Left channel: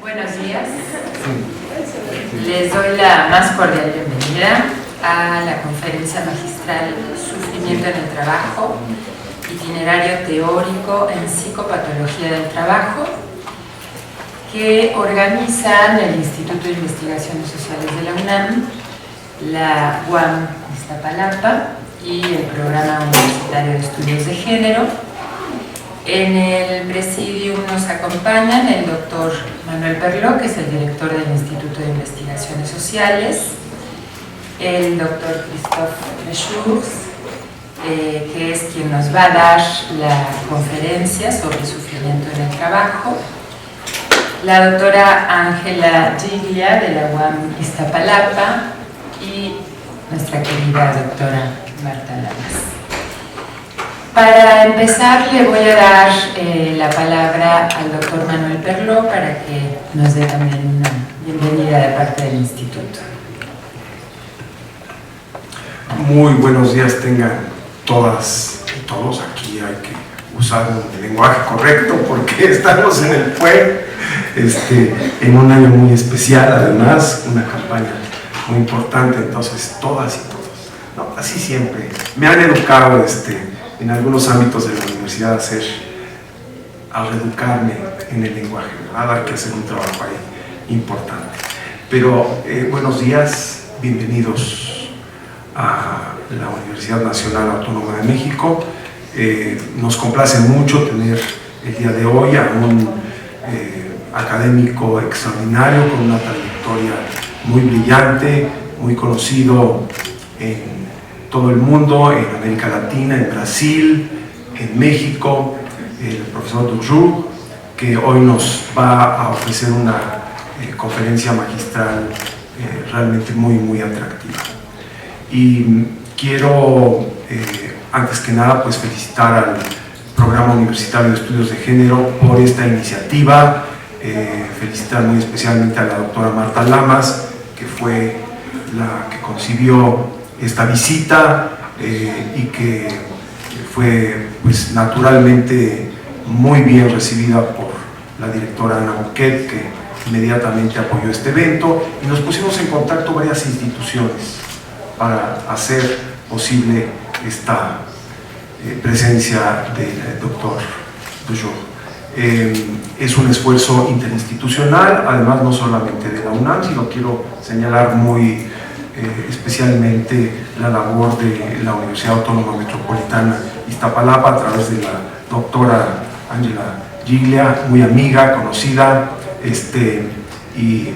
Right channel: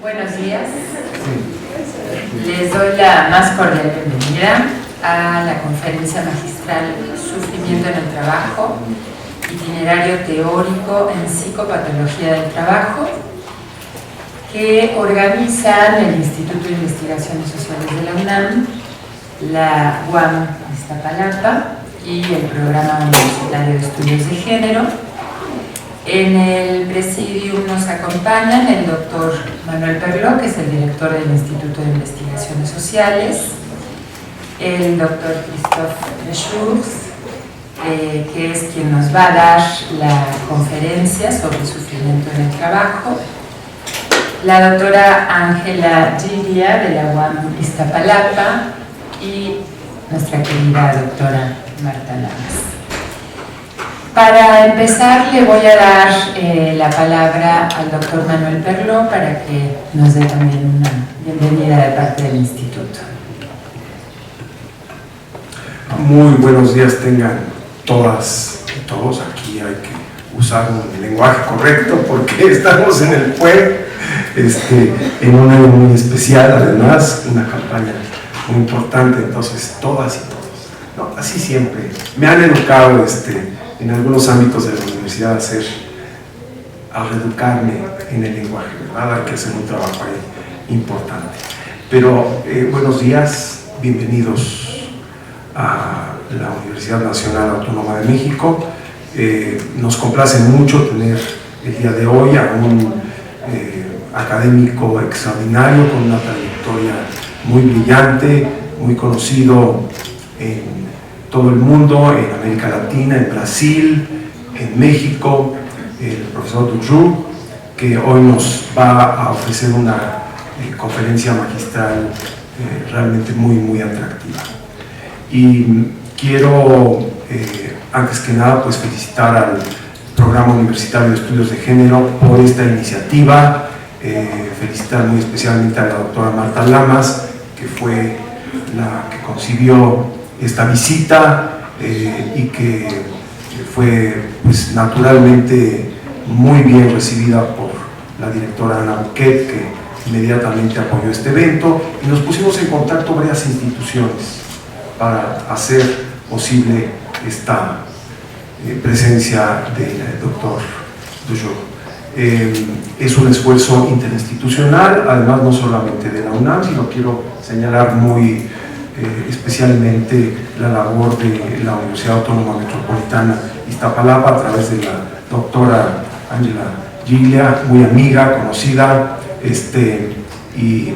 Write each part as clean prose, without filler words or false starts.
Buenos días. Les doy la más cordial bienvenida a la conferencia magistral Sufrimiento en el Trabajo, itinerario teórico en psicopatología del trabajo, que organizan el Instituto de Investigaciones Sociales de la UNAM, la UAM Iztapalapa y el Programa Universitario de Estudios de Género. En el presidium nos acompañan el doctor Manuel Perló, que es el director del Instituto de Investigaciones Sociales, el doctor Christophe Lechoux, que es quien nos va a dar la conferencia sobre sufrimiento en el trabajo, la doctora Ángela Giglia de la UAM Iztapalapa y nuestra querida doctora Marta Lamas. Para empezar, le voy a dar la palabra al doctor Manuel Perló para que nos dé también una bienvenida de parte del Instituto. Muy buenos días tengan todas y todos. Aquí hay que usar un lenguaje correcto porque estamos en el PUE, en un año muy especial, además, una campaña muy importante, entonces todas y todos. No, así siempre. Me han educado en algunos ámbitos de la universidad a reeducarme en el lenguaje, ¿verdad? Hay que hacer un trabajo ahí importante. Pero buenos días, bienvenidos a la Universidad Nacional Autónoma de México. Nos complace mucho tener el día de hoy a un académico extraordinario con una trayectoria muy brillante, muy conocido en todo el mundo, en América Latina, en Brasil, en México, el profesor Dujoux, que hoy nos va a ofrecer una conferencia magistral realmente muy atractiva. Y quiero, antes que nada, pues felicitar al Programa Universitario de Estudios de Género por esta iniciativa, felicitar muy especialmente a la doctora Marta Lamas, que fue la que concibió esta visita y que fue pues naturalmente muy bien recibida por la directora Ana Bouquet, que inmediatamente apoyó este evento, y nos pusimos en contacto varias instituciones para hacer posible esta presencia del doctor Dujoux. Es un esfuerzo interinstitucional, además no solamente de la UNAM, sino quiero señalar muy especialmente la labor de la Universidad Autónoma Metropolitana Iztapalapa a través de la doctora Ángela Giglia, muy amiga, conocida, y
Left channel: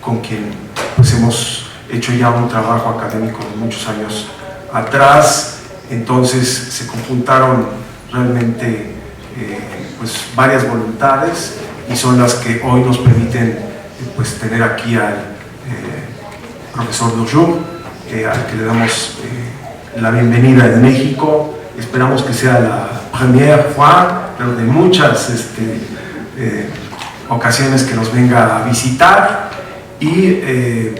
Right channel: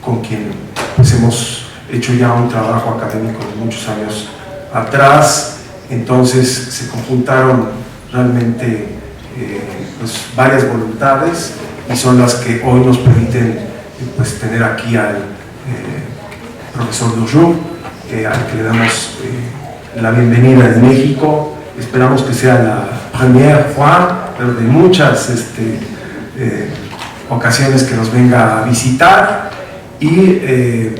con quien pues hemos hecho ya un trabajo académico de muchos años atrás. Entonces se conjuntaron realmente pues varias voluntades y son las que hoy nos permiten pues tener aquí al profesor Dujoux, al que le damos la bienvenida en México. Esperamos que sea la première fois, pero de muchas ocasiones que nos venga a visitar. Y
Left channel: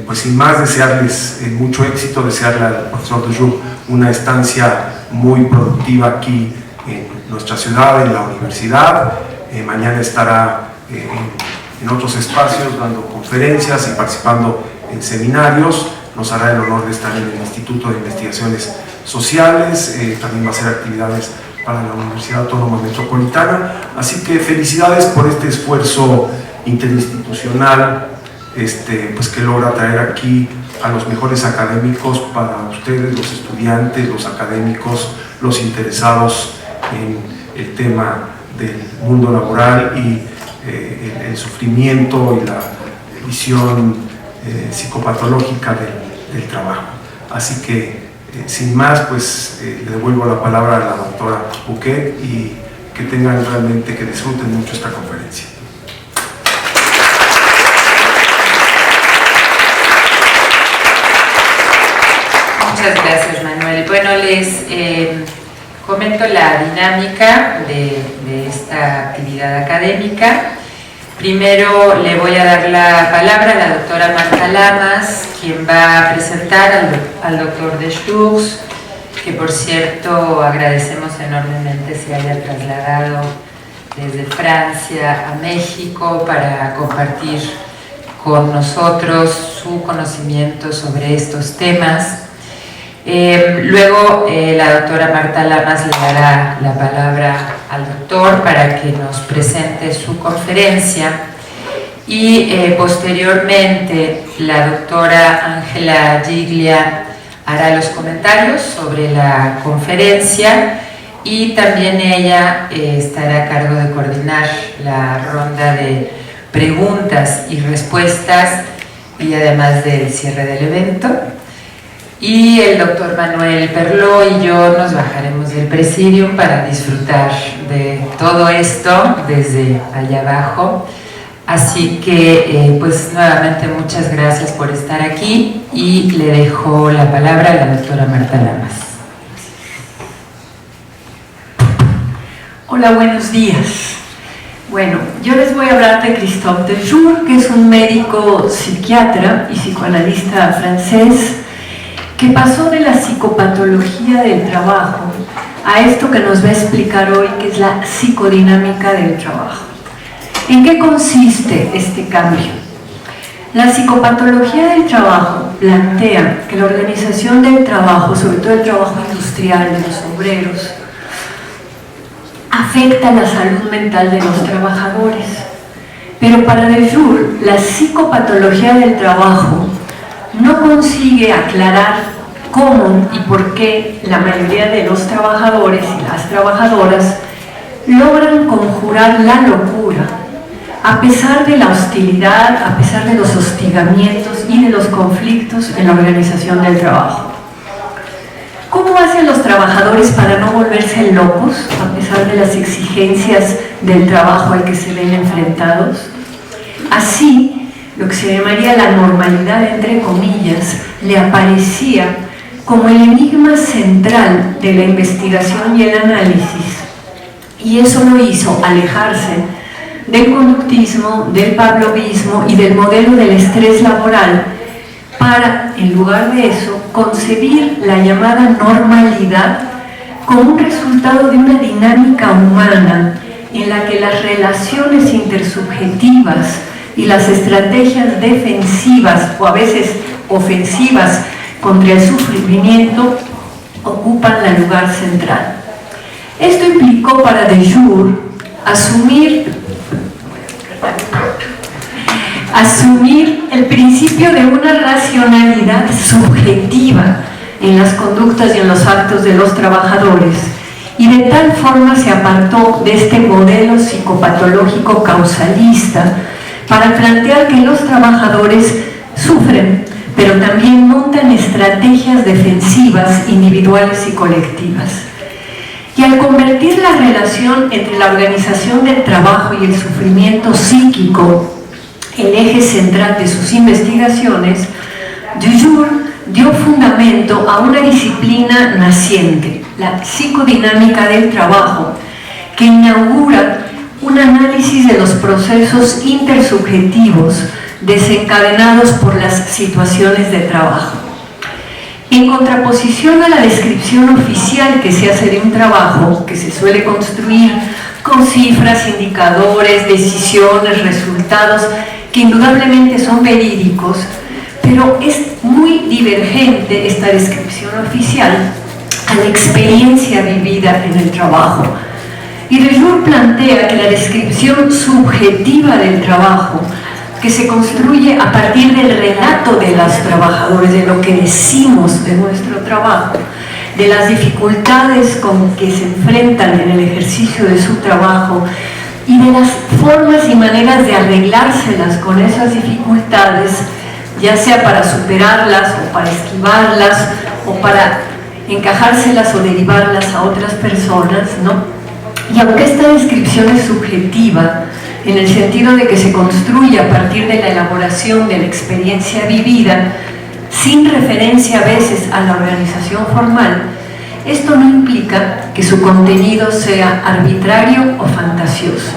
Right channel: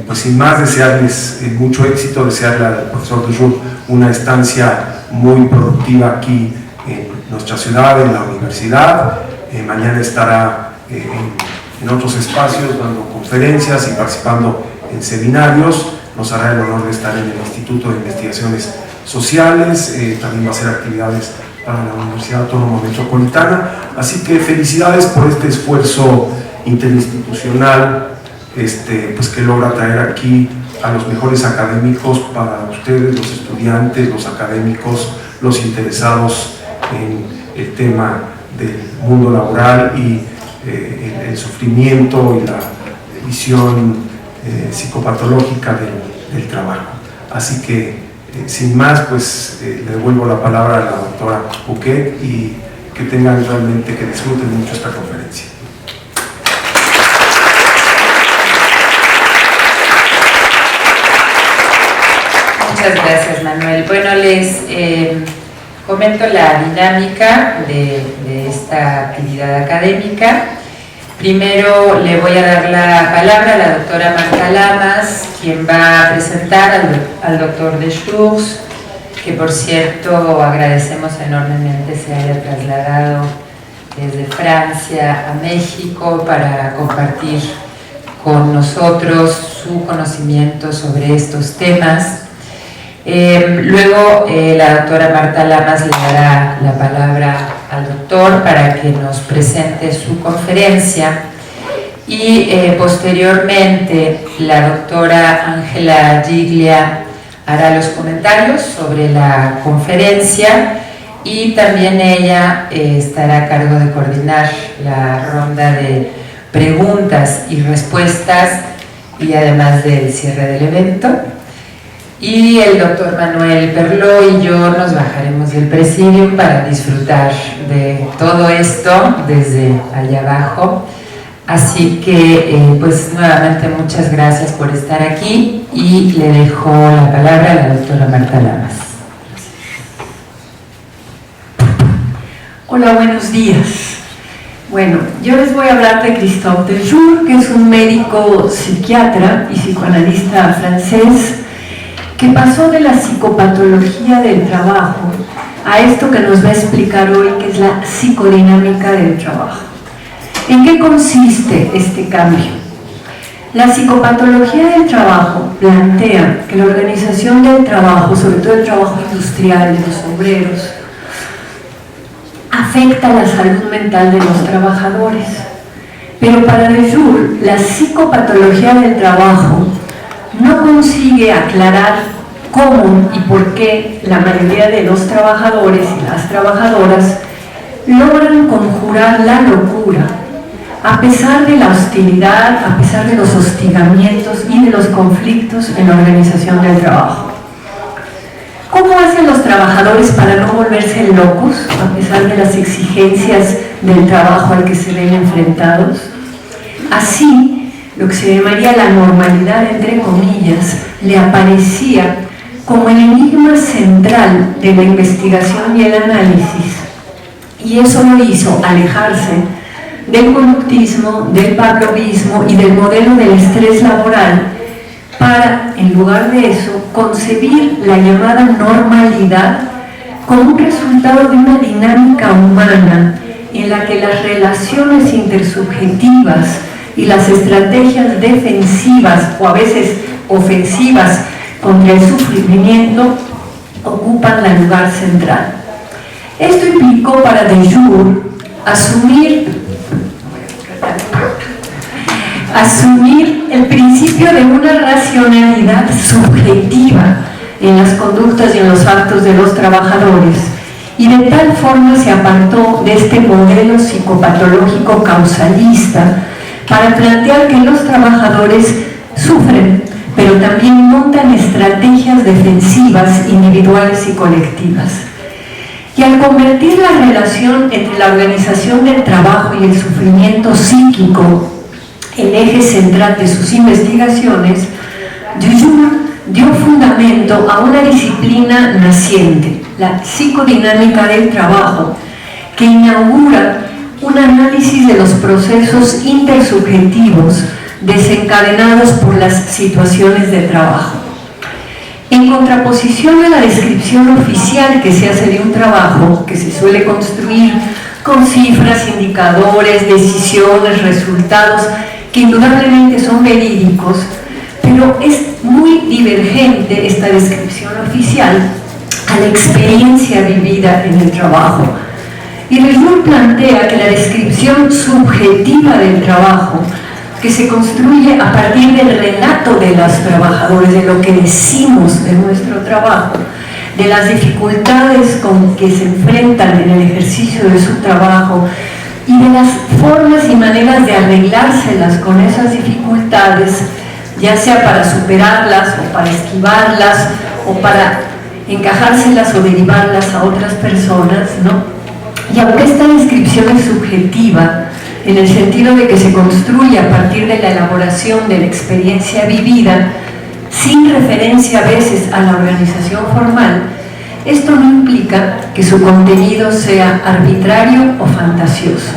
pues sin más, desearles mucho éxito, desearle al profesor Dujoux una estancia muy productiva aquí en nuestra ciudad, en la universidad. Mañana estará en otros espacios dando conferencias y participando en seminarios. Nos hará el honor de estar en el Instituto de Investigaciones Sociales, también va a hacer actividades para la Universidad Autónoma Metropolitana. Así que felicidades por este esfuerzo interinstitucional pues que logra traer aquí a los mejores académicos para ustedes, los estudiantes, los académicos, los interesados en el tema del mundo laboral y el sufrimiento y la visión psicopatológica del trabajo. Así que sin más, pues le devuelvo la palabra a la doctora Bouquet y que tengan realmente, que disfruten mucho esta conferencia. Muchas gracias, Manuel. Bueno, les comento la dinámica de esta actividad académica. Primero le voy a dar la palabra a la doctora Marta Lamas, quien va a presentar al doctor Lechoux, que por cierto agradecemos enormemente se haya trasladado desde Francia a México para compartir con nosotros su conocimiento sobre estos temas. Luego la doctora Marta Lamas le dará la palabra al doctor para que nos presente su conferencia y posteriormente la doctora Ángela Giglia hará los comentarios sobre la conferencia y también ella estará a cargo de coordinar la ronda de preguntas y respuestas y además del cierre del evento. Y el doctor Manuel Perló y yo nos bajaremos del presidium para disfrutar de todo esto desde allá abajo. Así que, pues nuevamente muchas gracias por estar aquí y le dejo la palabra a la doctora Marta Lamas. Hola, buenos días. Bueno, yo les voy a hablar de Christophe Dejour, que es un médico psiquiatra y psicoanalista francés que pasó de la psicopatología del trabajo a esto que nos va a explicar hoy, que es la psicodinámica del trabajo. ¿En qué consiste este cambio? La psicopatología del trabajo plantea que la organización del trabajo, sobre todo el trabajo industrial de los obreros, afecta la salud mental de los trabajadores. Pero para Dejour, la psicopatología del trabajo no consigue aclarar cómo y por qué la mayoría de los trabajadores y las trabajadoras logran conjurar la locura a pesar de la hostilidad, a pesar de los hostigamientos y de los conflictos en la organización del trabajo. ¿Cómo hacen los trabajadores para no volverse locos a pesar de las exigencias del trabajo al que se ven enfrentados? Así, lo que se llamaría la normalidad, entre comillas, le aparecía como el enigma central de la investigación y el análisis, y eso lo hizo alejarse del conductismo, del pavlovismo y del modelo del estrés laboral para, en lugar de eso, concebir la llamada normalidad como un resultado de una dinámica humana en la que las relaciones intersubjetivas y las estrategias defensivas o a veces ofensivas contra el sufrimiento ocupan el lugar central. Esto implicó para Dejour asumir el principio de una racionalidad subjetiva en las conductas y en los actos de los trabajadores, y de tal forma se apartó de este modelo psicopatológico causalista para plantear que los trabajadores sufren, pero también montan estrategias defensivas individuales y colectivas. Y al convertir la relación entre la organización del trabajo y el sufrimiento psíquico el eje central de sus investigaciones, Dejour dio fundamento a una disciplina naciente, la psicodinámica del trabajo, que inaugura un análisis de los procesos intersubjetivos desencadenados por las situaciones de trabajo. En contraposición a la descripción oficial que se hace de un trabajo, que se suele construir con cifras, indicadores, decisiones, resultados, que indudablemente son verídicos, pero es muy divergente esta descripción oficial a la experiencia vivida en el trabajo. Y Dejour plantea que la descripción subjetiva del trabajo, que se construye a partir del relato de los trabajadores, de lo que decimos de nuestro trabajo, de las dificultades con que se enfrentan en el ejercicio de su trabajo y de las formas y maneras de arreglárselas con esas dificultades, ya sea para superarlas o para esquivarlas o para encajárselas o derivarlas a otras personas, ¿no? Y aunque esta descripción es subjetiva, en el sentido de que se construye a partir de la elaboración de la experiencia vivida, sin referencia a veces a la organización formal, esto no implica que su contenido sea arbitrario o fantasioso.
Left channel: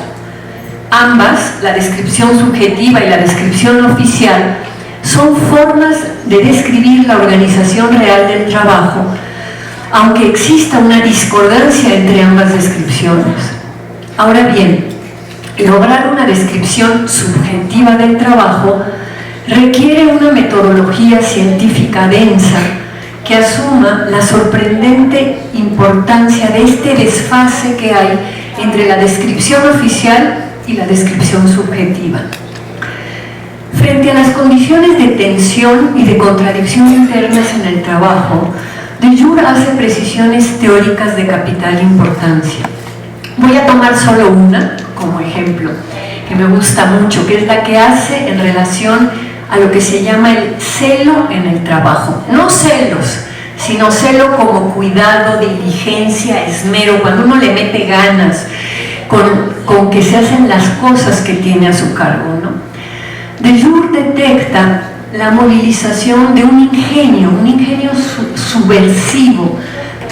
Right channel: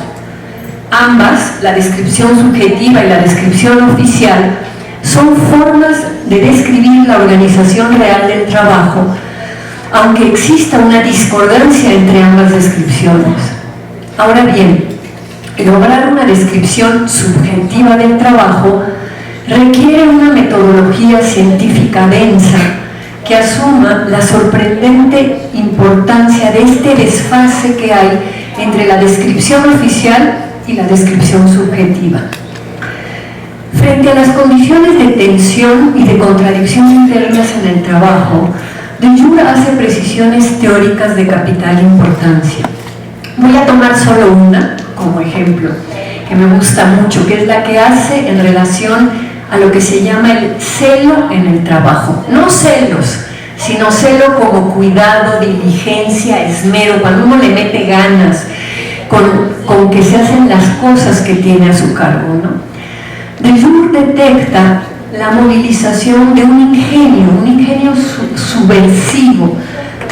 Ambas, la descripción subjetiva y la descripción oficial, son formas de describir la organización real del trabajo, aunque exista una discordancia entre ambas descripciones. Ahora bien, lograr una descripción subjetiva del trabajo requiere una metodología científica densa que asuma la sorprendente importancia de este desfase que hay entre la descripción oficial y la descripción subjetiva. Frente a las condiciones de tensión y de contradicción internas en el trabajo, de Jure hace precisiones teóricas de capital importancia. Voy a tomar solo una como ejemplo, que me gusta mucho, que es la que hace en relación a lo que se llama el celo en el trabajo. No celos, sino celo como cuidado, diligencia, esmero, cuando uno le mete ganas con que se hacen las cosas que tiene a su cargo, ¿no? De Jure detecta la movilización de un ingenio subversivo,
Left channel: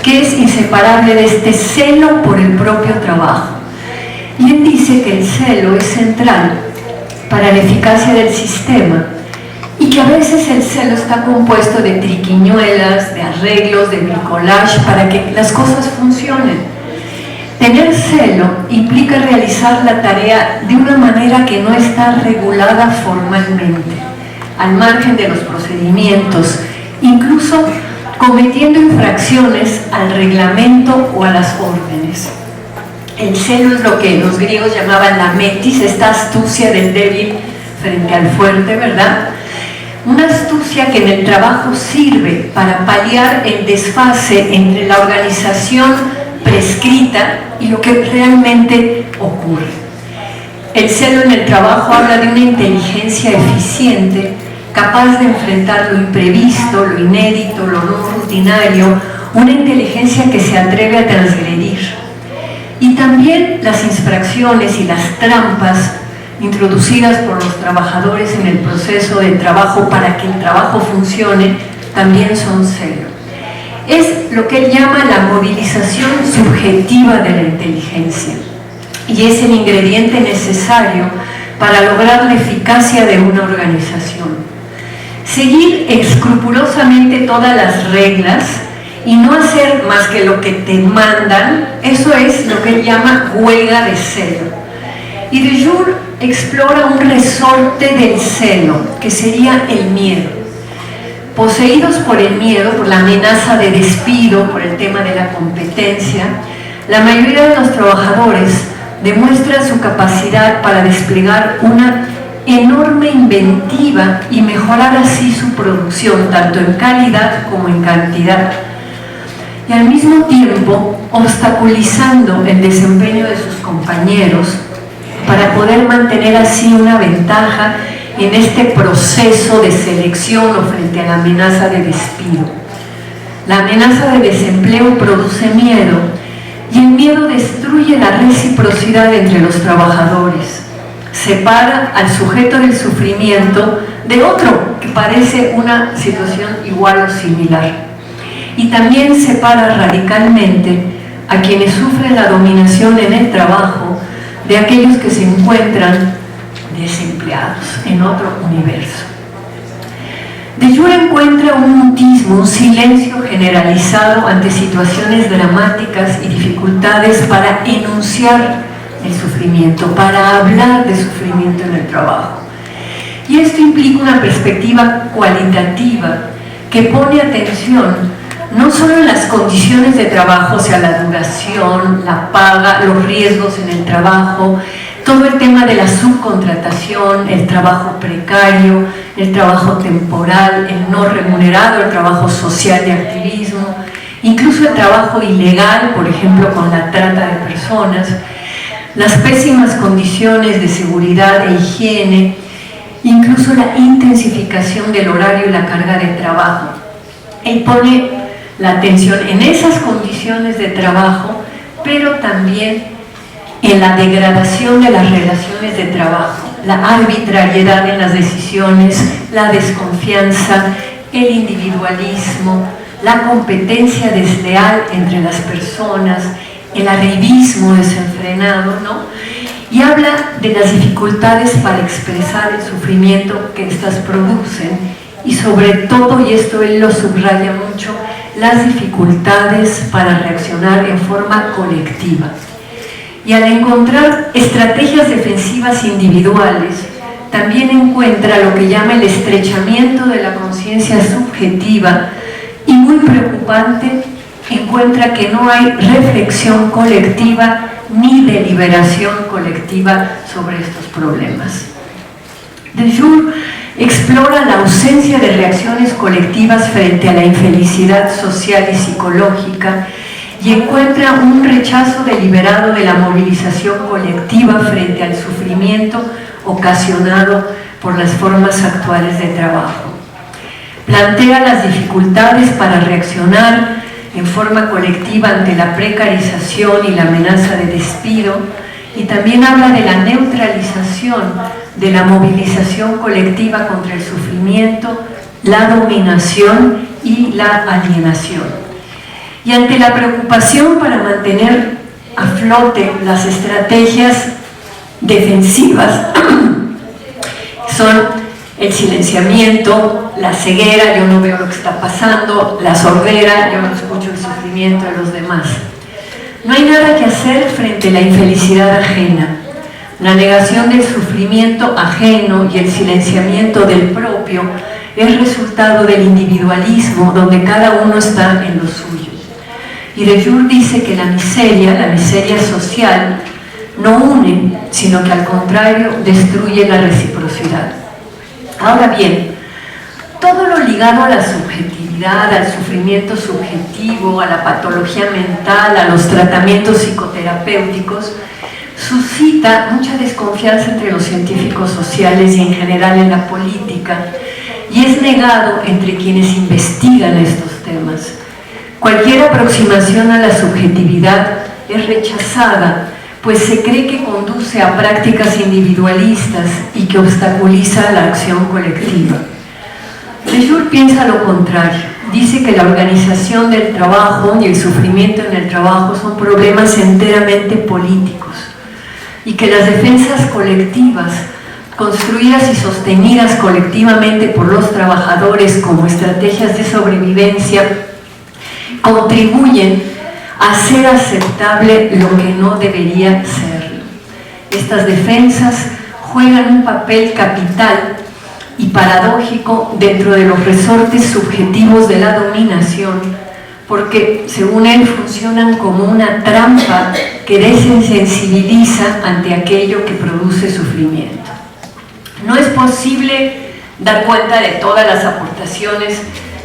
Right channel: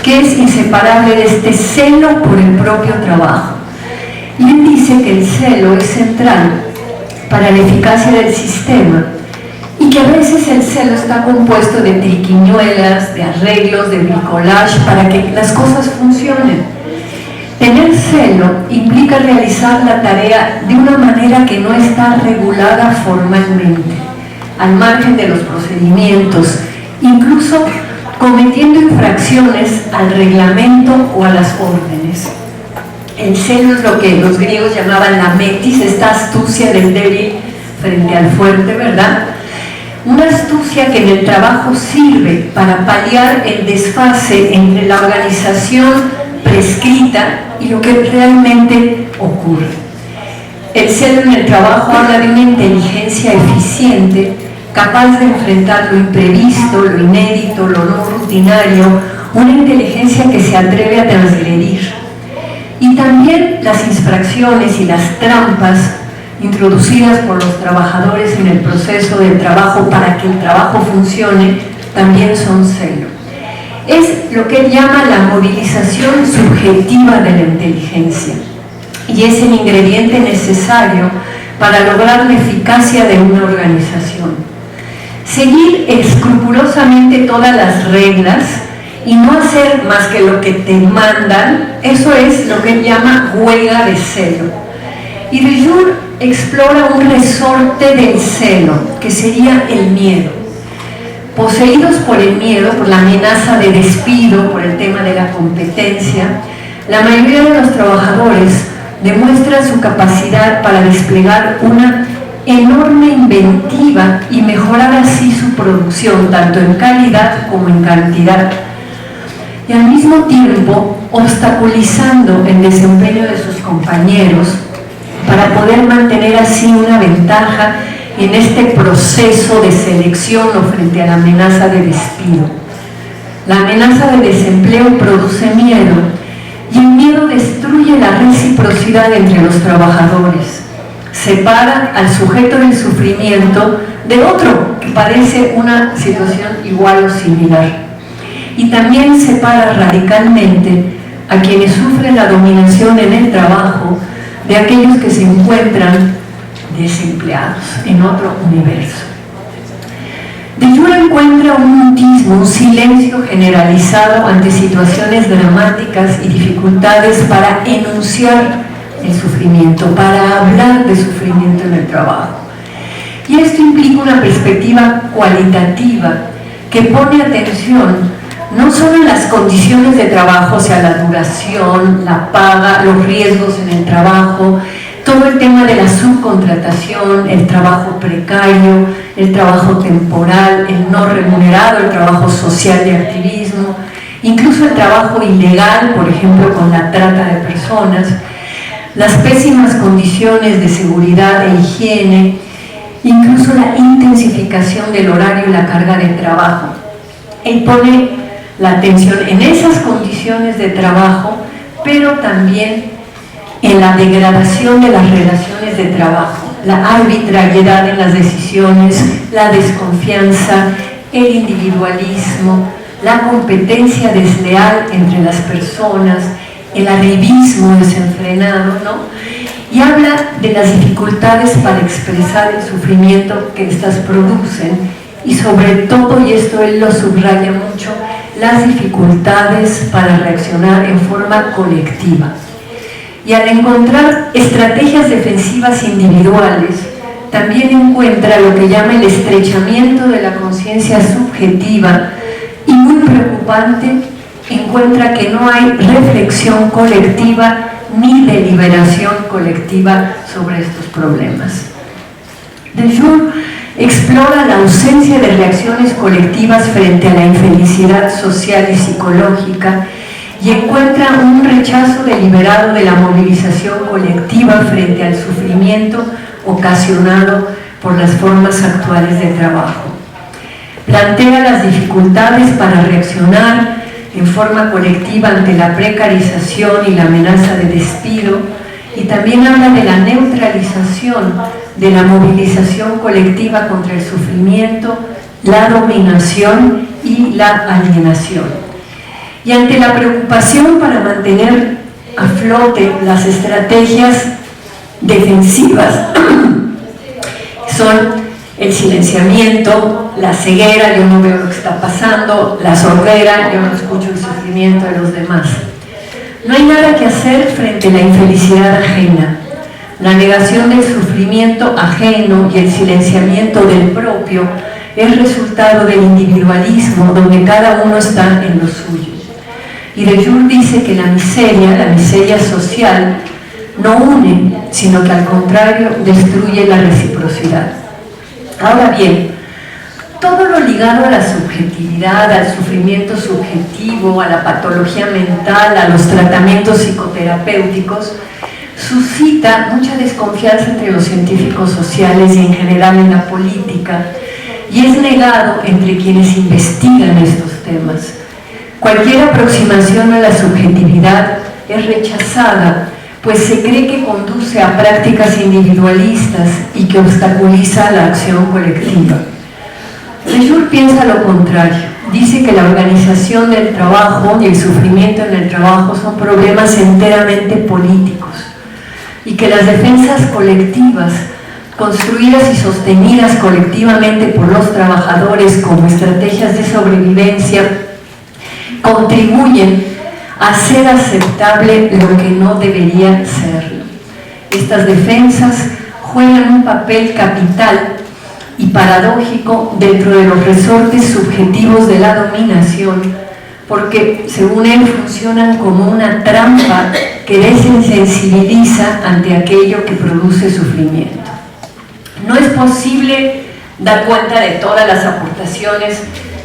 que es inseparable de este celo por el propio trabajo. Y él dice que el celo es central para la eficacia del sistema y que a veces el celo está compuesto de triquiñuelas, de arreglos, de bricolage para que las cosas funcionen. Tener celo implica realizar la tarea de una manera que no está regulada formalmente, al margen de los procedimientos, incluso cometiendo infracciones al reglamento o a las órdenes. El celo es lo que los griegos llamaban la metis, esta astucia del débil frente al fuerte, ¿verdad? Una astucia que en el trabajo sirve para paliar el desfase entre la organización prescrita y lo que realmente ocurre. El celo en el trabajo habla de una inteligencia eficiente, capaz de enfrentar lo imprevisto, lo inédito, lo no rutinario, una inteligencia que se atreve a transgredir. Y también las infracciones y las trampas introducidas por los trabajadores en el proceso de trabajo para que el trabajo funcione también son celo. Es lo que él llama la movilización subjetiva de la inteligencia y es el ingrediente necesario para lograr la eficacia de una organización. Seguir escrupulosamente todas las reglas y no hacer más que lo que te mandan, eso es lo que él llama huelga de celo. Y de Jure explora un resorte del celo, que sería el miedo. Poseídos por el miedo, por la amenaza de despido, por el tema de la competencia, la mayoría de los trabajadores demuestran su capacidad para desplegar una enorme inventiva y mejorar así su producción, tanto en calidad como en cantidad, y al mismo tiempo obstaculizando el desempeño de sus compañeros para poder mantener así una ventaja en este proceso de selección o frente a la amenaza de despido. La amenaza de desempleo produce miedo y el miedo destruye la reciprocidad entre los trabajadores. Separa al sujeto del sufrimiento de otro que padece una situación igual o similar. Y también separa radicalmente a quienes sufren la dominación en el trabajo de aquellos que se encuentran desempleados en otro universo. De Jure encuentra un mutismo, un silencio generalizado ante situaciones dramáticas y dificultades para enunciar el sufrimiento, para hablar de sufrimiento en el trabajo. Y esto implica una perspectiva cualitativa que pone atención no solo en las condiciones de trabajo, o sea, la duración, la paga, los riesgos en el trabajo, todo el tema de la subcontratación, el trabajo precario, el trabajo temporal, el no remunerado, el trabajo social de activismo, incluso el trabajo ilegal, por ejemplo, con la trata de personas, las pésimas condiciones de seguridad e higiene, incluso la intensificación del horario y la carga de trabajo. Él pone la atención en esas condiciones de trabajo, pero también en la degradación de las relaciones de trabajo, la arbitrariedad en las decisiones, la desconfianza, el individualismo, la competencia desleal entre las personas, el arribismo desenfrenado, ¿no? Y habla de las dificultades para expresar el sufrimiento que éstas producen y sobre todo, y esto él lo subraya mucho, las dificultades para reaccionar en forma colectiva. y al encontrar estrategias defensivas individuales, también encuentra lo que llama el estrechamiento de la conciencia subjetiva y, muy preocupante, encuentra que no hay reflexión colectiva ni deliberación colectiva sobre estos problemas. De Jure explora la ausencia de reacciones colectivas frente a la infelicidad social y psicológica y encuentra un rechazo deliberado de la movilización colectiva frente al sufrimiento ocasionado por las formas actuales de trabajo. Plantea las dificultades para reaccionar en forma colectiva ante la precarización y la amenaza de despido, y también habla de la neutralización de la movilización colectiva contra el sufrimiento, la dominación y la alienación. Y ante la preocupación para mantener a flote las estrategias defensivas son el silenciamiento, la ceguera, yo no veo lo que está pasando, la sordera, yo no escucho el sufrimiento de los demás. No hay nada que hacer frente a la infelicidad ajena. La negación del sufrimiento ajeno y el silenciamiento del propio es resultado del individualismo, donde cada uno está en lo suyo. Y de Jure dice que la miseria social, no une, sino que al contrario destruye la reciprocidad. Ahora bien, todo lo ligado a la subjetividad, al sufrimiento subjetivo, a la patología mental, a los tratamientos psicoterapéuticos, suscita mucha desconfianza entre los científicos sociales y en general en la política, y es negado entre quienes investigan estos temas. Cualquier aproximación a la subjetividad es rechazada, pues se cree que conduce a prácticas individualistas y que obstaculiza la acción colectiva. De Jure piensa lo contrario. Dice que la organización del trabajo y el sufrimiento en el trabajo son problemas enteramente políticos y que las defensas colectivas, construidas y sostenidas colectivamente por los trabajadores como estrategias de sobrevivencia, contribuyen a hacer aceptable lo que no debería serlo. Estas defensas juegan un papel capital y paradójico dentro de los resortes subjetivos de la dominación, porque según él funcionan como una trampa que desensibiliza ante aquello que produce sufrimiento. No es posible dar cuenta de todas las aportaciones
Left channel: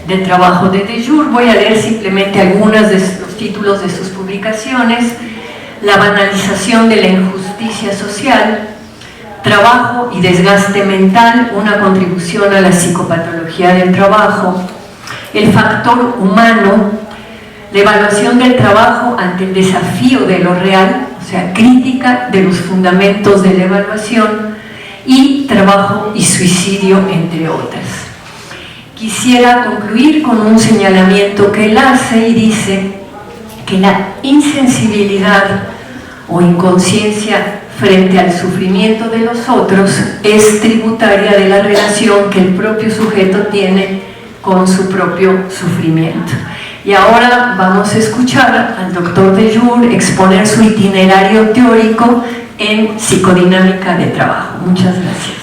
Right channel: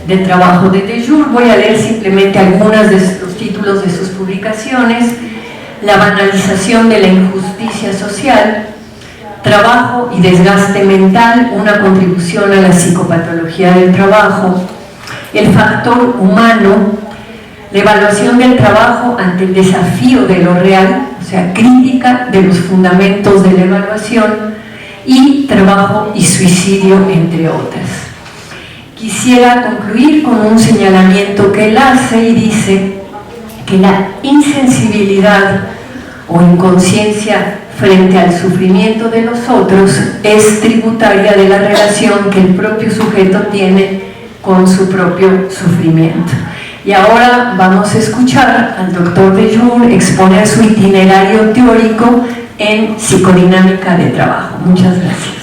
del trabajo de De Jure. Voy a leer simplemente algunos de los títulos de sus publicaciones: La banalización de la injusticia social, Trabajo y desgaste mental, una contribución a la psicopatología del trabajo, El factor humano, la evaluación del trabajo ante el desafío de lo real, o sea, crítica de los fundamentos de la evaluación, y Trabajo y suicidio, entre otras. Quisiera concluir con un señalamiento que él hace y dice que la insensibilidad o inconsciencia frente al sufrimiento de los otros es tributaria de la relación que el propio sujeto tiene con su propio sufrimiento. Y ahora vamos a escuchar al doctor De Jure exponer su itinerario teórico en psicodinámica de trabajo. Muchas gracias.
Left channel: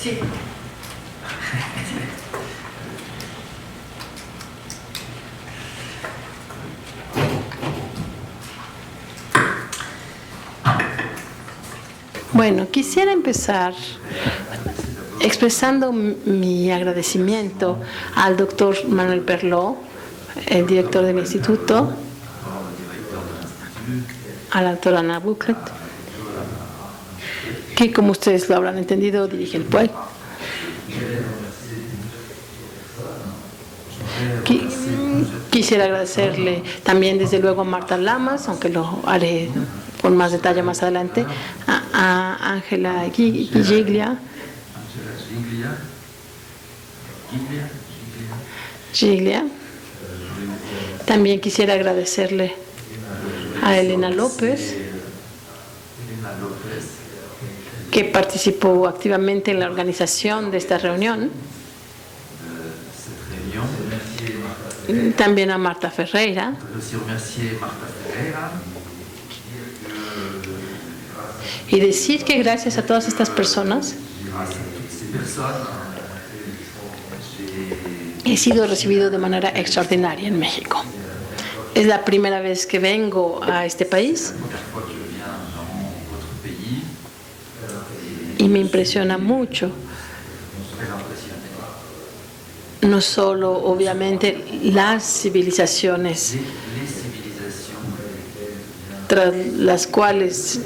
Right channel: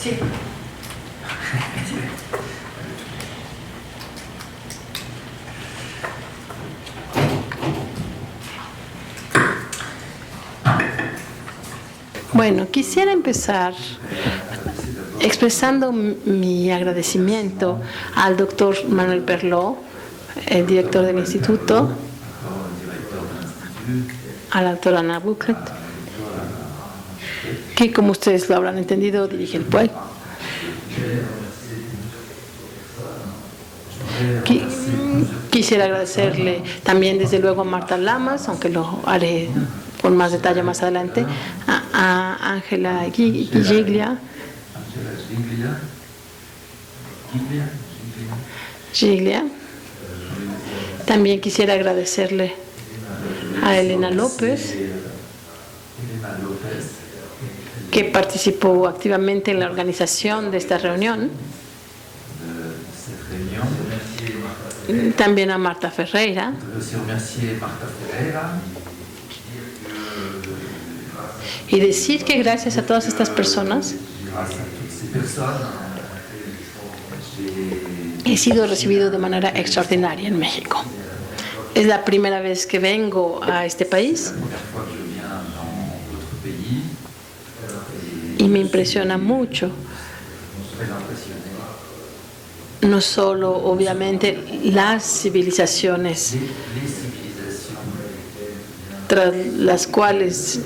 Sí. Bueno, quisiera empezar expresando mi agradecimiento al doctor Manuel Perlot, el director del instituto, a la doctora Ana Buclet, que, como ustedes lo habrán entendido, dirige el PUEC. Quisiera agradecerle también, desde luego, a Marta Lamas, aunque lo haré con más detalle más adelante, a Ángela Giglia, También quisiera agradecerle a Elena López, que participó activamente en la organización de esta reunión. También a Marta Ferreira. Y decir que gracias a todas estas personas he sido recibido de manera extraordinaria en México. Es la primera vez que vengo a este país y me impresiona mucho, no solo obviamente las civilizaciones tras las cuales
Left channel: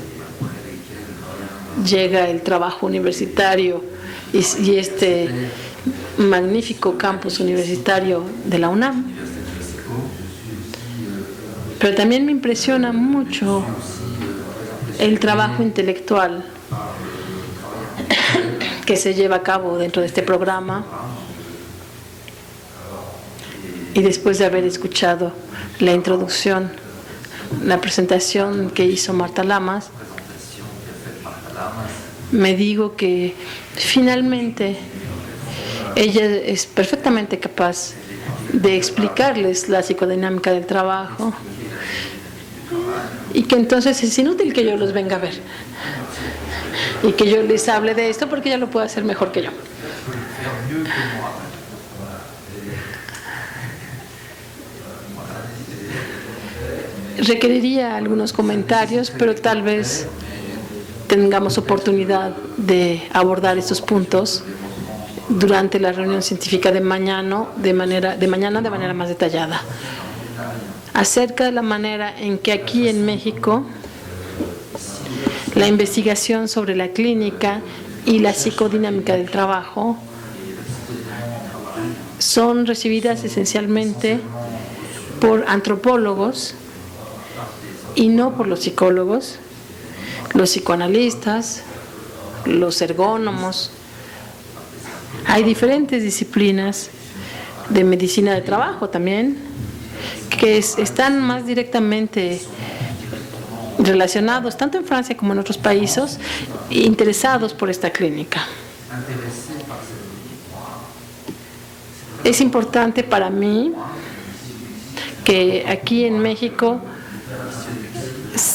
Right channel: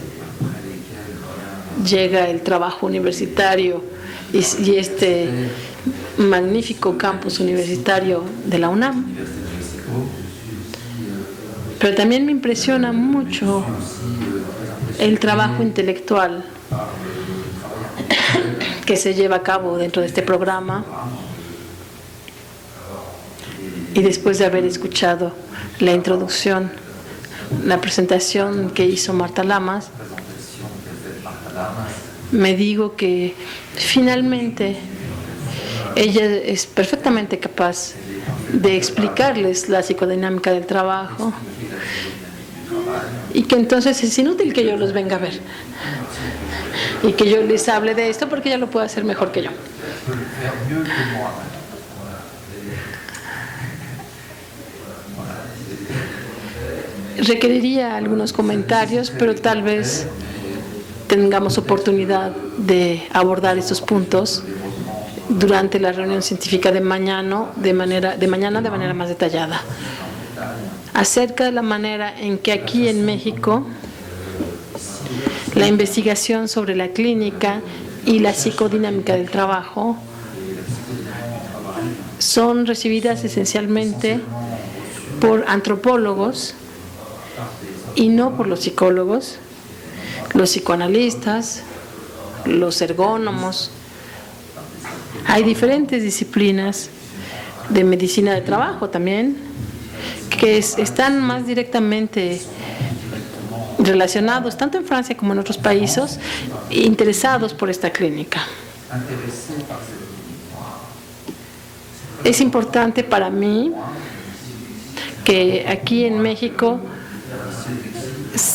llega el trabajo universitario y este magnífico campus universitario de la UNAM, pero también me impresiona mucho el trabajo intelectual que se lleva a cabo dentro de este programa. Y después de haber escuchado la introducción, la presentación que hizo Marta Lamas, me digo que finalmente ella es perfectamente capaz de explicarles la psicodinámica del trabajo y que entonces es inútil que yo los venga a ver y que yo les hable de esto porque ella lo puede hacer mejor que yo. Requeriría algunos comentarios, pero tal vez tengamos oportunidad de abordar estos puntos durante la reunión científica de mañana de manera más detallada, acerca de la manera en que aquí en México la investigación sobre la clínica y la psicodinámica del trabajo son recibidas esencialmente por antropólogos y no por los psicólogos, los psicoanalistas, los ergónomos. Hay diferentes disciplinas de medicina del trabajo también que están más directamente relacionados, tanto en Francia como en otros países, interesados por esta clínica. Es importante para mí que aquí en México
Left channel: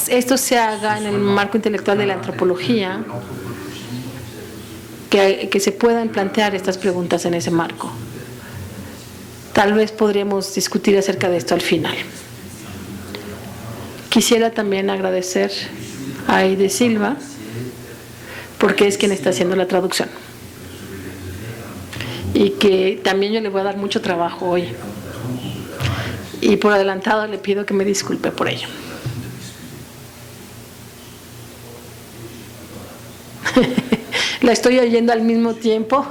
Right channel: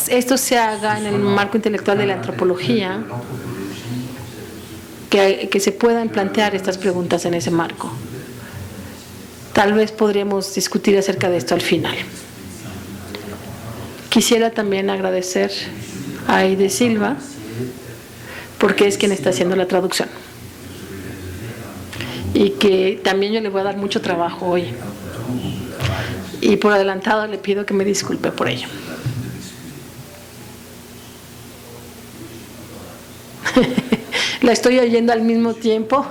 esto se haga en el marco intelectual de la antropología, que se puedan plantear estas preguntas en ese marco. Tal vez podríamos discutir acerca de esto al final. Quisiera también agradecer a Aide Silva, porque es quien está haciendo la traducción. Y que también yo le voy a dar mucho trabajo hoy. Y por adelantado le pido que me disculpe por ello. La estoy oyendo al mismo tiempo.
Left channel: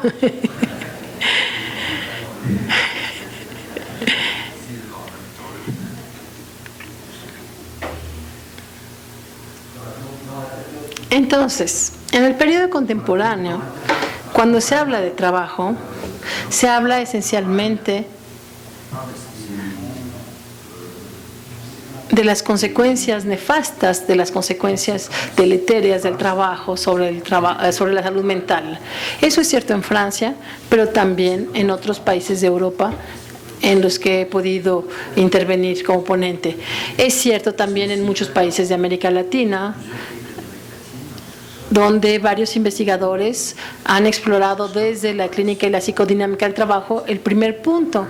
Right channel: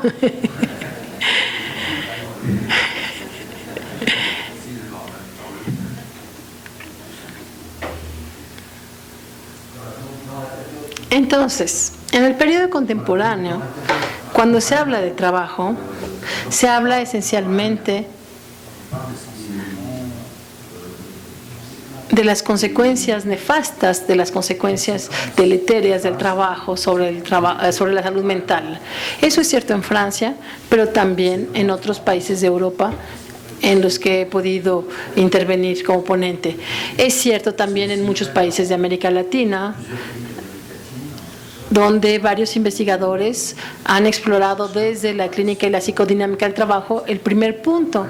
Entonces, en el periodo contemporáneo, cuando se habla de trabajo, se habla esencialmente de las consecuencias nefastas, de las consecuencias deleterias del trabajo sobre la salud mental. Eso es cierto en Francia, pero también en otros países de Europa en los que he podido intervenir como ponente. Es cierto también en muchos países de América Latina, donde varios investigadores han explorado desde la clínica y la psicodinámica del trabajo el primer punto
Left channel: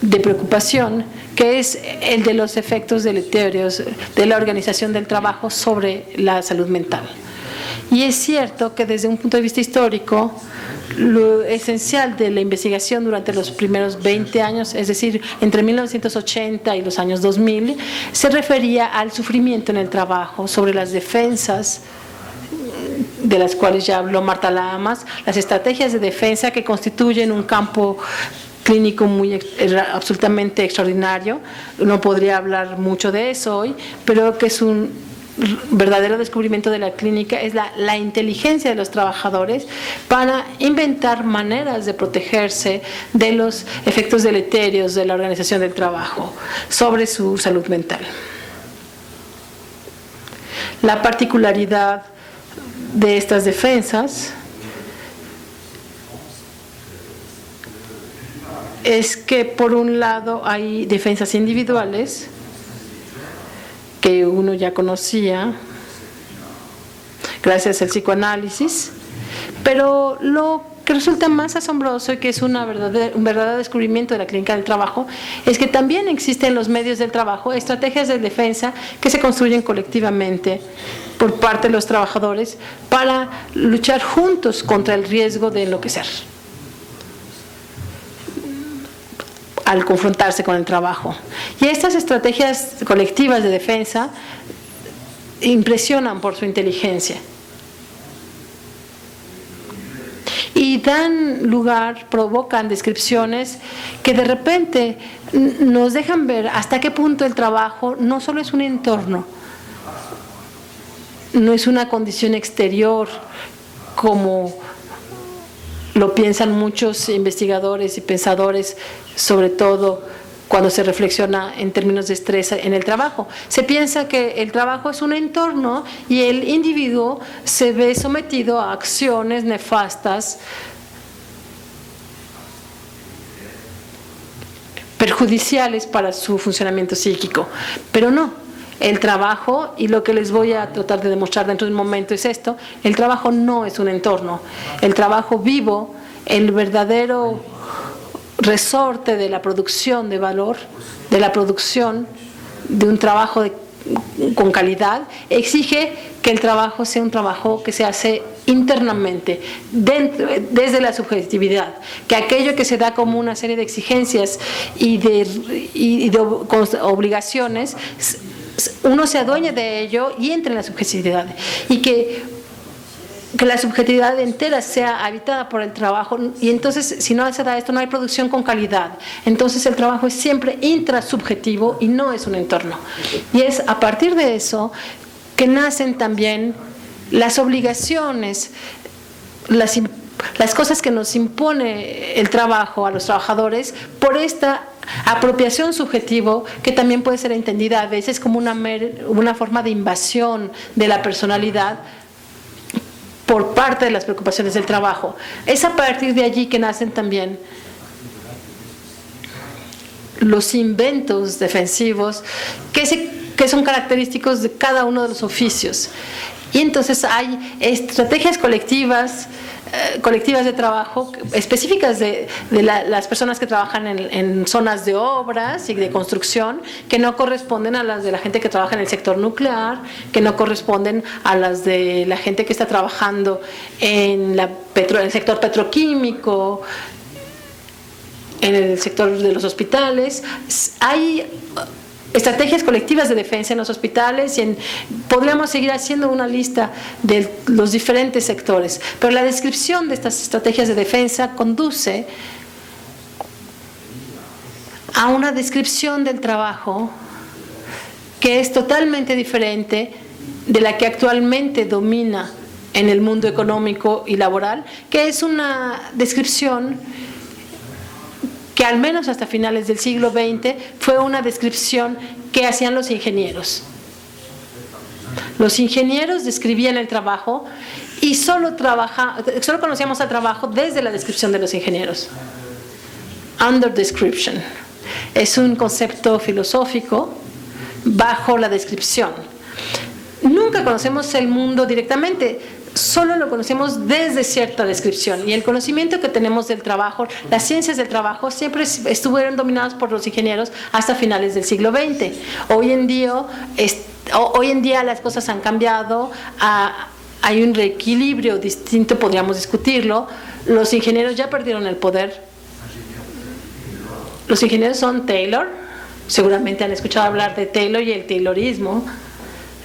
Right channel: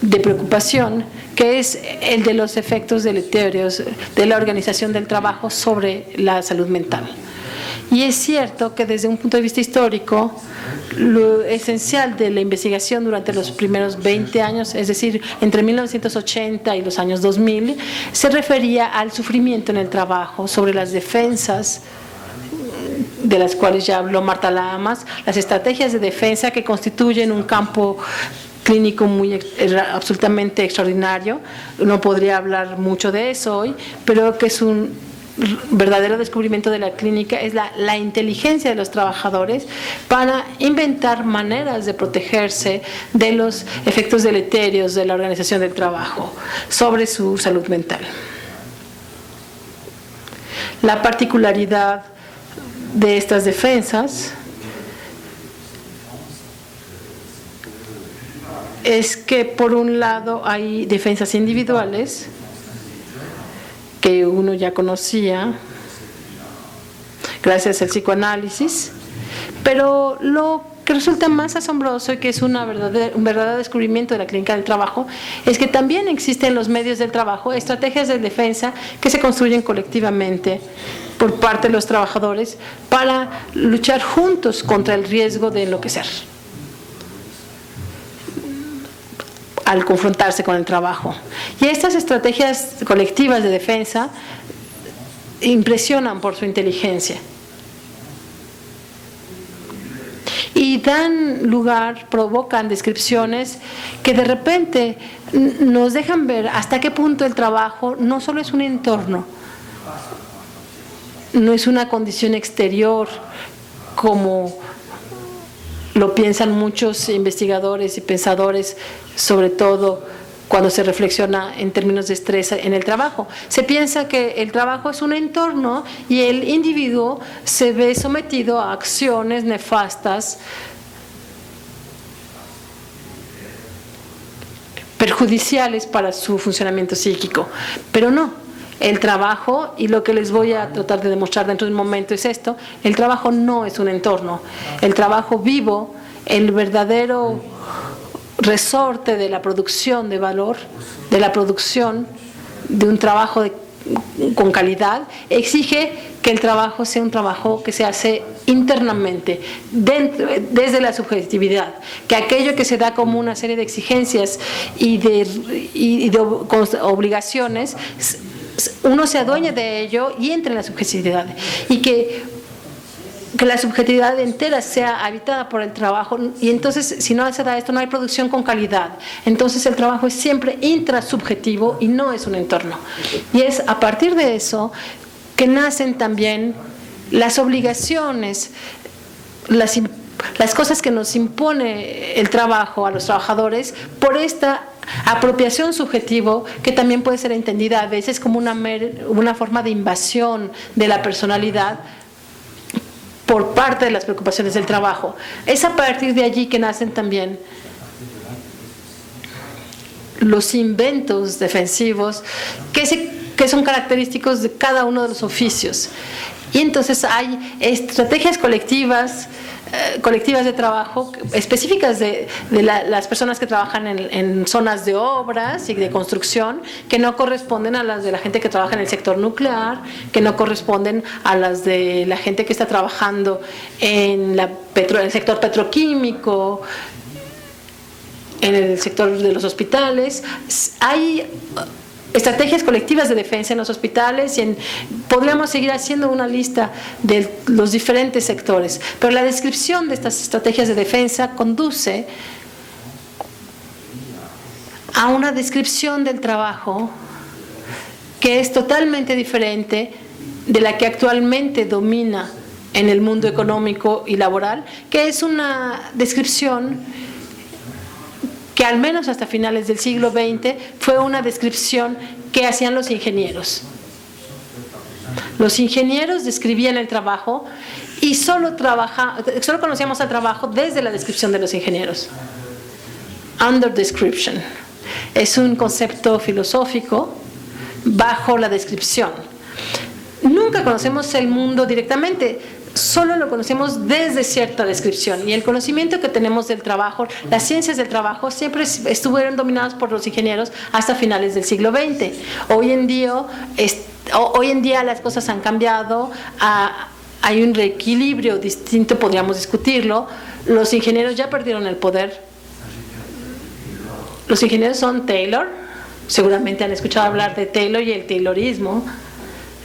de preocupación, que es el de los efectos deleterios de la organización del trabajo sobre la salud mental. Y es cierto que desde un punto de vista histórico, lo esencial de la investigación durante los primeros 20 años, es decir, entre 1980 y los años 2000, se refería al sufrimiento en el trabajo, sobre las defensas, de las cuales ya habló Marta Lamas, las estrategias de defensa que constituyen un campo clínico absolutamente extraordinario. No podría hablar mucho de eso hoy, pero que es un verdadero descubrimiento de la clínica, es la inteligencia de los trabajadores para inventar maneras de protegerse de los efectos deleterios de la organización del trabajo sobre su salud mental. La particularidad de estas defensas es que, por un lado, hay defensas individuales que uno ya conocía gracias al psicoanálisis, pero lo que resulta más asombroso y que es un verdadero descubrimiento de la clínica del trabajo es que también existen en los medios del trabajo estrategias de defensa que se construyen colectivamente por parte de los trabajadores para luchar juntos contra el riesgo de enloquecer al confrontarse con el trabajo. Y estas estrategias colectivas de defensa impresionan por su inteligencia y dan lugar, provocan descripciones que de repente nos dejan ver hasta qué punto el trabajo no solo es un entorno, no es una condición exterior como lo piensan muchos investigadores y pensadores, sobre todo cuando se reflexiona en términos de estrés en el trabajo. Se piensa que el trabajo es un entorno y el individuo se ve sometido a acciones nefastas, perjudiciales para su funcionamiento psíquico. Pero no, el trabajo, y lo que les voy a tratar de demostrar dentro de un momento es esto: el trabajo no es un entorno. El trabajo vivo, el verdadero resorte de la producción de valor, de la producción de un trabajo con calidad, exige que el trabajo sea un trabajo que se hace internamente, desde la subjetividad, que aquello que se da como una serie de exigencias y de obligaciones, uno se adueñe de ello y entre en la subjetividad, y que la subjetividad entera sea habitada por el trabajo. Y entonces, si no se da esto, no hay producción con calidad. Entonces el trabajo es siempre intrasubjetivo y no es un entorno. Y es a partir de eso que nacen también las obligaciones, las cosas que nos impone el trabajo a los trabajadores por esta apropiación subjetivo, que también puede ser entendida a veces como una forma de invasión de la personalidad por parte de las preocupaciones del trabajo. Es a partir de allí que nacen también los inventos defensivos que son característicos de cada uno de los oficios. Y entonces hay estrategias colectivas de trabajo específicas de las personas que trabajan en zonas de obras y de construcción, que no corresponden a las de la gente que trabaja en el sector nuclear, que no corresponden a las de la gente que está trabajando en el sector petroquímico, en el sector de los hospitales. Hay estrategias colectivas de defensa en los hospitales y podríamos seguir haciendo una lista de los diferentes sectores, pero la descripción de estas estrategias de defensa conduce a una descripción del trabajo que es totalmente diferente de la que actualmente domina en el mundo económico y laboral, que es una descripción que al menos hasta finales del siglo XX fue una descripción que hacían los ingenieros. Los ingenieros describían el trabajo y solo conocíamos al trabajo desde la descripción de los ingenieros. Under description. Es un concepto filosófico bajo la descripción. Nunca conocemos el mundo directamente, solo lo conocemos desde cierta descripción, y el conocimiento que tenemos del trabajo, las ciencias del trabajo, siempre estuvieron dominadas por los ingenieros hasta finales del siglo XX. Hoy en día las cosas han cambiado, hay un reequilibrio distinto, podríamos discutirlo. Los ingenieros ya perdieron el poder. Los ingenieros son Taylor, seguramente han escuchado hablar de Taylor y el Taylorismo.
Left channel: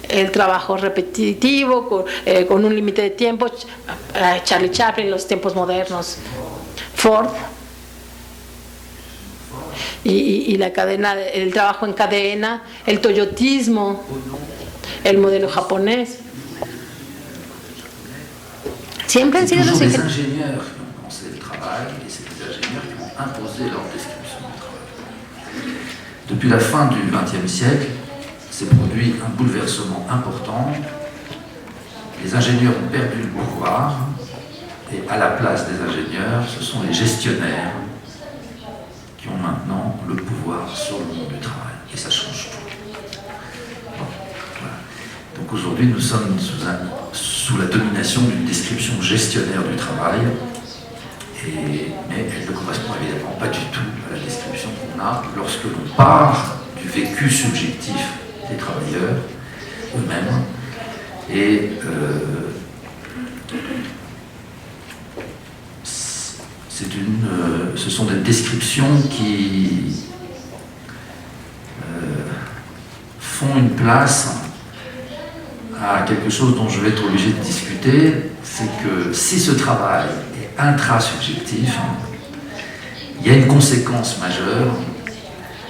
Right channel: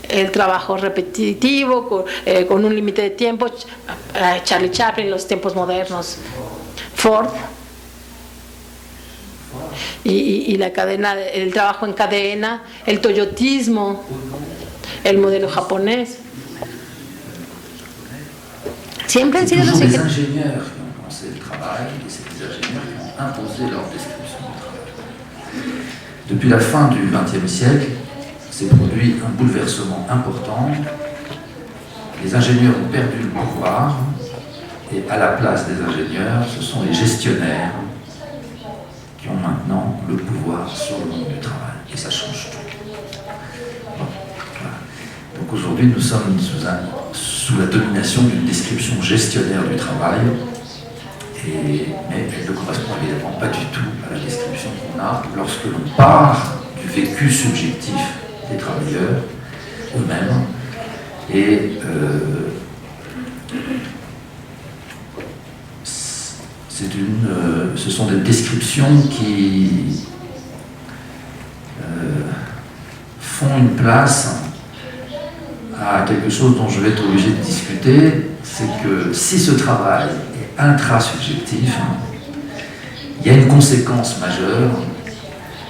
El trabajo repetitivo, con un límite de tiempo, Charlie Chaplin, los tiempos modernos, Ford, y la cadena, el trabajo en cadena, el toyotismo, el modelo japonés. Siempre han sido los ingénieurs qui ont pensé le travail, et c'est les ingénieurs qui ont imposé leur description du travail. Depuis la fin du XXe siècle, s'est produit un bouleversement important les ingénieurs ont perdu le pouvoir, et à la place des ingénieurs, ce sont les gestionnaires qui ont maintenant le pouvoir sur le monde du travail. Et ça change tout. Bon, voilà. Donc aujourd'hui, nous sommes sous la domination d'une description gestionnaire du travail, mais elle ne correspond évidemment pas du tout à la description qu'on a lorsque l'on part du vécu subjectif des travailleurs eux-mêmes. Et ce sont des descriptions qui font une place à quelque chose dont je vais être obligé de discuter, c'est que si ce travail est intrasubjectif, il y a une conséquence majeure,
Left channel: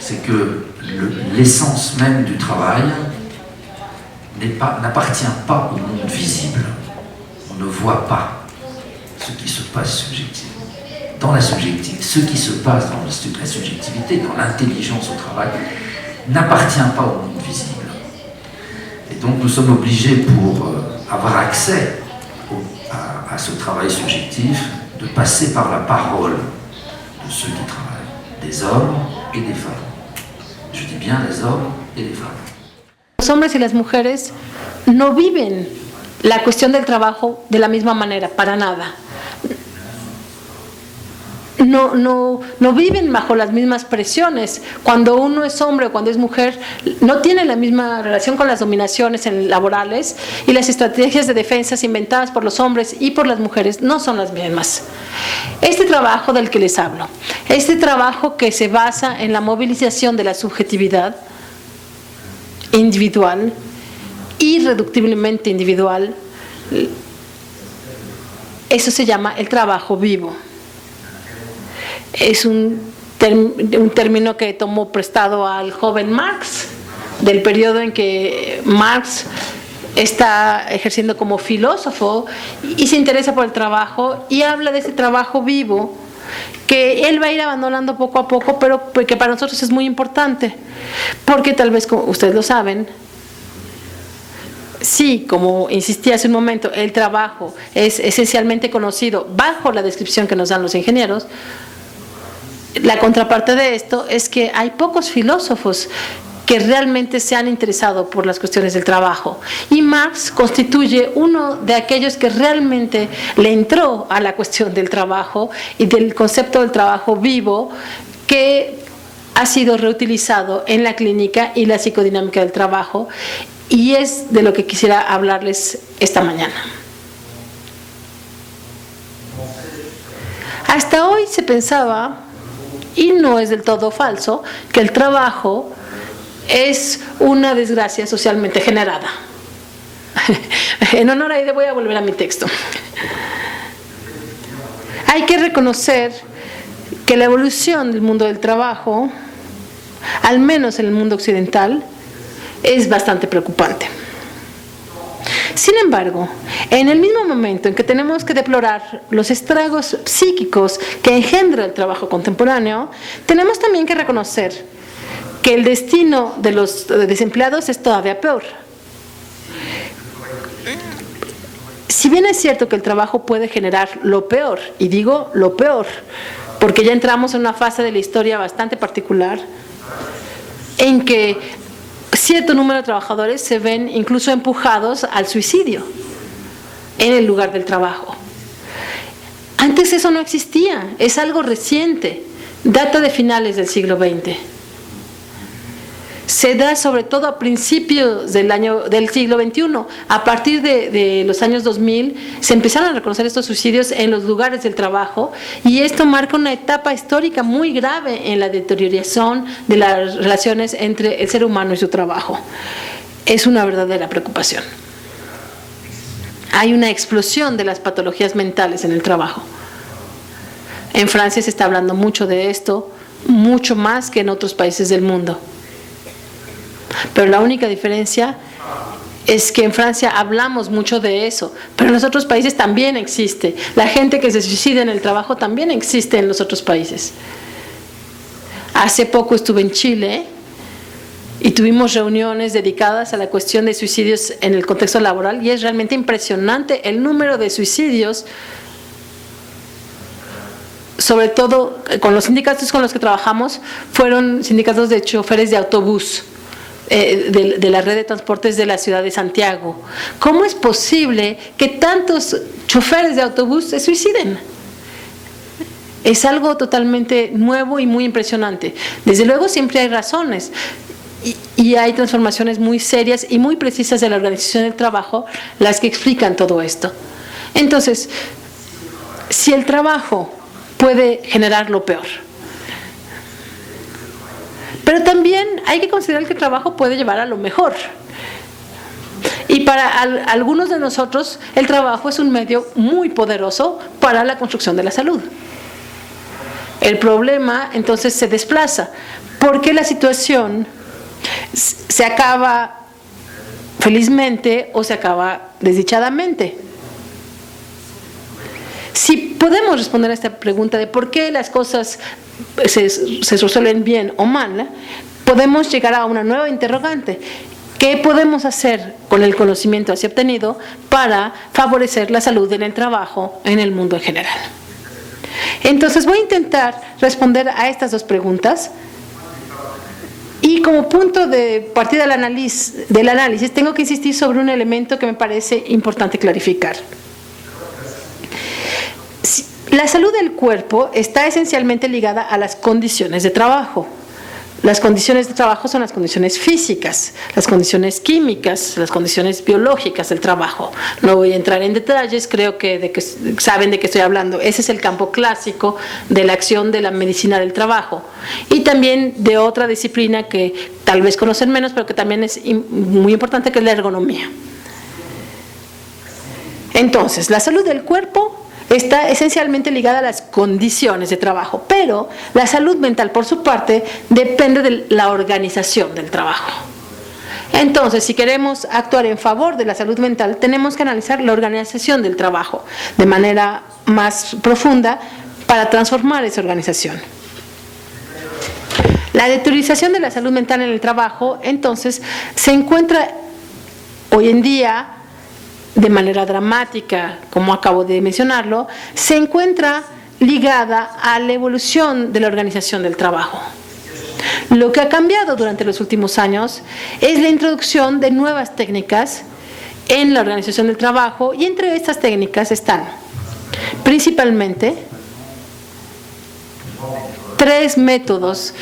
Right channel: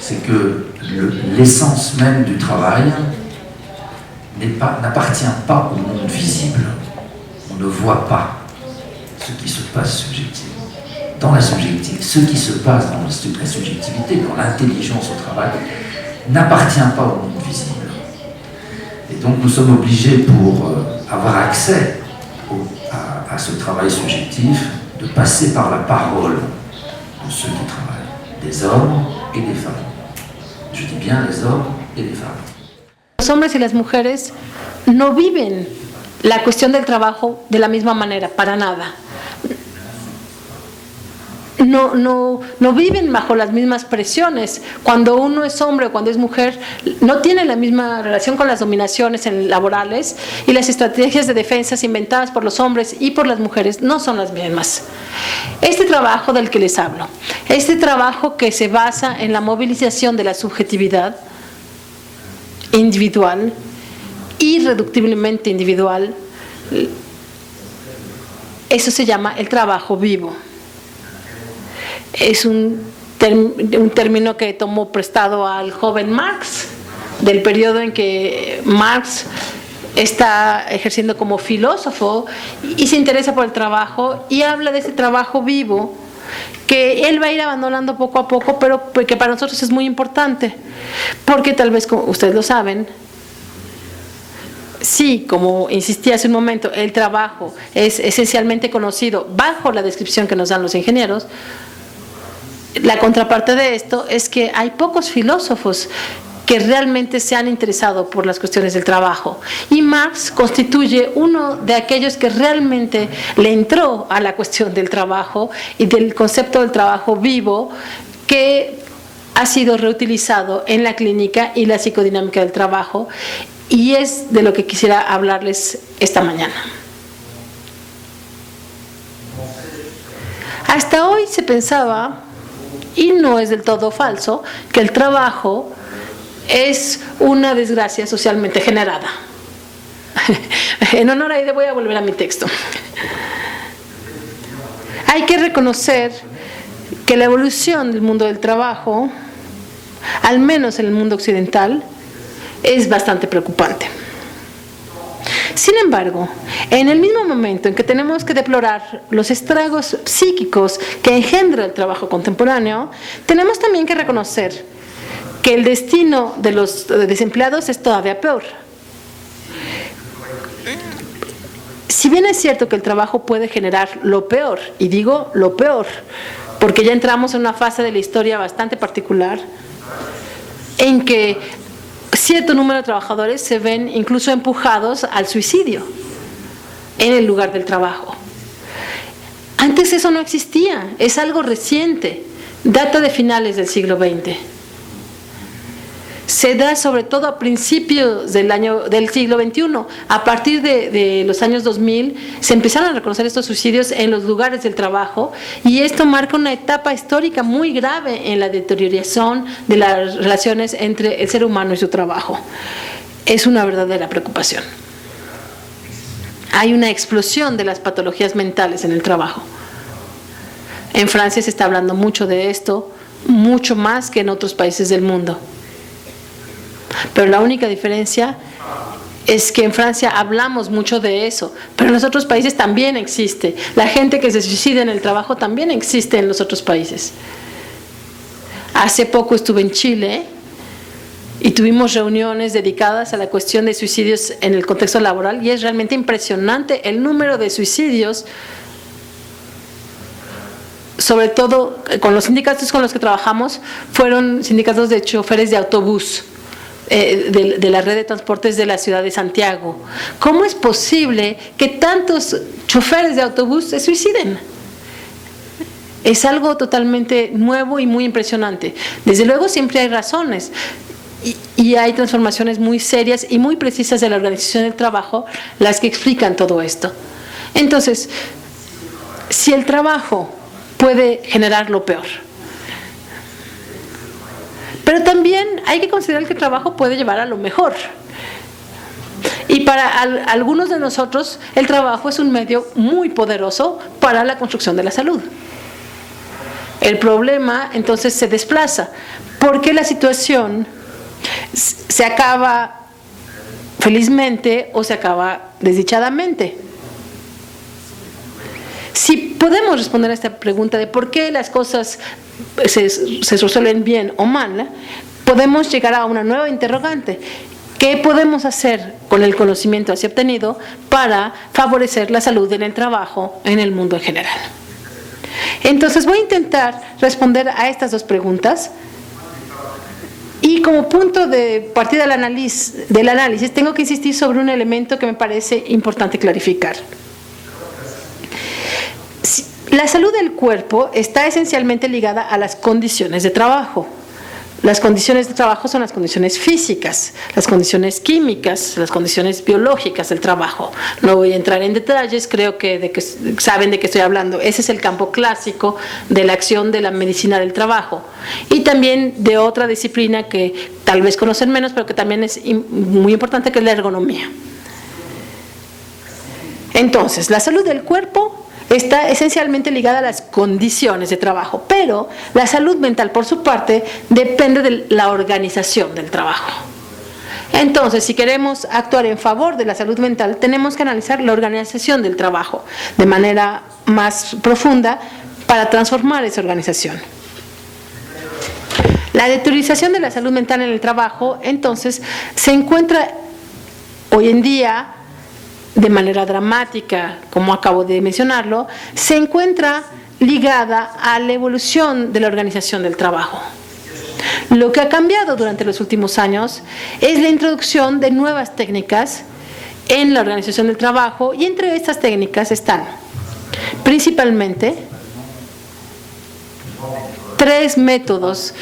c'est que l'essence même du travail n'appartient pas au monde visible. On ne voit pas ce qui se passe subjectivement. Dans la subjectivité, ce qui se passe dans la subjectivité, dans l'intelligence au travail, n'appartient pas au monde visible. Et donc nous sommes obligés, pour avoir accès à ce travail subjectif, de passer par la parole de ceux qui travaillent, des hommes et des femmes. Je dis bien les hommes et les femmes. Los hombres y las mujeres no viven la cuestión del trabajo de la misma manera, para nada. No viven bajo las mismas presiones. Cuando uno es hombre o cuando es mujer, no tiene la misma relación con las dominaciones laborales, y las estrategias de defensa inventadas por los hombres y por las mujeres no son las mismas. Este trabajo del que les hablo, este trabajo que se basa en la movilización de la subjetividad individual, irreductiblemente individual, eso se llama el trabajo vivo. Es un término que tomó prestado al joven Marx, del periodo en que Marx está ejerciendo como filósofo y se interesa por el trabajo, y habla de ese trabajo vivo que él va a ir abandonando poco a poco, pero que para nosotros es muy importante, porque tal vez, como ustedes lo saben, sí, como insistí hace un momento, el trabajo es esencialmente conocido bajo la descripción que nos dan los ingenieros. La contraparte de esto es que hay pocos filósofos que realmente se han interesado por las cuestiones del trabajo, y Marx constituye uno de aquellos que realmente le entró a la cuestión del trabajo y del concepto del trabajo vivo, que ha sido reutilizado en la clínica y la psicodinámica del trabajo, y es de lo que quisiera hablarles esta mañana. Hasta hoy se pensaba, y no es del todo falso, que el trabajo es una desgracia socialmente generada. En honor a ello voy a volver a mi texto. Hay que reconocer que la evolución del mundo del trabajo, al menos en el mundo occidental, es bastante preocupante. Sin embargo, en el mismo momento en que tenemos que deplorar los estragos psíquicos que engendra el trabajo contemporáneo, tenemos también que reconocer que el destino de los desempleados es todavía peor. Si bien es cierto que el trabajo puede generar lo peor, y digo lo peor, porque ya entramos en una fase de la historia bastante particular, en que cierto número de trabajadores se ven incluso empujados al suicidio en el lugar del trabajo. Antes eso no existía, es algo reciente, data de finales del siglo XX. Se da sobre todo a principios del siglo XXI. A partir de los años 2000 se empezaron a reconocer estos suicidios en los lugares del trabajo, y esto marca una etapa histórica muy grave en la deterioración de las relaciones entre el ser humano y su trabajo. Es una verdadera preocupación. Hay una explosión de las patologías mentales en el trabajo. En Francia se está hablando mucho de esto, mucho más que en otros países del mundo. Pero la única diferencia es que en Francia hablamos mucho de eso, pero en los otros países también existe. La gente que se suicida en el trabajo también existe en los otros países. Hace poco estuve en Chile y tuvimos reuniones dedicadas a la cuestión de suicidios en el contexto laboral y es realmente impresionante el número de suicidios, sobre todo con los sindicatos con los que trabajamos, fueron sindicatos de choferes de autobús, de la red de transportes de la ciudad de Santiago. ¿Cómo es posible que tantos choferes de autobús se suiciden? Es algo totalmente nuevo y muy impresionante. Desde luego siempre hay razones y hay transformaciones muy serias y muy precisas de la organización del trabajo las que explican todo esto. Entonces, si el trabajo puede generar lo peor, pero también hay que considerar que el trabajo puede llevar a lo mejor. Y para algunos de nosotros, el trabajo es un medio muy poderoso para la construcción de la salud. El problema entonces se desplaza, porque la situación se acaba felizmente o se acaba desdichadamente. Si podemos responder a esta pregunta de por qué las cosas se resuelven bien o mal, podemos llegar a una nueva interrogante. ¿Qué podemos hacer con el conocimiento así obtenido para favorecer la salud en el trabajo en el mundo en general? Entonces voy a intentar responder a estas dos preguntas y como punto de partida del análisis tengo que insistir sobre un elemento que me parece importante clarificar. La salud del cuerpo está esencialmente ligada a las condiciones de trabajo. Las condiciones de trabajo son las condiciones físicas, las condiciones químicas, las condiciones biológicas del trabajo. No voy a entrar en detalles, creo que saben de qué estoy hablando. Ese es el campo clásico de la acción de la medicina del trabajo. Y también de otra disciplina que tal vez conocen menos, pero que también es muy importante, que es la ergonomía. Entonces, la salud del cuerpo está esencialmente ligada a las condiciones de trabajo, pero la salud mental, por su parte, depende de la organización del trabajo. Entonces, si queremos actuar en favor de la salud mental, tenemos que analizar la organización del trabajo de manera más profunda para transformar esa organización. La deteriorización de la salud mental en el trabajo, entonces, se encuentra hoy en día de manera dramática, como acabo de mencionarlo, se encuentra ligada a la evolución de la organización del trabajo. Lo que ha cambiado durante los últimos años es la introducción de nuevas técnicas en la organización del trabajo y entre estas técnicas están principalmente 3 métodos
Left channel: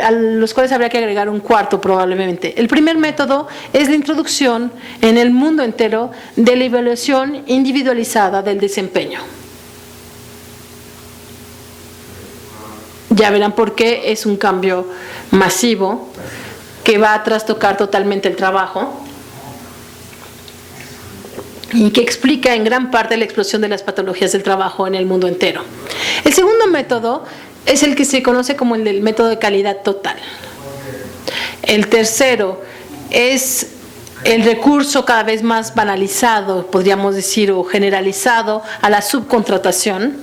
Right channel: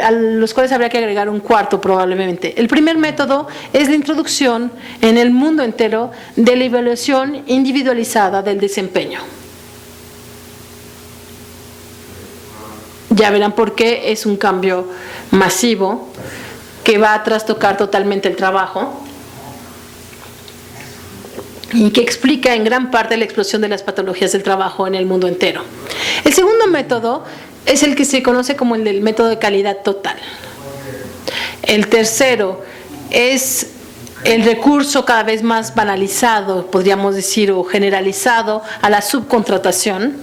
a los cuales habría que agregar un cuarto probablemente. El primer método es la introducción en el mundo entero de la evaluación individualizada del desempeño. Ya verán por qué es un cambio masivo que va a trastocar totalmente el trabajo y que explica en gran parte la explosión de las patologías del trabajo en el mundo entero. El segundo método es el que se conoce como el del método de calidad total. El tercero es el recurso cada vez más banalizado, podríamos decir, o generalizado a la subcontratación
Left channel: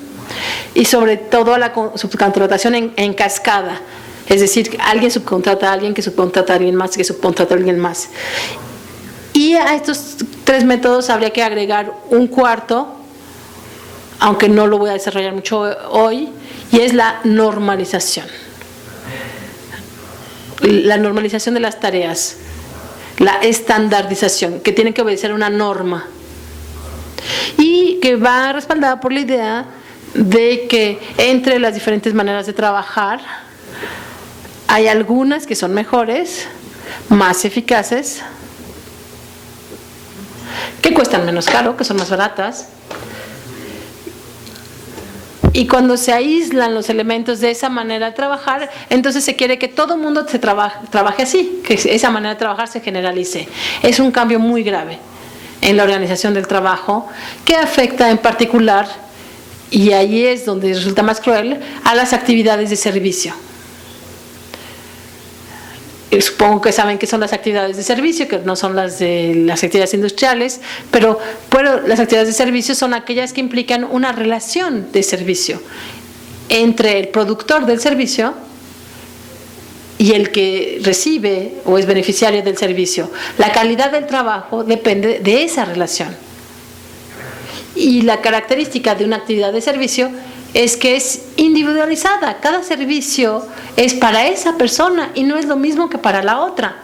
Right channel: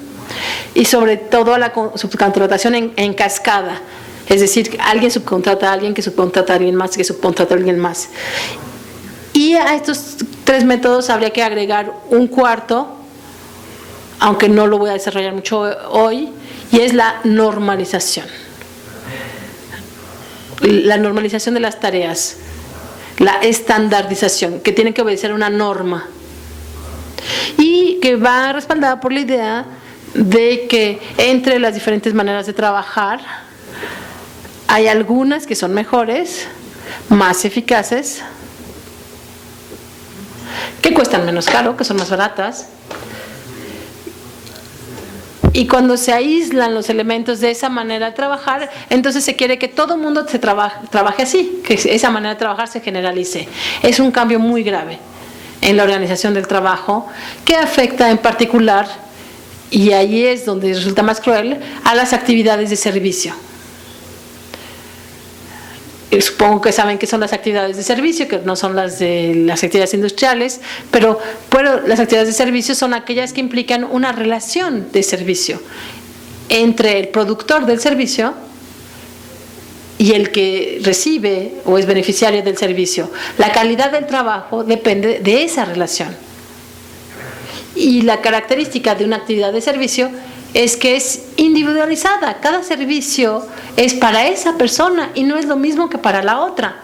y sobre todo a la subcontratación en cascada. Es decir, alguien subcontrata a alguien que subcontrata a alguien más que subcontrata a alguien más. Y a estos 3 métodos habría que agregar un cuarto, aunque no lo voy a desarrollar mucho hoy, y es la normalización. La normalización de las tareas, la estandarización, que tiene que obedecer una norma y que va respaldada por la idea de que entre las diferentes maneras de trabajar hay algunas que son mejores, más eficaces, que cuestan menos caro, que son más baratas. Y cuando se aíslan los elementos de esa manera de trabajar, entonces se quiere que todo el mundo trabaje así, que esa manera de trabajar se generalice. Es un cambio muy grave en la organización del trabajo que afecta en particular, y ahí es donde resulta más cruel, a las actividades de servicio. Supongo que saben que son las actividades de servicio, que no son las de las actividades industriales, pero las actividades de servicio son aquellas que implican una relación de servicio entre el productor del servicio y el que recibe o es beneficiario del servicio. La calidad del trabajo depende de esa relación. Y la característica de una actividad de servicio es que es individualizada. Cada servicio es para esa persona y no es lo mismo que para la otra.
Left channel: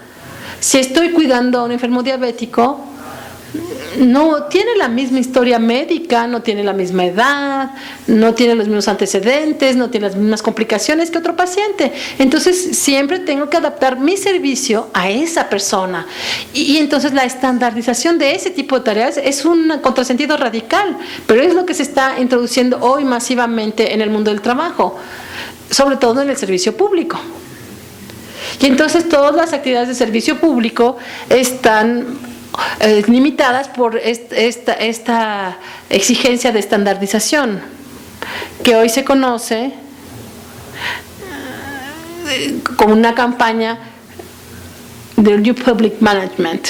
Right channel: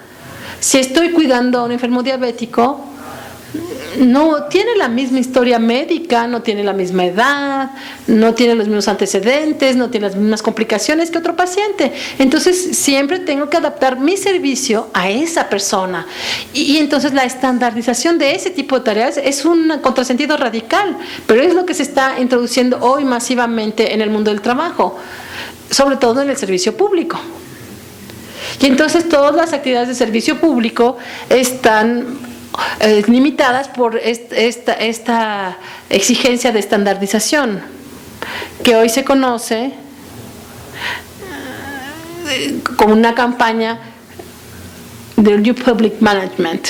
Si estoy cuidando a un enfermo diabético, no tiene la misma historia médica, no tiene la misma edad, no tiene los mismos antecedentes, no tiene las mismas complicaciones que otro paciente. Entonces siempre tengo que adaptar mi servicio a esa persona. Y entonces la estandarización de ese tipo de tareas es un contrasentido radical, pero es lo que se está introduciendo hoy masivamente en el mundo del trabajo, sobre todo en el servicio público. Y entonces todas las actividades de servicio público están limitadas por esta exigencia de estandarización que hoy se conoce como una campaña del New Public Management.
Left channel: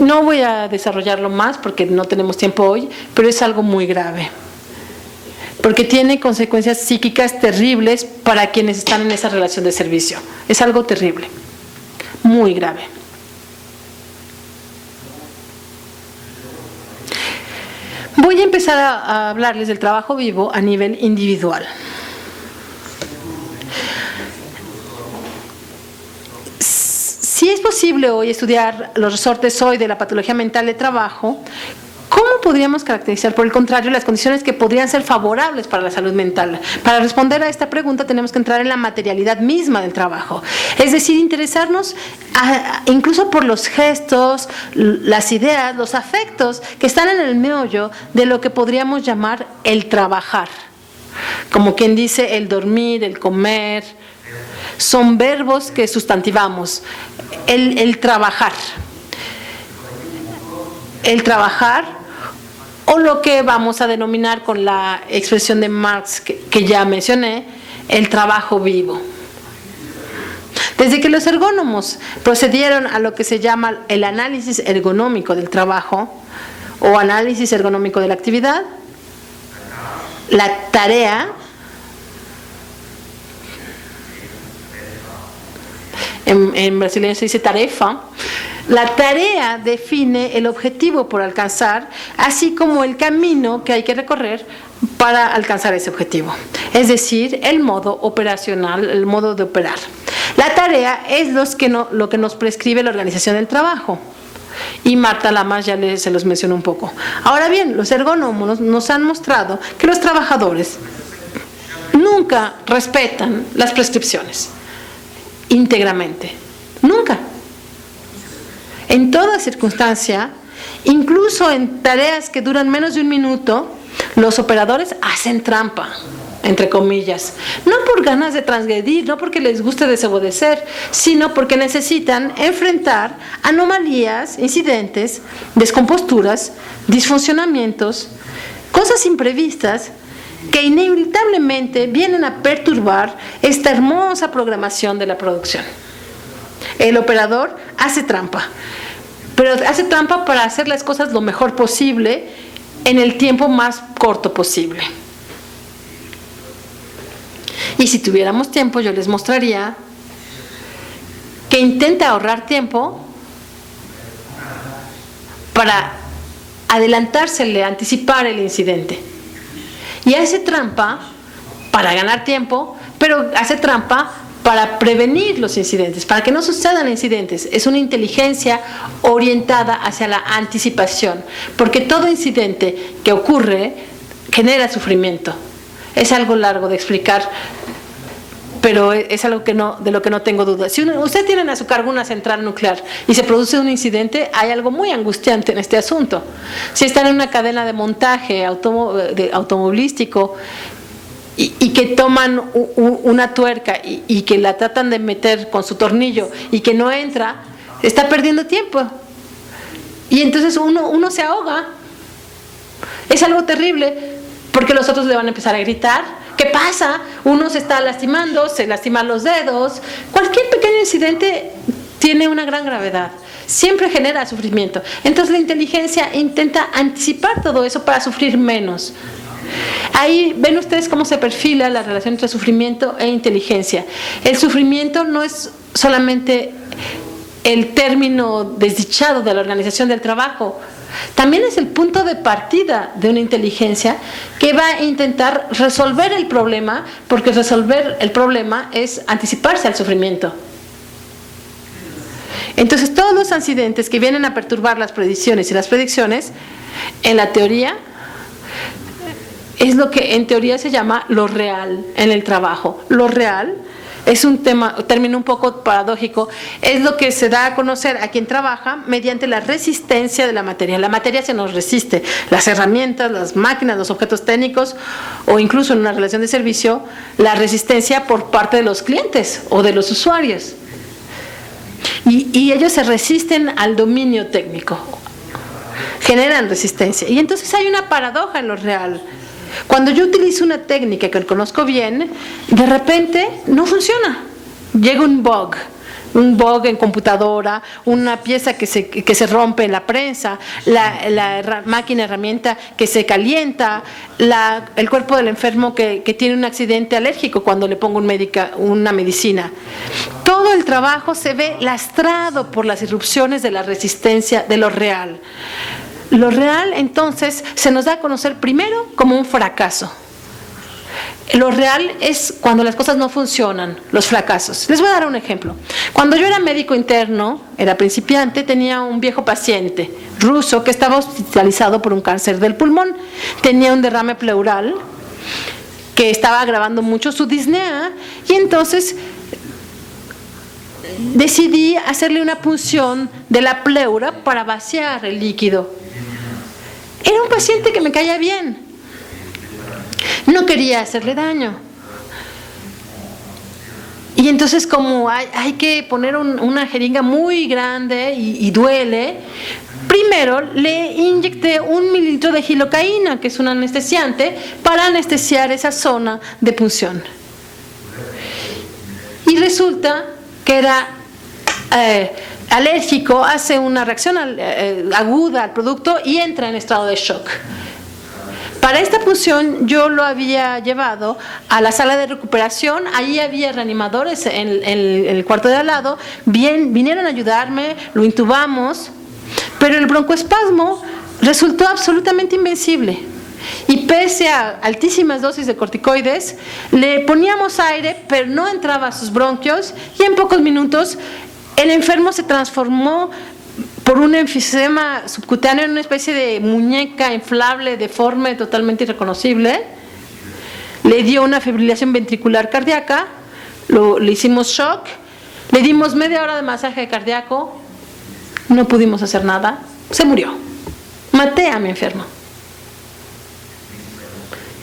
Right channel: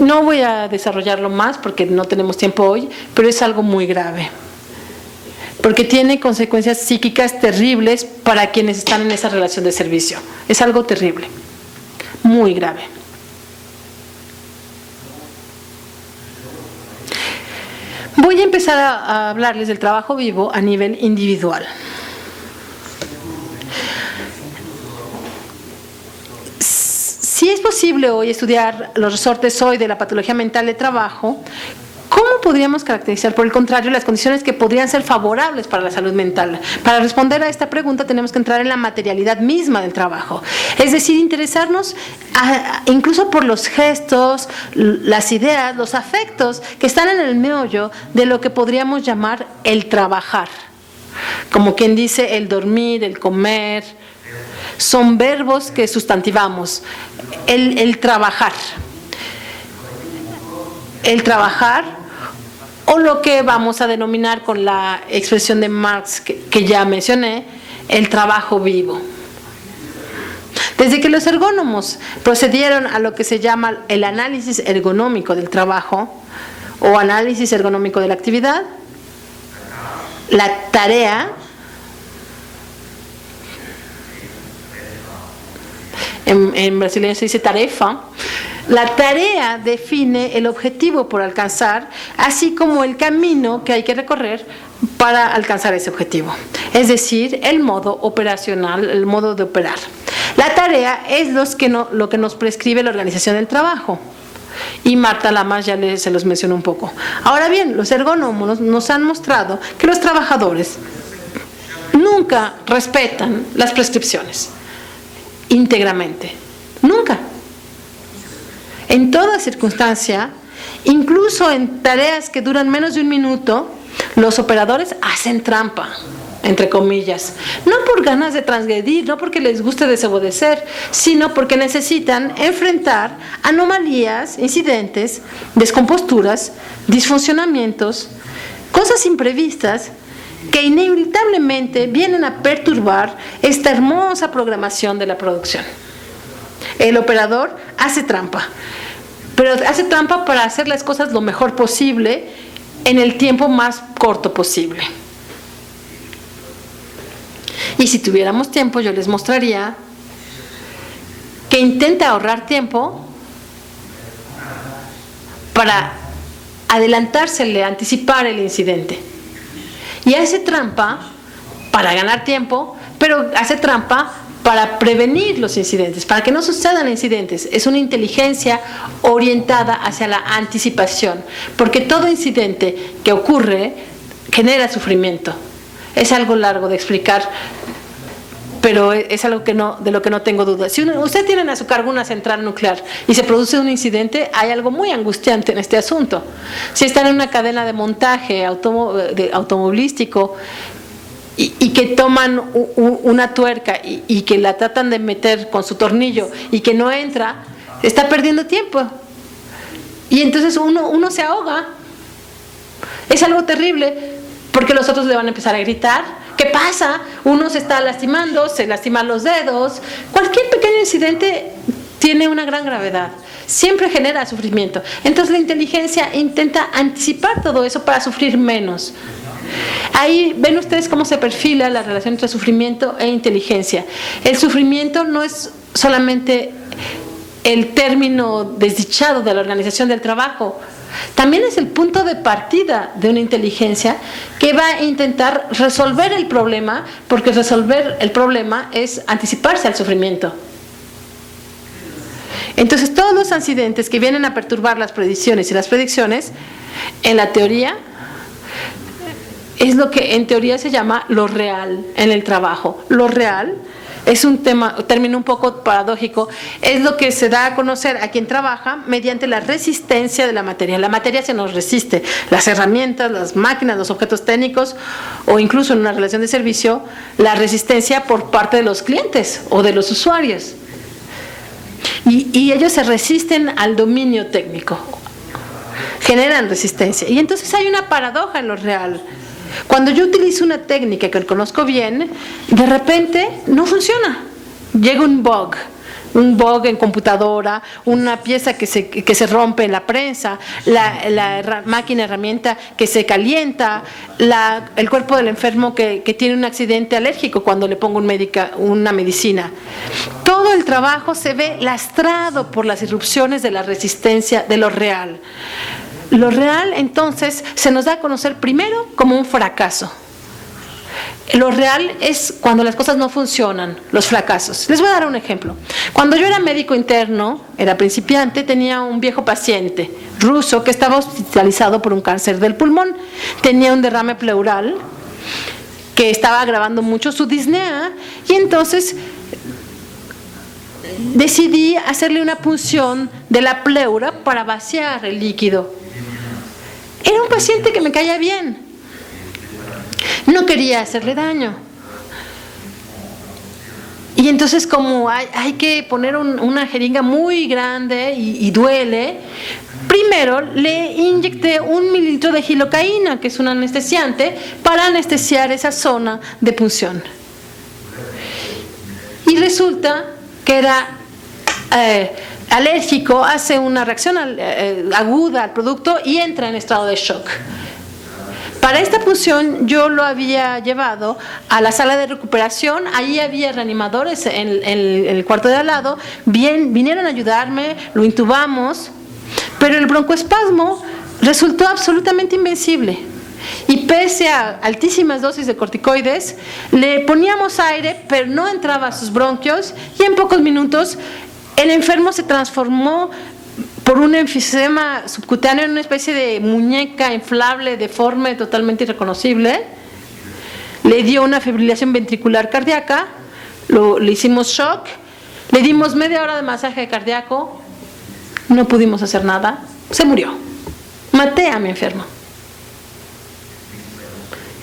No voy a desarrollarlo más porque no tenemos tiempo hoy, pero es algo muy grave, porque tiene consecuencias psíquicas terribles para quienes están en esa relación de servicio. Es algo terrible, muy grave. Voy a empezar a hablarles del trabajo vivo a nivel individual. Si es posible hoy estudiar los resortes hoy de la patología mental de trabajo, ¿cómo podríamos caracterizar, por el contrario, las condiciones que podrían ser favorables para la salud mental? Para responder a esta pregunta tenemos que entrar en la materialidad misma del trabajo, es decir, interesarnos incluso por los gestos, las ideas, los afectos que están en el meollo de lo que podríamos llamar el trabajar. Como quien dice el dormir, el comer, son verbos que sustantivamos. El trabajar. El trabajar, o lo que vamos a denominar con la expresión de Marx que ya mencioné, el trabajo vivo. Desde que los ergónomos procedieron a lo que se llama el análisis ergonómico del trabajo o análisis ergonómico de la actividad, la tarea en brasileño se dice tarefa. La tarea define el objetivo por alcanzar, así como el camino que hay que recorrer para alcanzar ese objetivo. Es decir, el modo operacional, el modo de operar. La tarea es lo que nos prescribe la organización del trabajo. Y Marta Lamas ya se los mencionó un poco. Ahora bien, los ergonómos nos han mostrado que los trabajadores nunca respetan las prescripciones íntegramente. Nunca. En toda circunstancia, incluso en tareas que duran menos de un minuto, los operadores hacen trampa, entre comillas. No por ganas de transgredir, no porque les guste desobedecer, sino porque necesitan enfrentar anomalías, incidentes, descomposturas, disfuncionamientos, cosas imprevistas que inevitablemente vienen a perturbar esta hermosa programación de la producción. El operador hace trampa, pero hace trampa para hacer las cosas lo mejor posible en el tiempo más corto posible. Y si tuviéramos tiempo, yo les mostraría que intenta ahorrar tiempo para adelantársele, anticipar el incidente. Y hace trampa para ganar tiempo, pero hace trampa para prevenir los incidentes, para que no sucedan incidentes. Es una inteligencia orientada hacia la anticipación, porque todo incidente que ocurre genera sufrimiento. Es algo largo de explicar, pero es algo de lo que no tengo duda. Si usted tiene a su cargo una central nuclear y se produce un incidente, hay algo muy angustiante en este asunto. Si están en una cadena de montaje automovilístico y que toman una tuerca y que la tratan de meter con su tornillo y que no entra, está perdiendo tiempo. Y entonces uno se ahoga. Es algo terrible, porque los otros le van a empezar a gritar. ¿Qué pasa? Uno se está lastimando, se lastiman los dedos. Cualquier pequeño incidente tiene una gran gravedad. Siempre genera sufrimiento. Entonces la inteligencia intenta anticipar todo eso para sufrir menos. Ahí ven ustedes cómo se perfila la relación entre sufrimiento e inteligencia. El sufrimiento no es solamente el término desdichado de la organización del trabajo, también es el punto de partida de una inteligencia que va a intentar resolver el problema, porque resolver el problema es anticiparse al sufrimiento. Entonces, todos los accidentes que vienen a perturbar las predicciones y las predicciones, en la teoría, es lo que en teoría se llama lo real en el trabajo. Lo real es un término un poco paradójico, es lo que se da a conocer a quien trabaja mediante la resistencia de la materia. La materia se nos resiste, las herramientas, las máquinas, los objetos técnicos o incluso en una relación de servicio, la resistencia por parte de los clientes o de los usuarios. Y ellos se resisten al dominio técnico, generan resistencia. Y entonces hay una paradoja en lo real. Cuando yo utilizo una técnica que conozco bien, de repente no funciona. Llega un bug en computadora, una pieza que se rompe en la prensa, la máquina herramienta que se calienta, el cuerpo del enfermo que tiene un accidente alérgico cuando le pongo una medicina. Todo el trabajo se ve lastrado por las irrupciones de la resistencia de lo real. Lo real, entonces, se nos da a conocer primero como un fracaso. Lo real es cuando las cosas no funcionan, los fracasos. Les voy a dar un ejemplo. Cuando yo era médico interno, era principiante, tenía un viejo paciente ruso que estaba hospitalizado por un cáncer del pulmón. Tenía un derrame pleural que estaba agravando mucho su disnea y entonces decidí hacerle una punción de la pleura para vaciar el líquido. Era un paciente que me caía bien. No quería hacerle daño. Y entonces, como hay que poner una jeringa muy grande y duele, primero le inyecté 1 mililitro de gilocaína, que es un anestesiante, para anestesiar esa zona de punción. Y resulta que era alérgico, hace una reacción aguda al producto y entra en estado de shock. Para esta punción yo lo había llevado a la sala de recuperación, allí había reanimadores en el cuarto de al lado, vinieron a ayudarme, lo intubamos, pero el broncoespasmo resultó absolutamente invencible. Y pese a altísimas dosis de corticoides, le poníamos aire, pero no entraba a sus bronquios y en pocos minutos el enfermo se transformó por un enfisema subcutáneo en una especie de muñeca inflable, deforme, totalmente irreconocible. Le dio una fibrilación ventricular cardíaca, le hicimos shock, le dimos media hora de masaje cardíaco, no pudimos hacer nada, se murió. Maté a mi enfermo.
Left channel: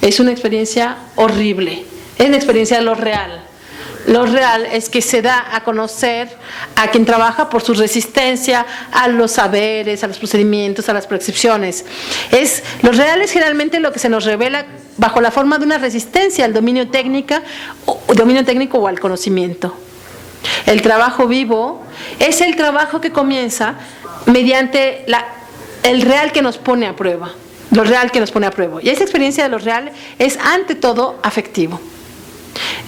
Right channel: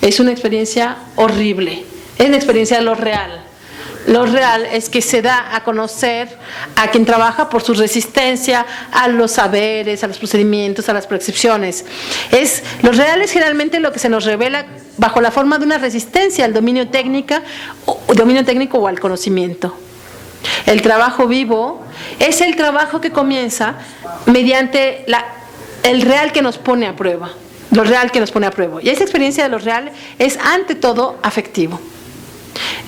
Es una experiencia horrible, es la experiencia de lo real. Lo real es que se da a conocer a quien trabaja por su resistencia a los saberes, a los procedimientos, a las prescripciones. Lo real es generalmente lo que se nos revela bajo la forma de una resistencia al dominio técnico o al conocimiento. El trabajo vivo es el trabajo que comienza mediante el real que nos pone a prueba. Lo real que nos pone a prueba. Y esa experiencia de lo real es ante todo afectivo.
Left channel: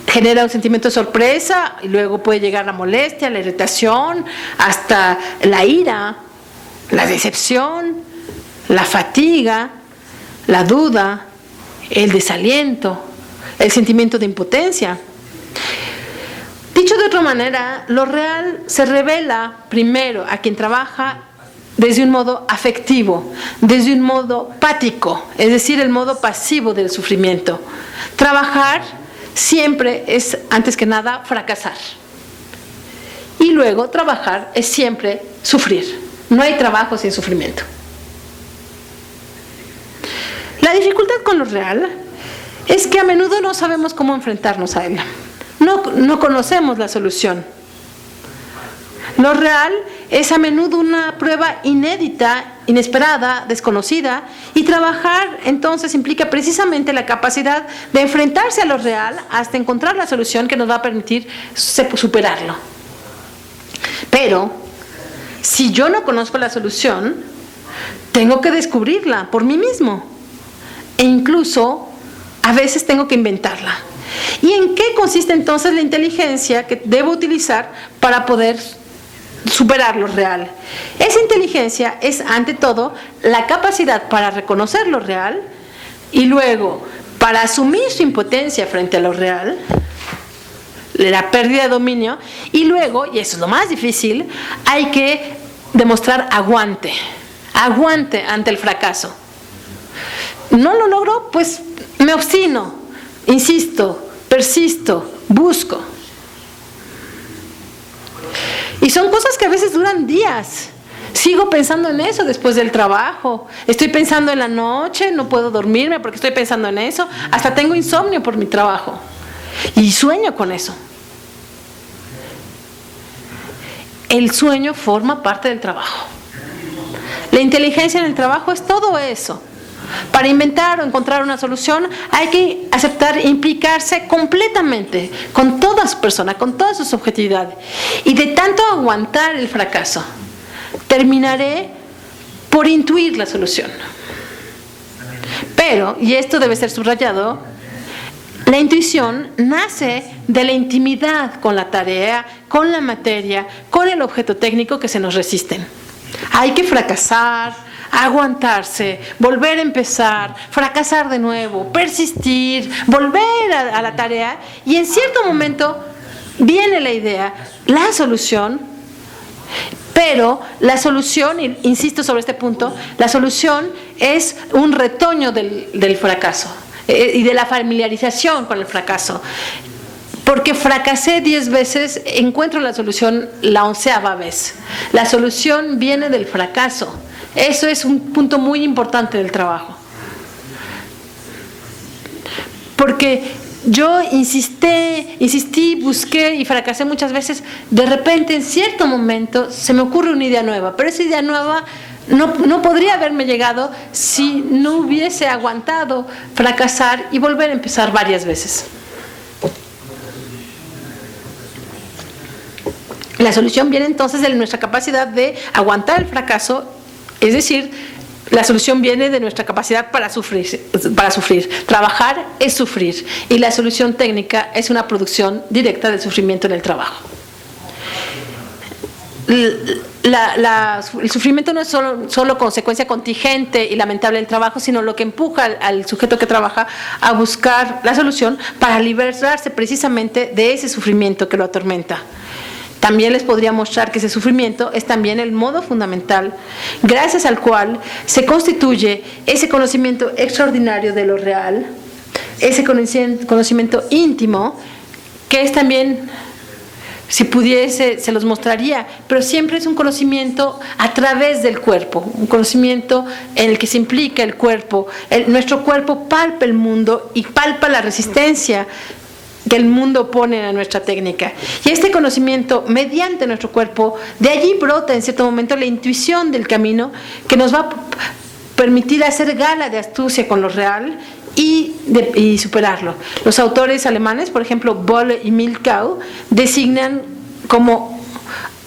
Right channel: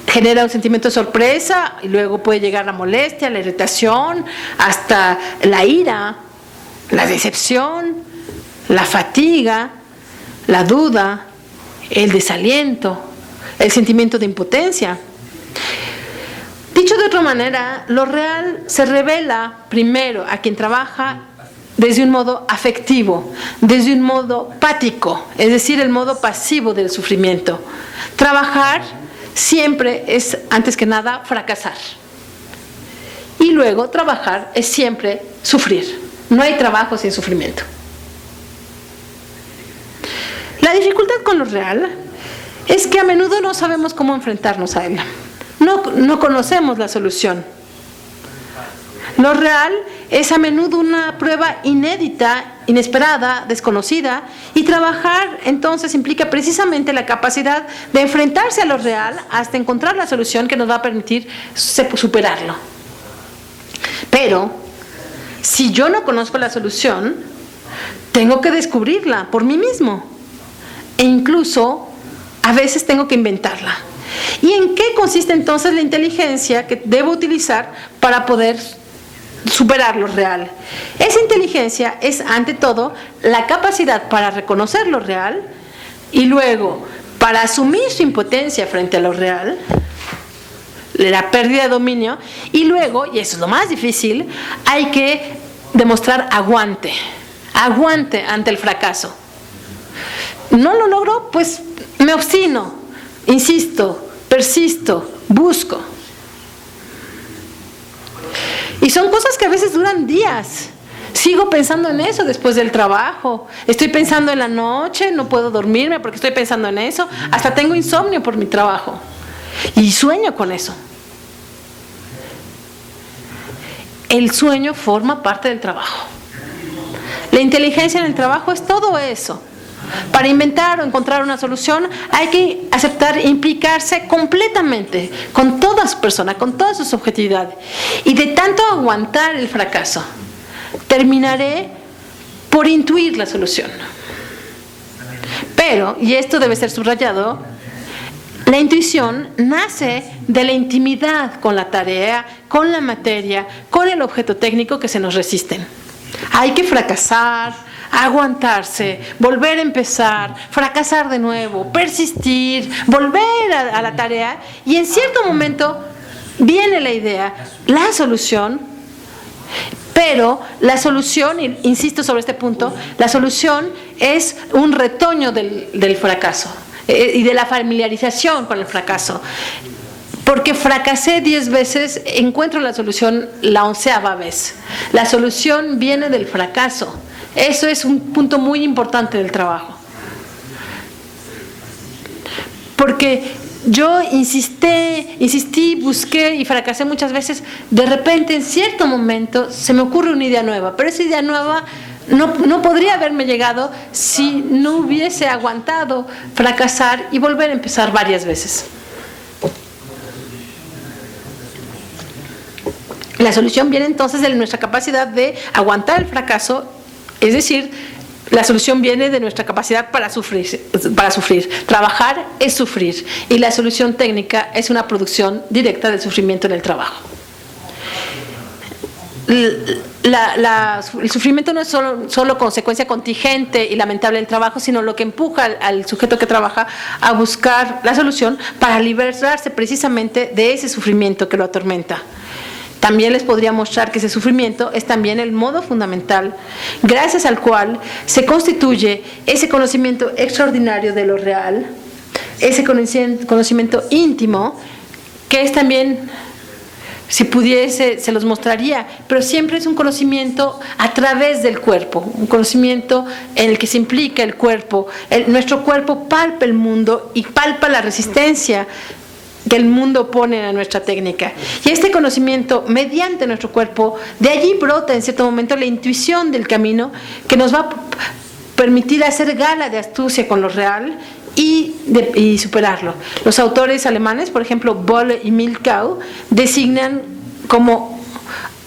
Genera un sentimiento de sorpresa y luego puede llegar la molestia, la irritación, hasta la ira, la decepción, la fatiga, la duda, el desaliento, el sentimiento de impotencia. Dicho de otra manera, lo real se revela primero a quien trabaja desde un modo afectivo, desde un modo pático, es decir, el modo pasivo del sufrimiento. Trabajar siempre es, antes que nada, fracasar. Y luego, trabajar es siempre sufrir. No hay trabajo sin sufrimiento. La dificultad con lo real es que a menudo no sabemos cómo enfrentarnos a él. No conocemos la solución. Lo real es a menudo una prueba inédita, inesperada, desconocida, y trabajar entonces implica precisamente la capacidad de enfrentarse a lo real hasta encontrar la solución que nos va a permitir superarlo. Pero, si yo no conozco la solución, tengo que descubrirla por mí mismo. E incluso a veces tengo que inventarla. ¿Y en qué consiste entonces la inteligencia que debo utilizar para poder superar lo real? Esa inteligencia es, ante todo, la capacidad para reconocer lo real y luego, para asumir su impotencia frente a lo real, la pérdida de dominio, y luego, y eso es lo más difícil, hay que demostrar aguante ante el fracaso. No lo logro, pues me obstino, insisto, persisto, busco. Y son cosas que a veces duran días. Sigo pensando en eso después del trabajo. Estoy pensando en la noche, no puedo dormirme porque estoy pensando en eso. Hasta tengo insomnio por mi trabajo. Y sueño con eso. El sueño forma parte del trabajo. La inteligencia en el trabajo es todo eso. Para inventar o encontrar una solución hay que aceptar e implicarse completamente con toda su persona, con toda su subjetividad. Y de tanto aguantar el fracaso, terminaré por intuir la solución. Pero, y esto debe ser subrayado, la intuición nace de la intimidad con la tarea, con la materia, con el objeto técnico que se nos resisten. Hay que fracasar, aguantarse, volver a empezar, fracasar de nuevo, persistir, volver a la tarea, y en cierto momento viene la idea, la solución. Pero la solución, insisto sobre este punto, la solución es un retoño del fracaso y de la familiarización con el fracaso. Porque fracasé 10 veces, encuentro la solución la 11ª vez. La solución viene del fracaso. Eso es un punto muy importante del trabajo. Porque yo insistí, busqué y fracasé muchas veces. De repente, en cierto momento, se me ocurre una idea nueva. Pero esa idea nueva no podría haberme llegado si no hubiese aguantado fracasar y volver a empezar varias veces. La solución viene entonces de nuestra capacidad de aguantar el fracaso, es decir, la solución viene de nuestra capacidad para sufrir. Trabajar es sufrir, y la solución técnica es una producción directa del sufrimiento en el trabajo. El sufrimiento no es solo consecuencia contingente y lamentable del trabajo, sino lo que empuja al sujeto que trabaja a buscar la solución para liberarse precisamente de ese sufrimiento que lo atormenta. También les podría mostrar que ese sufrimiento es también el modo fundamental, gracias al cual se constituye ese conocimiento extraordinario de lo real, ese conocimiento íntimo, que es también, si pudiese, se los mostraría, pero siempre es un conocimiento a través del cuerpo, un conocimiento en el que se implica el cuerpo. Nuestro cuerpo palpa el mundo y palpa la resistencia que el mundo pone a nuestra técnica. Y este conocimiento, mediante nuestro cuerpo, de allí brota en cierto momento la intuición del camino que nos va a permitir hacer gala de astucia con lo real y superarlo. Los autores alemanes, por ejemplo, Bolle y Milkau, designan como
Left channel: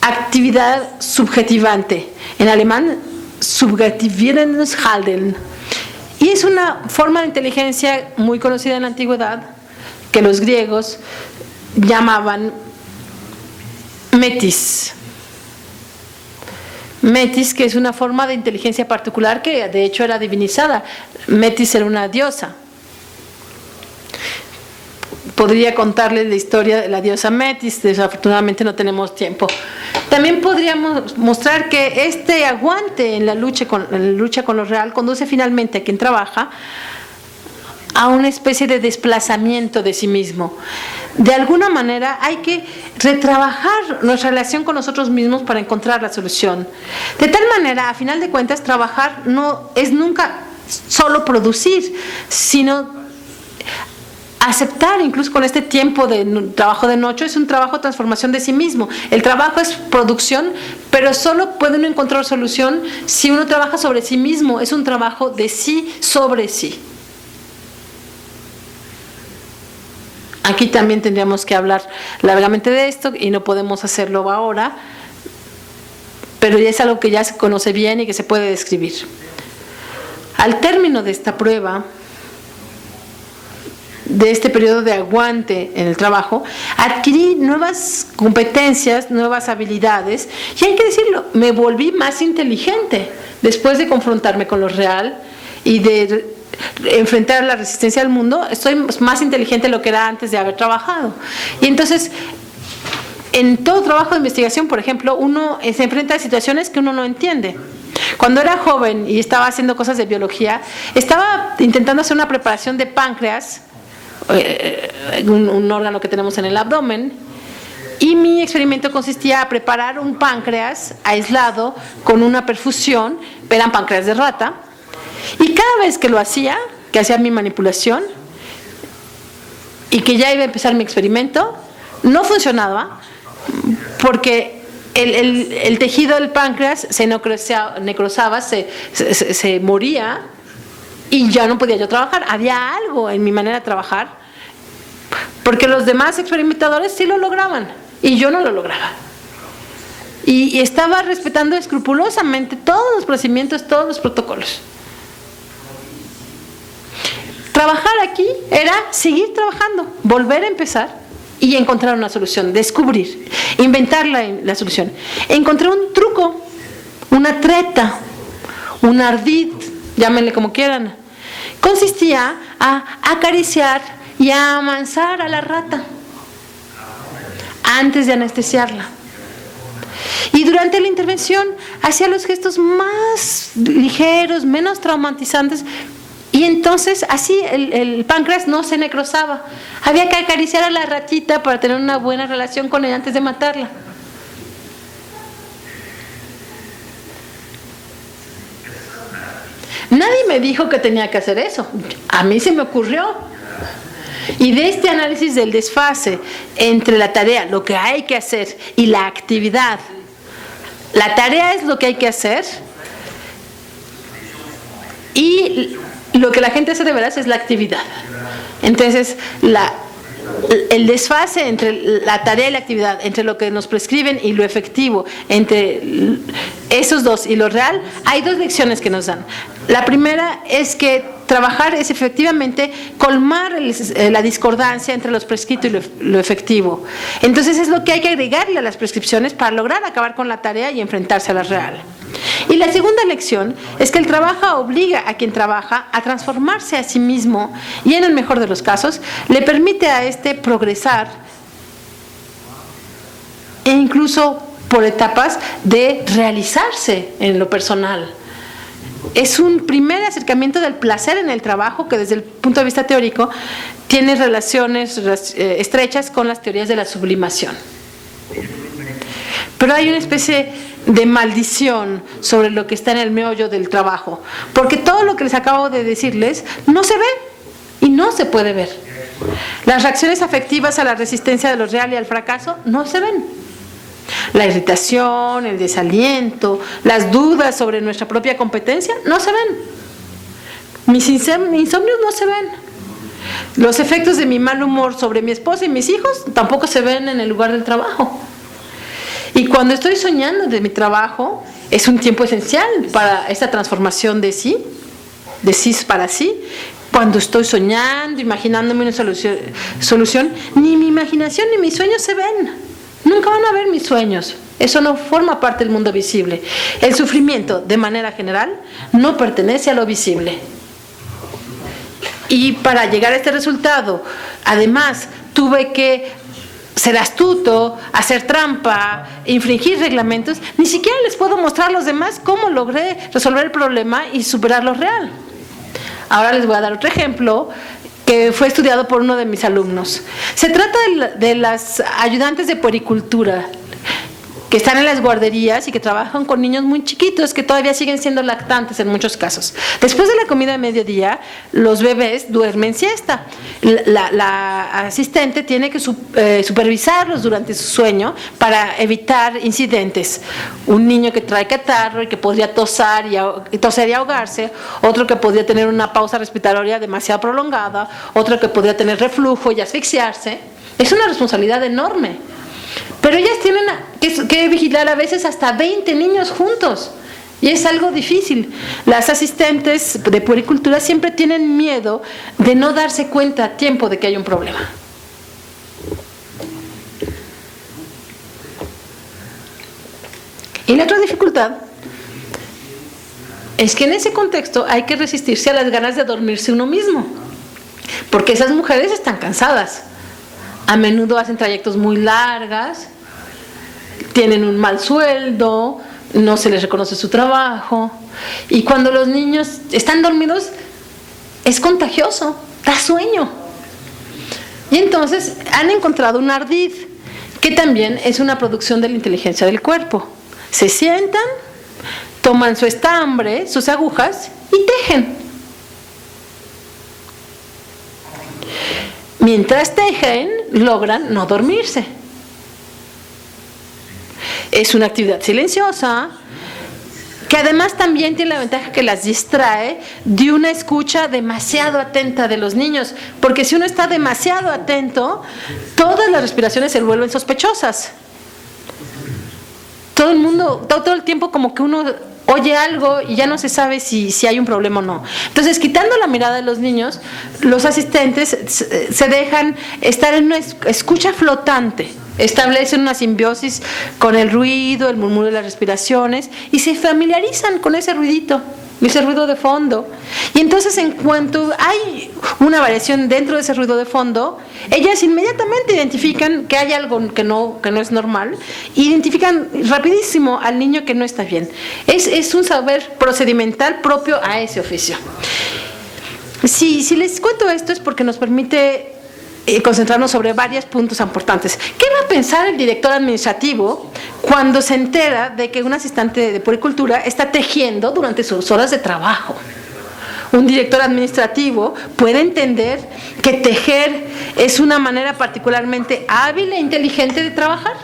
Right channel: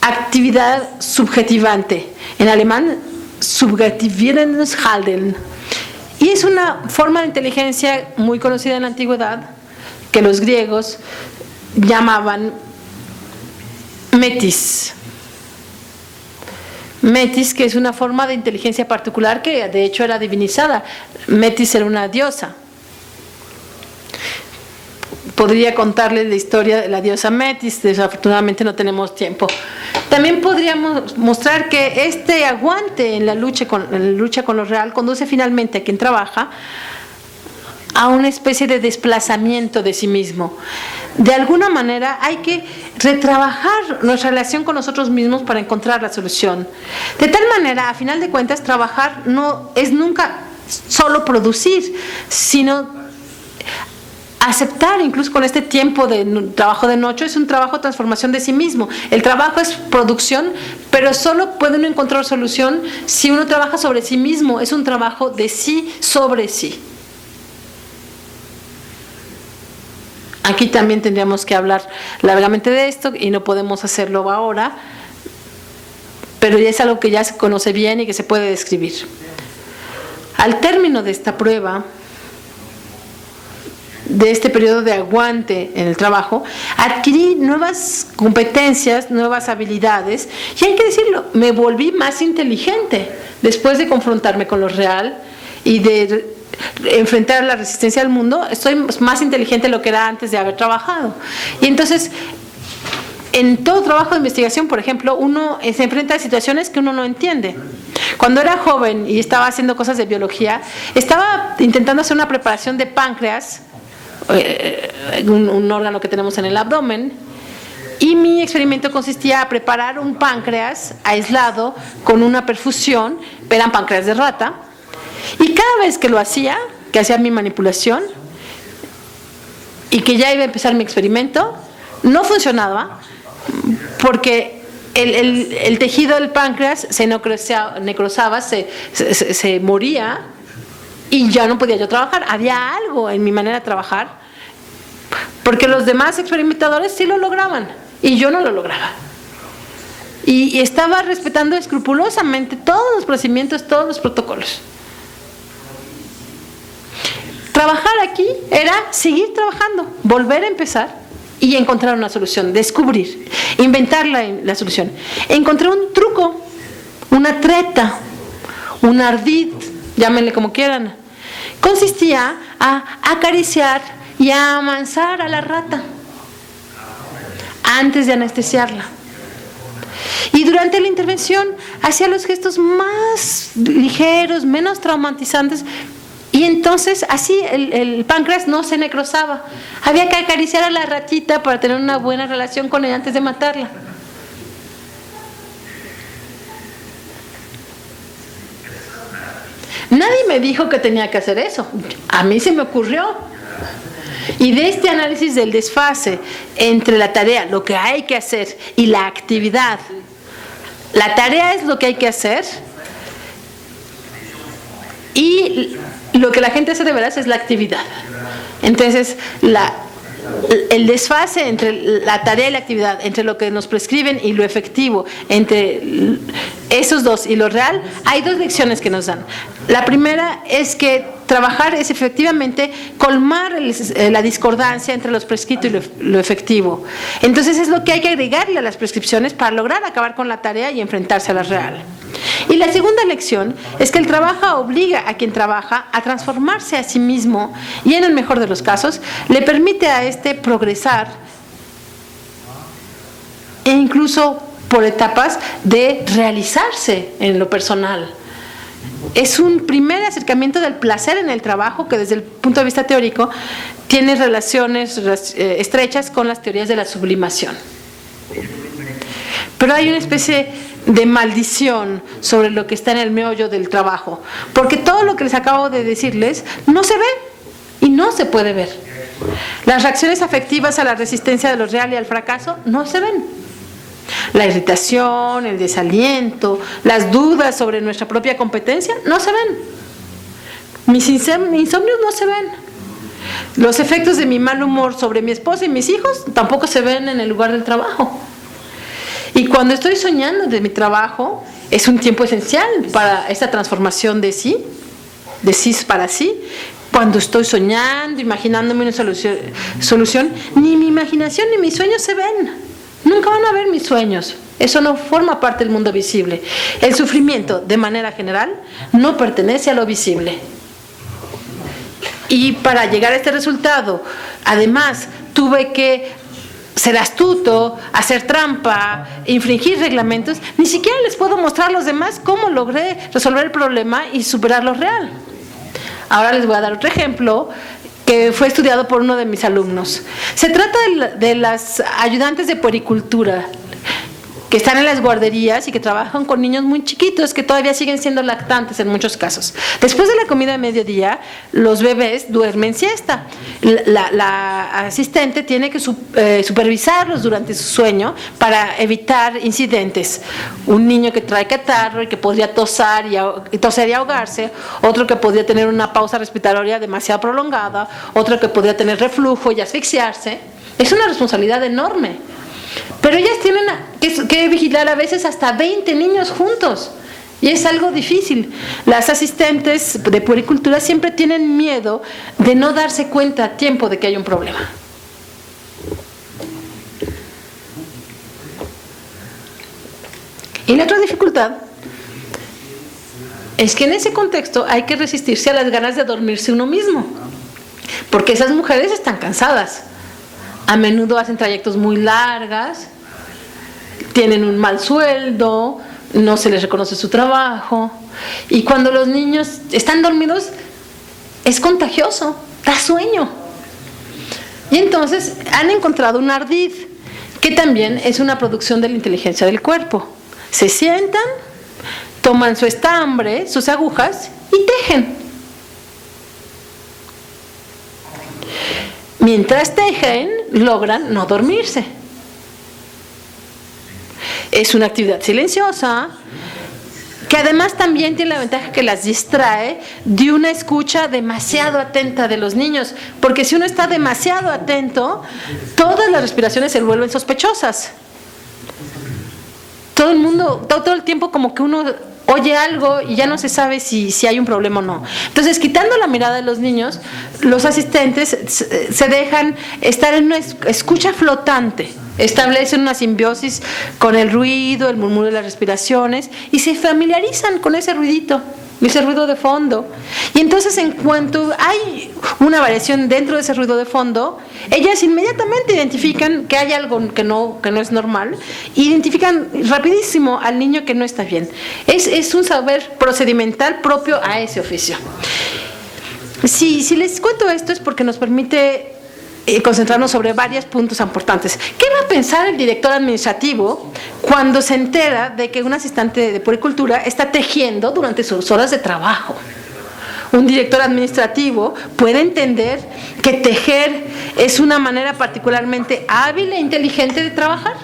actividad subjetivante. En alemán, subjetivierendes Handeln. Y es una forma de inteligencia muy conocida en la antigüedad, que los griegos llamaban metis. Metis, que es una forma de inteligencia particular que de hecho era divinizada. Metis era una diosa. Podría contarles la historia de la diosa Metis, desafortunadamente no tenemos tiempo. También podríamos mostrar que este aguante en la lucha con lo real conduce finalmente a quien trabaja a una especie de desplazamiento de sí mismo. De alguna manera hay que retrabajar nuestra relación con nosotros mismos para encontrar la solución. De tal manera, a final de cuentas, trabajar no es nunca solo producir, sino aceptar, incluso con este tiempo de trabajo de noche, es un trabajo de transformación de sí mismo. El trabajo es producción, pero solo puede uno encontrar solución si uno trabaja sobre sí mismo. Es un trabajo de sí sobre sí. Aquí también tendríamos que hablar largamente de esto y no podemos hacerlo ahora, pero ya es algo que ya se conoce bien y que se puede describir. Al término de esta prueba, de este periodo de aguante en el trabajo, adquirí nuevas competencias, nuevas habilidades, y hay que decirlo, me volví más inteligente después de confrontarme con lo real y de enfrentar la resistencia al mundo. Estoy más inteligente de lo que era antes de haber trabajado. Y entonces, en todo trabajo de investigación, por ejemplo, uno se enfrenta a situaciones que uno no entiende. Cuando era joven y estaba haciendo cosas de biología, estaba intentando hacer una preparación de páncreas, un órgano que tenemos en el abdomen, y mi experimento consistía en preparar un páncreas aislado con una perfusión, eran páncreas de rata, y cada vez que lo hacía, que hacía mi manipulación y que ya iba a empezar mi experimento, no funcionaba porque el tejido del páncreas se necrosaba, se moría, y ya no podía yo trabajar. Había algo en mi manera de trabajar, porque los demás experimentadores sí lo lograban y yo no lo lograba. Y estaba respetando escrupulosamente todos los procedimientos, todos los protocolos. Trabajar aquí era seguir trabajando, volver a empezar y encontrar una solución, descubrir, inventar la solución. Encontré un truco, una treta, un ardid, llámenle como quieran. Consistía a acariciar y a amansar a la rata antes de anestesiarla. Y durante la intervención hacía los gestos más ligeros, menos traumatizantes, y entonces así el páncreas no se necrosaba. Había que acariciar a la ratita para tener una buena relación con ella antes de matarla. Nadie me dijo que tenía que hacer eso. A mí se me ocurrió. Y de este análisis del desfase entre la tarea, lo que hay que hacer, y la actividad. La tarea es lo que hay que hacer, y lo que la gente hace de veras es la actividad. Entonces, el desfase entre la tarea y la actividad, entre lo que nos prescriben y lo efectivo, entre esos dos y lo real, hay dos lecciones que nos dan. La primera es que trabajar es efectivamente colmar la discordancia entre lo prescrito y lo efectivo. Entonces es lo que hay que agregarle a las prescripciones para lograr acabar con la tarea y enfrentarse a la real. Y la segunda lección es que el trabajo obliga a quien trabaja a transformarse a sí mismo, y en el mejor de los casos le permite a este progresar, e incluso por etapas de realizarse en lo personal. Es un primer acercamiento del placer en el trabajo que desde el punto de vista teórico tiene relaciones estrechas con las teorías de la sublimación. Pero hay una especie de maldición sobre lo que está en el meollo del trabajo, porque todo lo que les acabo de decirles no se ve y no se puede ver. Las reacciones afectivas a la resistencia de lo real y al fracaso no se ven. La irritación, el desaliento, las dudas sobre nuestra propia competencia no se ven. Mis insomnios no se ven. Los efectos de mi mal humor sobre mi esposa y mis hijos tampoco se ven en el lugar del trabajo. Y cuando estoy soñando de mi trabajo, es un tiempo esencial para esta transformación de sí para sí. Cuando estoy soñando, imaginándome una solución, ni mi imaginación ni mis sueños se ven. Nunca van a ver mis sueños. Eso no forma parte del mundo visible. El sufrimiento, de manera general, no pertenece a lo visible. Y para llegar a este resultado, además, tuve que ser astuto, hacer trampa, infringir reglamentos. Ni siquiera les puedo mostrar a los demás cómo logré resolver el problema y superar lo real. Ahora les voy a dar otro ejemplo que fue estudiado por uno de mis alumnos. Se trata de las ayudantes de puericultura que están en las guarderías y que trabajan con niños muy chiquitos que todavía siguen siendo lactantes en muchos casos. Después de la comida de mediodía, los bebés duermen siesta. La asistente tiene que supervisarlos durante su sueño para evitar incidentes. Un niño que trae catarro y que podría toser y ahogarse, otro que podría tener una pausa respiratoria demasiado prolongada, otro que podría tener reflujo y asfixiarse. Es una responsabilidad enorme. Pero ellas tienen que vigilar a veces hasta 20 niños juntos. Y es algo difícil. Las asistentes de puericultura siempre tienen miedo de no darse cuenta a tiempo de que hay un problema. Y la otra dificultad es que en ese contexto hay que resistirse a las ganas de dormirse uno mismo, porque esas mujeres están cansadas. A menudo hacen trayectos muy largos, tienen un mal sueldo, no se les reconoce su trabajo, y cuando los niños están dormidos es contagioso, da sueño. Y entonces han encontrado un ardid, que también es una producción de la inteligencia del cuerpo. Se sientan, toman su estambre, sus agujas y tejen. Mientras tejen, logran no dormirse. Es una actividad silenciosa, que además también tiene la ventaja que las distrae de una escucha demasiado atenta de los niños, porque si uno está demasiado atento, todas las respiraciones se vuelven sospechosas. Todo el mundo, todo el tiempo como que uno oye algo y ya no se sabe si hay un problema o no. Entonces, quitando la mirada de los niños, los asistentes se dejan estar en una escucha flotante, establecen una simbiosis con el ruido, el murmullo de las respiraciones y se familiarizan con ese ruidito, ese ruido de fondo. Y entonces, en cuanto hay una variación dentro de ese ruido de fondo, ellas inmediatamente identifican que hay algo que no es normal, identifican rapidísimo al niño que no está bien. Es un saber procedimental propio a ese oficio. Si les cuento esto es porque nos permite concentrarnos sobre varios puntos importantes. ¿Qué va a pensar el director administrativo cuando se entera de que un asistente de puericultura está tejiendo durante sus horas de trabajo? Un director administrativo puede entender que tejer es una manera particularmente hábil e inteligente de trabajar.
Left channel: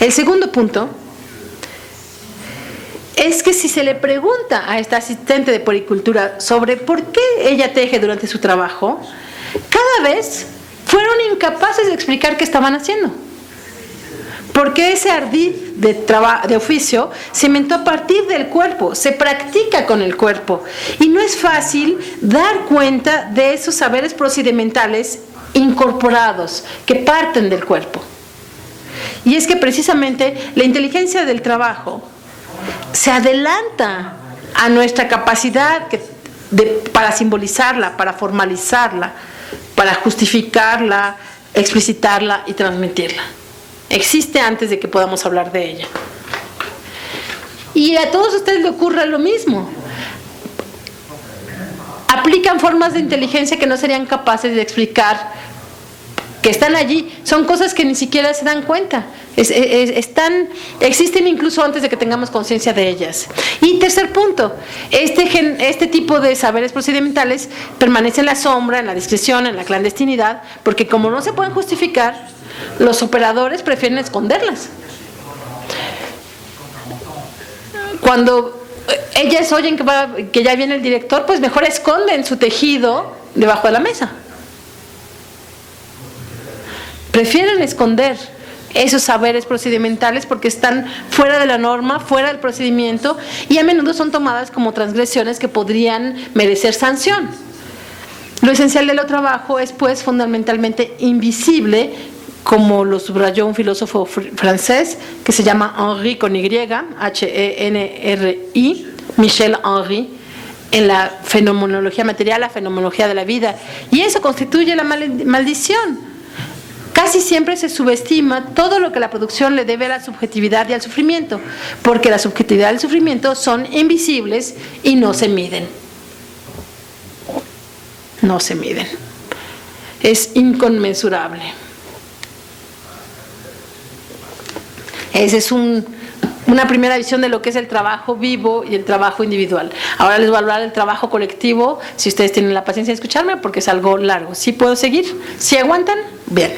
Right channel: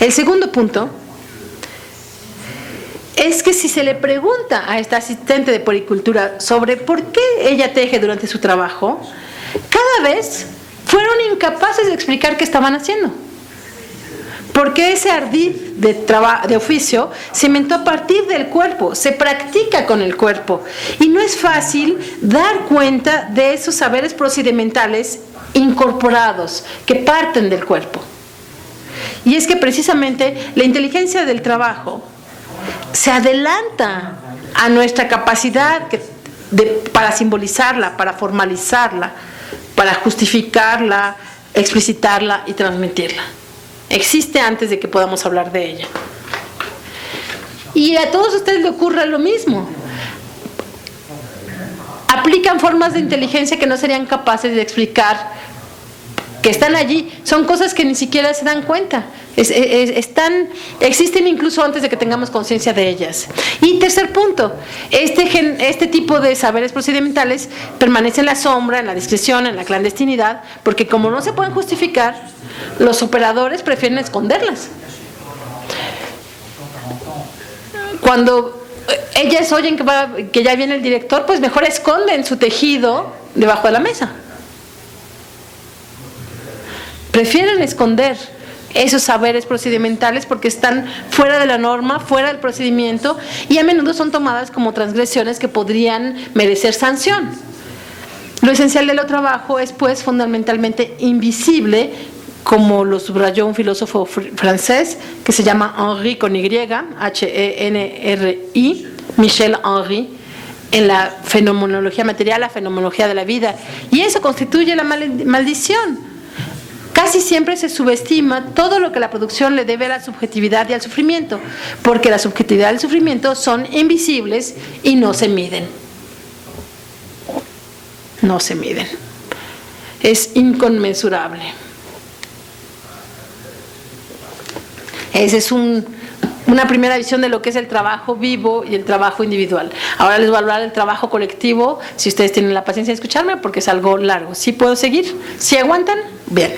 El segundo punto es que si se le pregunta a esta asistente de puericultura sobre por qué ella teje durante su trabajo, cada vez fueron incapaces de explicar qué estaban haciendo. Porque ese ardid de oficio se inventó a partir del cuerpo, se practica con el cuerpo. Y no es fácil dar cuenta de esos saberes procedimentales incorporados que parten del cuerpo. Y es que precisamente la inteligencia del trabajo se adelanta a nuestra capacidad para simbolizarla, para formalizarla, para justificarla, explicitarla y transmitirla. Existe antes de que podamos hablar de ella. Y a todos ustedes les ocurre lo mismo. Aplican formas de inteligencia que no serían capaces de explicar, que están allí, son cosas que ni siquiera se dan cuenta. Existen incluso antes de que tengamos conciencia de ellas. Y tercer punto, este tipo de saberes procedimentales permanece en la sombra, en la discreción, en la clandestinidad, porque como no se pueden justificar, los operadores prefieren esconderlas. Cuando ellas oyen que ya viene el director, pues mejor esconden su tejido debajo de la mesa. Prefieren esconder esos saberes procedimentales porque están fuera de la norma, fuera del procedimiento, y a menudo son tomadas como transgresiones que podrían merecer sanción. Lo esencial del trabajo es pues fundamentalmente invisible, como lo subrayó un filósofo francés que se llama Henri con Y, H-E-N-R-I, Michel Henry, en la fenomenología material, la fenomenología de la vida. Y eso constituye la maldición. Casi siempre se subestima todo lo que la producción le debe a la subjetividad y al sufrimiento, porque la subjetividad y el sufrimiento son invisibles y no se miden. No se miden. Es inconmensurable. Esa es una primera visión de lo que es el trabajo vivo y el trabajo individual. Ahora les voy a hablar del trabajo colectivo, si ustedes tienen la paciencia de escucharme, porque es algo largo. ¿Sí puedo seguir? ¿Sí aguantan? Bien.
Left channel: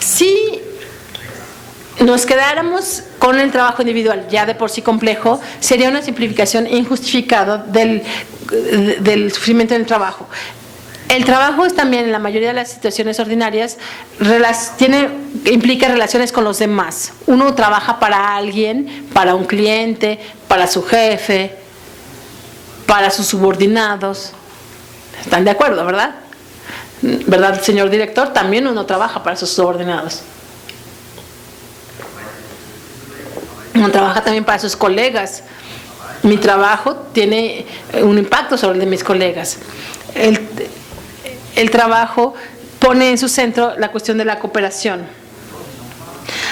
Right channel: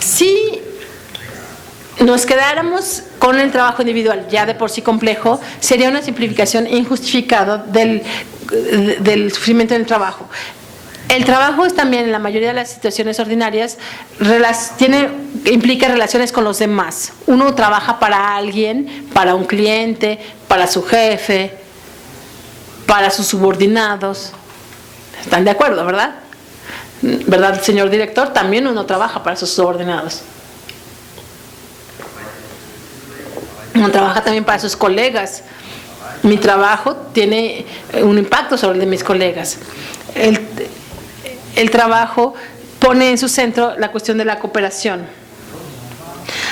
Si nos quedáramos con el trabajo individual, ya de por sí complejo, sería una simplificación injustificada del sufrimiento en el trabajo. El trabajo es también, en la mayoría de las situaciones ordinarias, implica relaciones con los demás. Uno trabaja para alguien, para un cliente, para su jefe, para sus subordinados. ¿Están de acuerdo, verdad? ¿Verdad, señor director? También uno trabaja para sus subordinados. Uno trabaja también para sus colegas. Mi trabajo tiene un impacto sobre el de mis colegas. El trabajo pone en su centro la cuestión de la cooperación.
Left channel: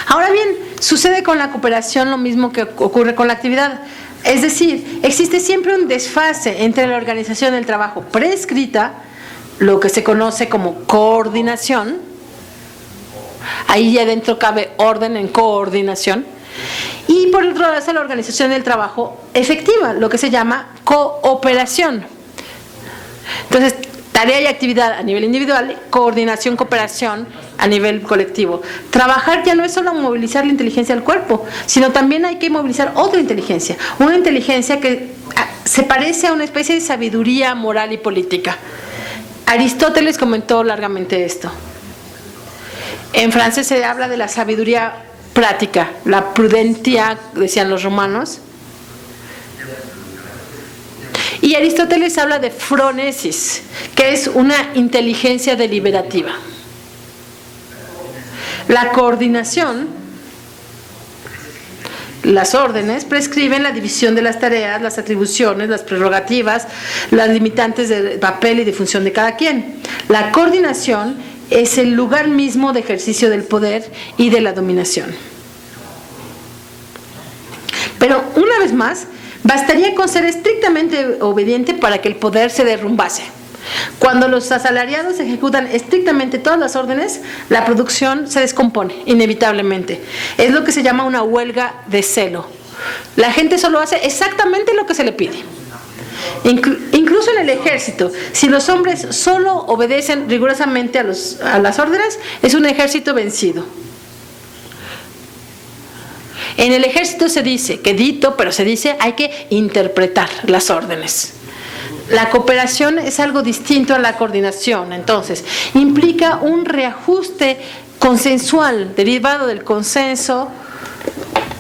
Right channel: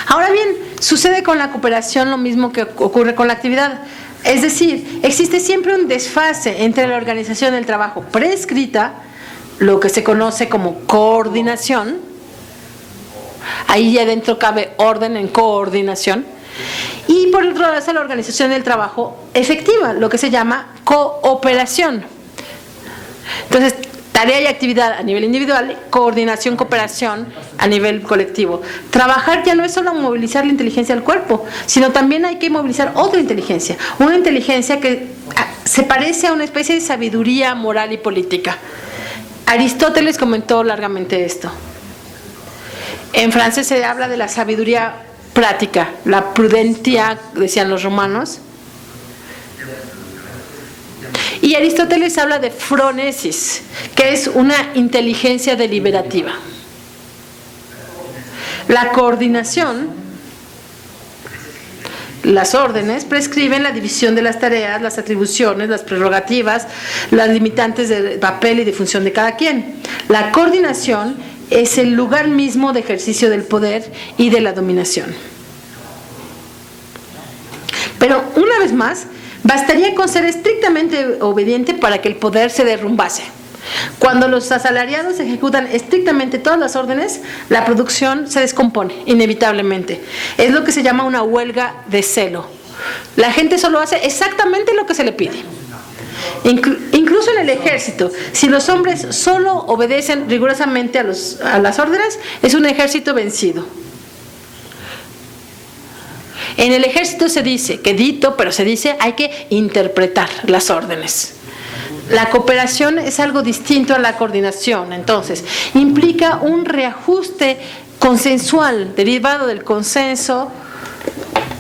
Ahora bien, sucede con la cooperación lo mismo que ocurre con la actividad. Es decir, existe siempre un desfase entre la organización del trabajo prescrita, lo que se conoce como coordinación. Ahí ya dentro cabe orden en coordinación. Y por otro lado está la organización del trabajo efectiva, lo que se llama cooperación. Entonces, tarea y actividad a nivel individual, coordinación, cooperación a nivel colectivo. Trabajar ya no es solo movilizar la inteligencia del cuerpo, sino también hay que movilizar otra inteligencia, una inteligencia que se parece a una especie de sabiduría moral y política. Aristóteles comentó largamente esto. En francés se habla de la sabiduría práctica, la prudentia, decían los romanos. Y Aristóteles habla de phronesis, que es una inteligencia deliberativa. La coordinación, las órdenes, prescriben la división de las tareas, las atribuciones, las prerrogativas, las limitantes de papel y de función de cada quien. La coordinación es el lugar mismo de ejercicio del poder y de la dominación. Pero una vez más, bastaría con ser estrictamente obediente para que el poder se derrumbase. Cuando los asalariados ejecutan estrictamente todas las órdenes, la producción se descompone, inevitablemente. Es lo que se llama una huelga de celo. La gente solo hace exactamente lo que se le pide. Incluso en el ejército, si los hombres solo obedecen rigurosamente a las órdenes, es un ejército vencido. En el ejército se dice, pero se dice, hay que interpretar las órdenes. La cooperación es algo distinto a la coordinación, entonces, implica un reajuste consensual derivado del consenso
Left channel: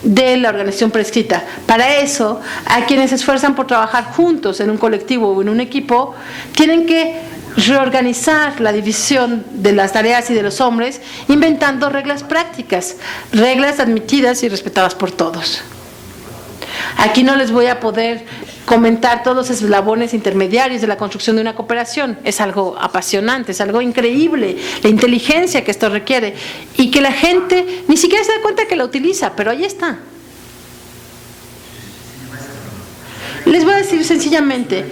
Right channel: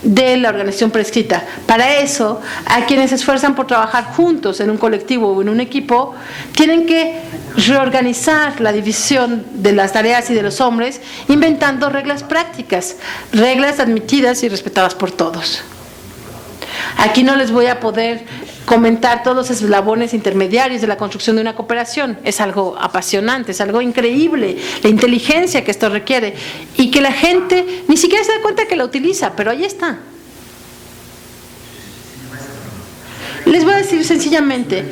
de la organización prescrita. Para eso, a quienes se esfuerzan por trabajar juntos en un colectivo o en un equipo, tienen que reorganizar la división de las tareas y de los hombres, inventando reglas prácticas, reglas admitidas y respetadas por todos. Aquí no les voy a poder comentar todos los eslabones intermediarios de la construcción de una cooperación. Es algo apasionante, es algo increíble, la inteligencia que esto requiere y que la gente ni siquiera se da cuenta que la utiliza, pero ahí está. Les voy a decir sencillamente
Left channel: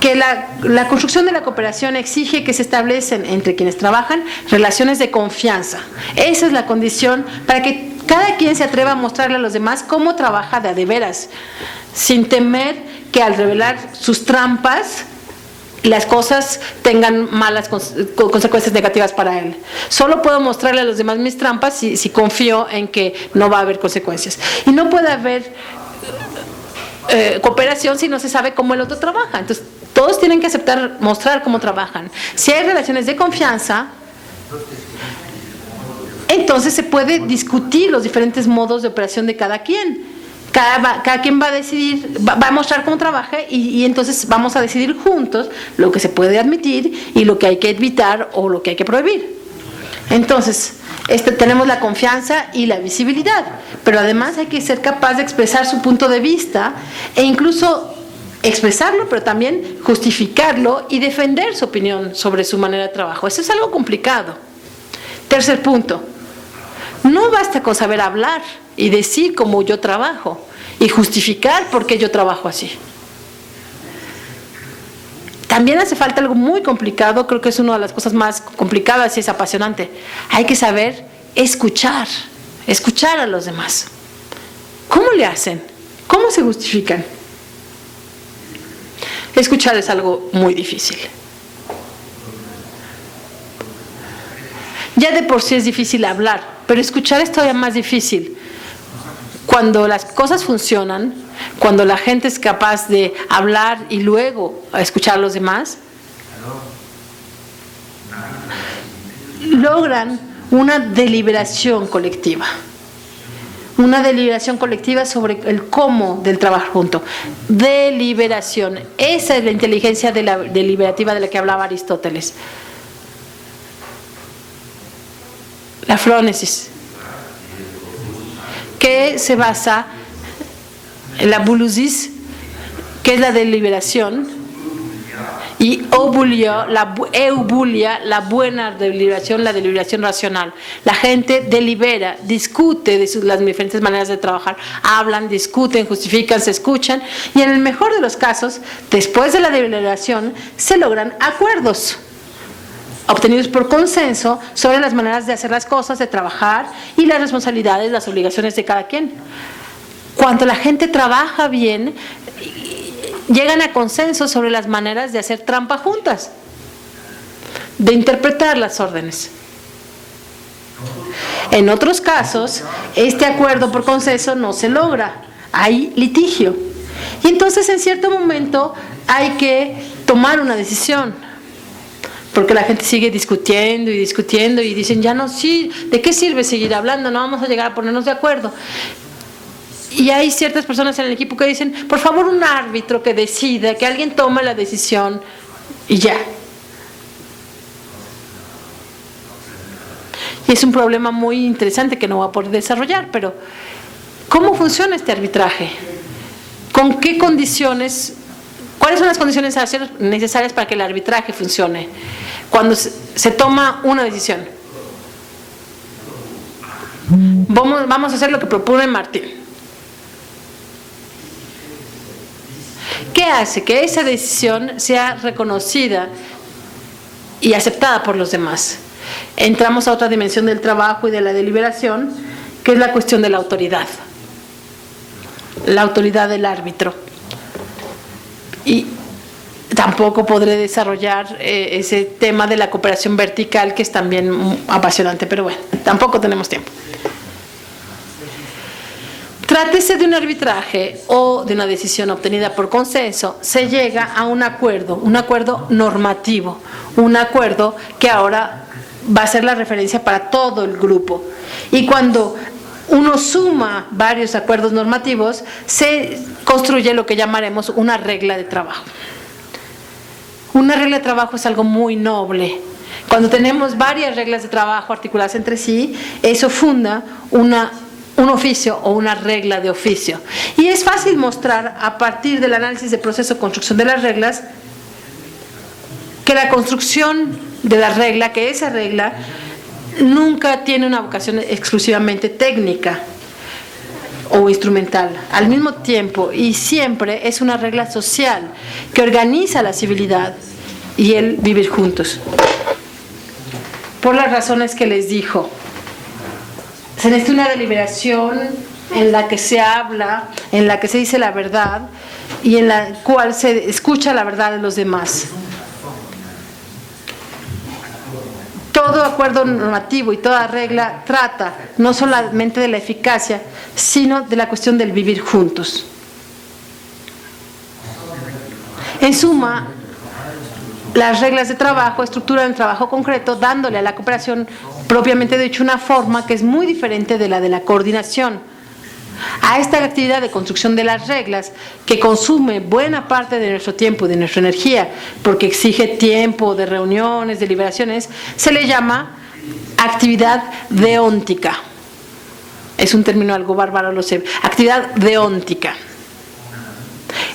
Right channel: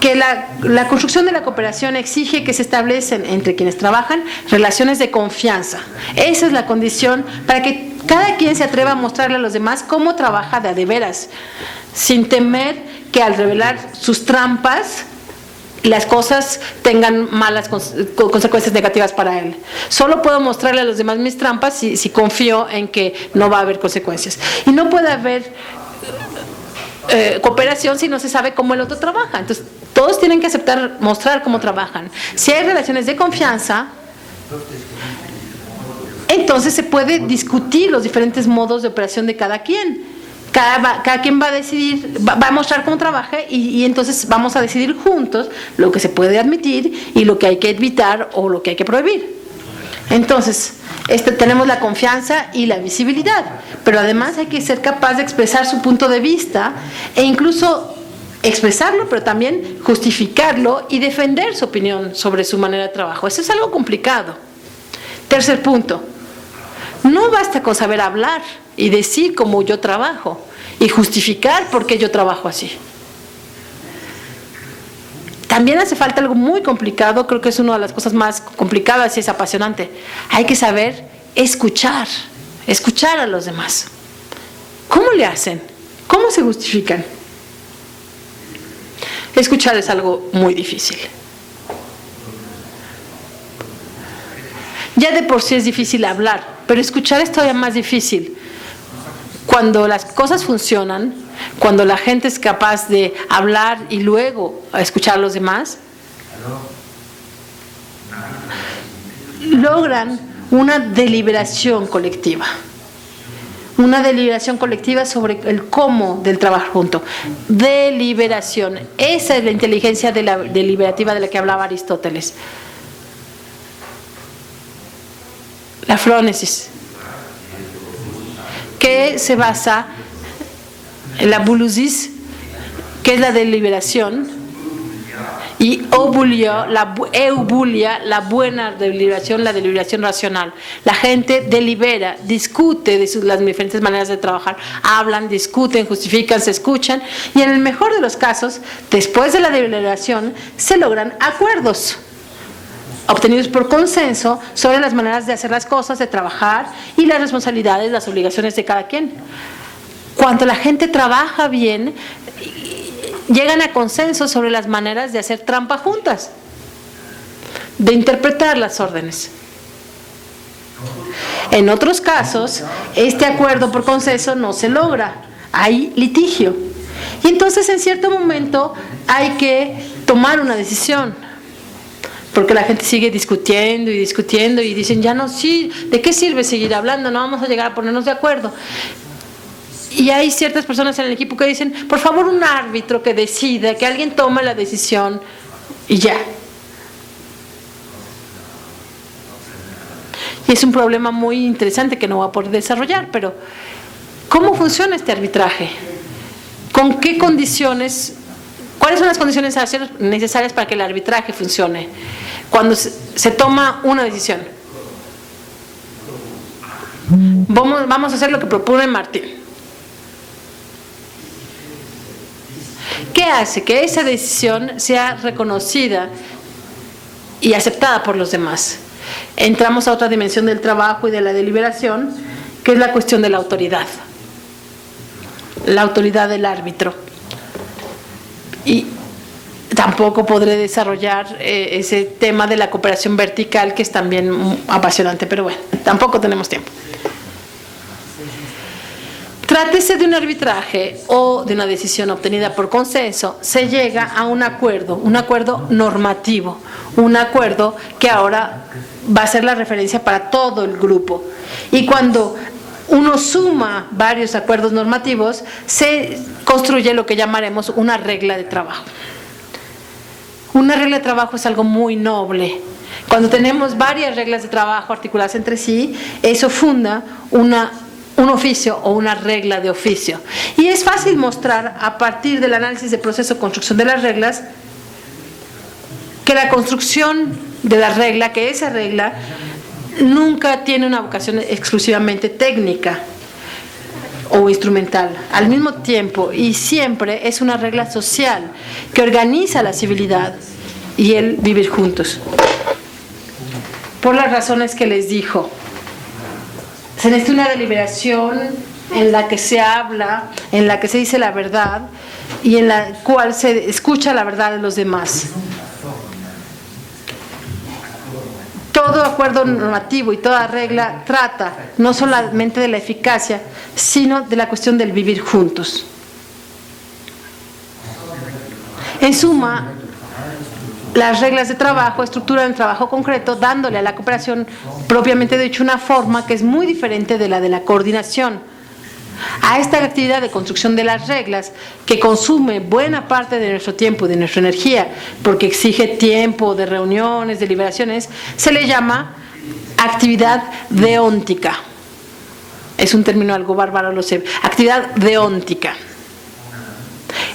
que la construcción de la cooperación exige que se establecen entre quienes trabajan relaciones de confianza. Esa es la condición para que cada quien se atreva a mostrarle a los demás cómo trabaja de a de veras, sin temer que al revelar sus trampas las cosas tengan malas consecuencias negativas para él. Solo puedo mostrarle a los demás mis trampas si confío en que no va a haber consecuencias. Y no puede haber cooperación si no se sabe cómo el otro trabaja. Entonces, todos tienen que aceptar, mostrar cómo trabajan. Si hay relaciones de confianza, entonces se puede discutir los diferentes modos de operación de cada quien. Cada quien va a decidir, va a mostrar cómo trabaja y entonces vamos a decidir juntos lo que se puede admitir y lo que hay que evitar o lo que hay que prohibir. Entonces, tenemos la confianza y la visibilidad, pero además hay que ser capaz de expresar su punto de vista e incluso expresarlo, pero también justificarlo y defender su opinión sobre su manera de trabajo. Eso es algo complicado. Tercer punto. No basta con saber hablar y decir cómo yo trabajo y justificar por qué yo trabajo así. También hace falta algo muy complicado, creo que es una de las cosas más complicadas y es apasionante. Hay que saber escuchar a los demás. ¿Cómo le hacen? ¿Cómo se justifican? Escuchar es algo muy difícil. Ya de por sí es difícil hablar, pero escuchar es todavía más difícil. Cuando las cosas funcionan, cuando la gente es capaz de hablar y luego escuchar a los demás, logran una deliberación colectiva. Una deliberación colectiva sobre el cómo del trabajo junto. Deliberación. Esa es la inteligencia deliberativa de la que hablaba Aristóteles. La phronesis, que se basa en la boulousis, que es la deliberación, y eubulia, la buena deliberación, la deliberación racional. La gente delibera, discute de las diferentes maneras de trabajar, hablan, discuten, justifican, se escuchan, y en el mejor de los casos, después de la deliberación, se logran acuerdos obtenidos por consenso sobre las maneras de hacer las cosas, de trabajar y las responsabilidades, las obligaciones de cada quien. Cuando la gente trabaja bien, llegan a consenso sobre las maneras de hacer trampa juntas, de interpretar las órdenes. En otros casos, este acuerdo por consenso no se logra, hay litigio. Y entonces en cierto momento hay que tomar una decisión, porque la gente sigue discutiendo y dicen, ya no, sí, ¿de qué sirve seguir hablando? No vamos a llegar a ponernos de acuerdo. Y hay ciertas personas en el equipo que dicen, por favor, un árbitro que decida, que alguien tome la decisión y ya. Y es un problema muy interesante que no voy a poder desarrollar, pero ¿cómo funciona este arbitraje? ¿Con qué condiciones? ¿Cuáles son las condiciones necesarias para que el arbitraje funcione? Cuando se toma una decisión. Vamos a hacer lo que propone Martín. ¿Qué hace que esa decisión sea reconocida y aceptada por los demás? Entramos a otra dimensión del trabajo y de la deliberación, que es la cuestión de la autoridad. La autoridad del árbitro. Y tampoco podré desarrollar ese tema de la cooperación vertical, que es también apasionante, pero bueno, tampoco tenemos tiempo. Trátese de un arbitraje o de una decisión obtenida por consenso, se llega a un acuerdo normativo, un acuerdo que ahora va a ser la referencia para todo el grupo. Y cuando uno suma varios acuerdos normativos, se construye lo que llamaremos una regla de trabajo. Una regla de trabajo es algo muy noble. Cuando tenemos varias reglas de trabajo articuladas entre sí, eso funda un oficio o una regla de oficio. Y es fácil mostrar, a partir del análisis de proceso de construcción de las reglas, que la construcción de la regla, que esa regla nunca tiene una vocación exclusivamente técnica o instrumental. Al mismo tiempo y siempre es una regla social que organiza la civilidad y el vivir juntos. Por las razones que les dijo, se necesita una deliberación en la que se habla, en la que se dice la verdad y en la cual se escucha la verdad de los demás. Todo acuerdo normativo y toda regla trata no solamente de la eficacia, sino de la cuestión del vivir juntos. En suma, las reglas de trabajo estructuran el trabajo concreto, dándole a la cooperación propiamente dicho una forma que es muy diferente de la coordinación. A esta actividad de construcción de las reglas, que consume buena parte de nuestro tiempo y de nuestra energía, porque exige tiempo de reuniones, deliberaciones, se le llama actividad deóntica. Es un término algo bárbaro, lo sé. Actividad deóntica.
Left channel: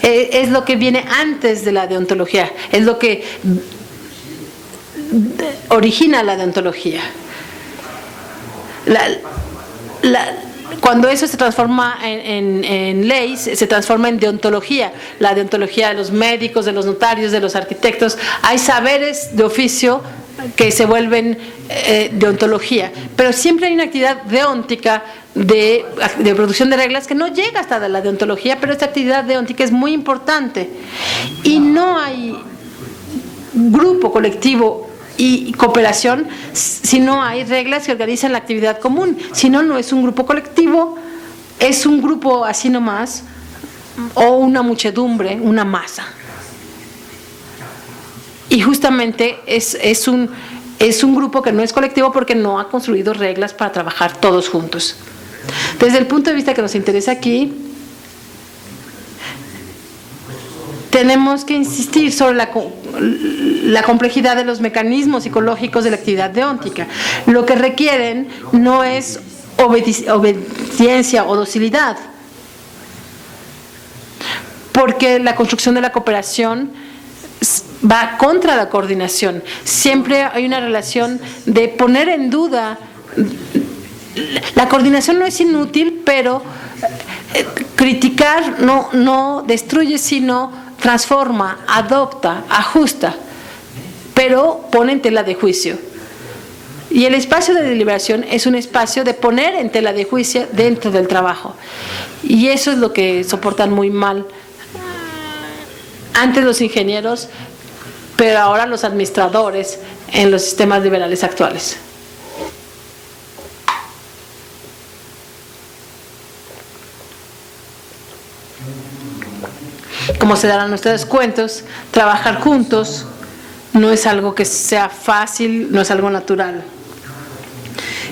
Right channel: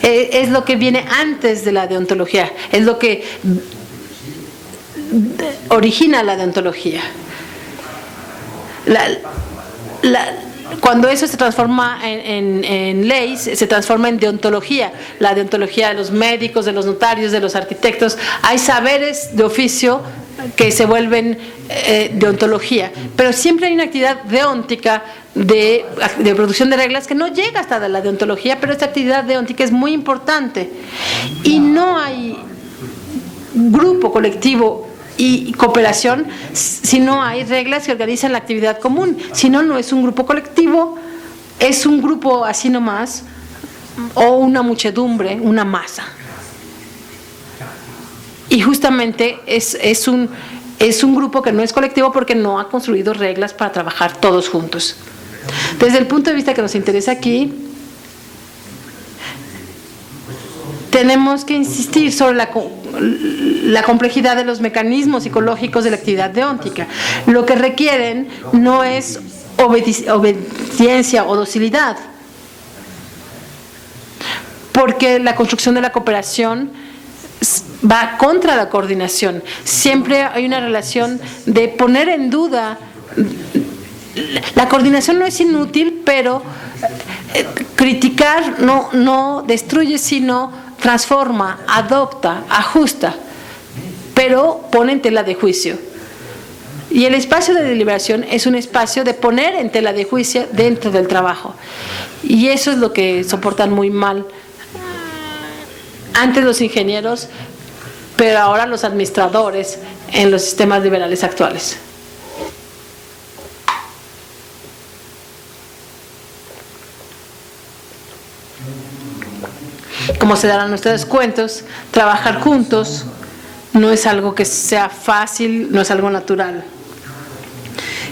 Es lo que viene antes de la deontología, es lo que origina la deontología. Cuando eso se transforma en ley, se transforma en deontología. La deontología de los médicos, de los notarios, de los arquitectos. Hay saberes de oficio que se vuelven deontología, pero siempre hay una actividad deóntica de producción de reglas que no llega hasta la deontología, pero esta actividad deóntica es muy importante. Y no hay grupo, colectivo y cooperación si no hay reglas que organizan la actividad común. Si no, no es un grupo colectivo, es un grupo así nomás, o una muchedumbre, una masa. Y justamente es un es un grupo que no es colectivo porque no ha construido reglas para trabajar todos juntos. Desde el punto de vista que nos interesa aquí, tenemos que insistir sobre la complejidad de los mecanismos psicológicos de la actividad deóntica. Lo que requieren no es obediencia o docilidad, porque la construcción de la cooperación va contra la coordinación. Siempre hay una relación de poner en duda. La coordinación no es inútil, pero criticar no destruye, sino transforma, adopta, ajusta, pero pone en tela de juicio. Y el espacio de deliberación es un espacio de poner en tela de juicio dentro del trabajo. Y eso es lo que soportan muy mal antes los ingenieros, pero ahora los administradores en los sistemas liberales actuales. Como se darán ustedes cuentos, trabajar juntos no es algo que sea fácil, no es algo natural.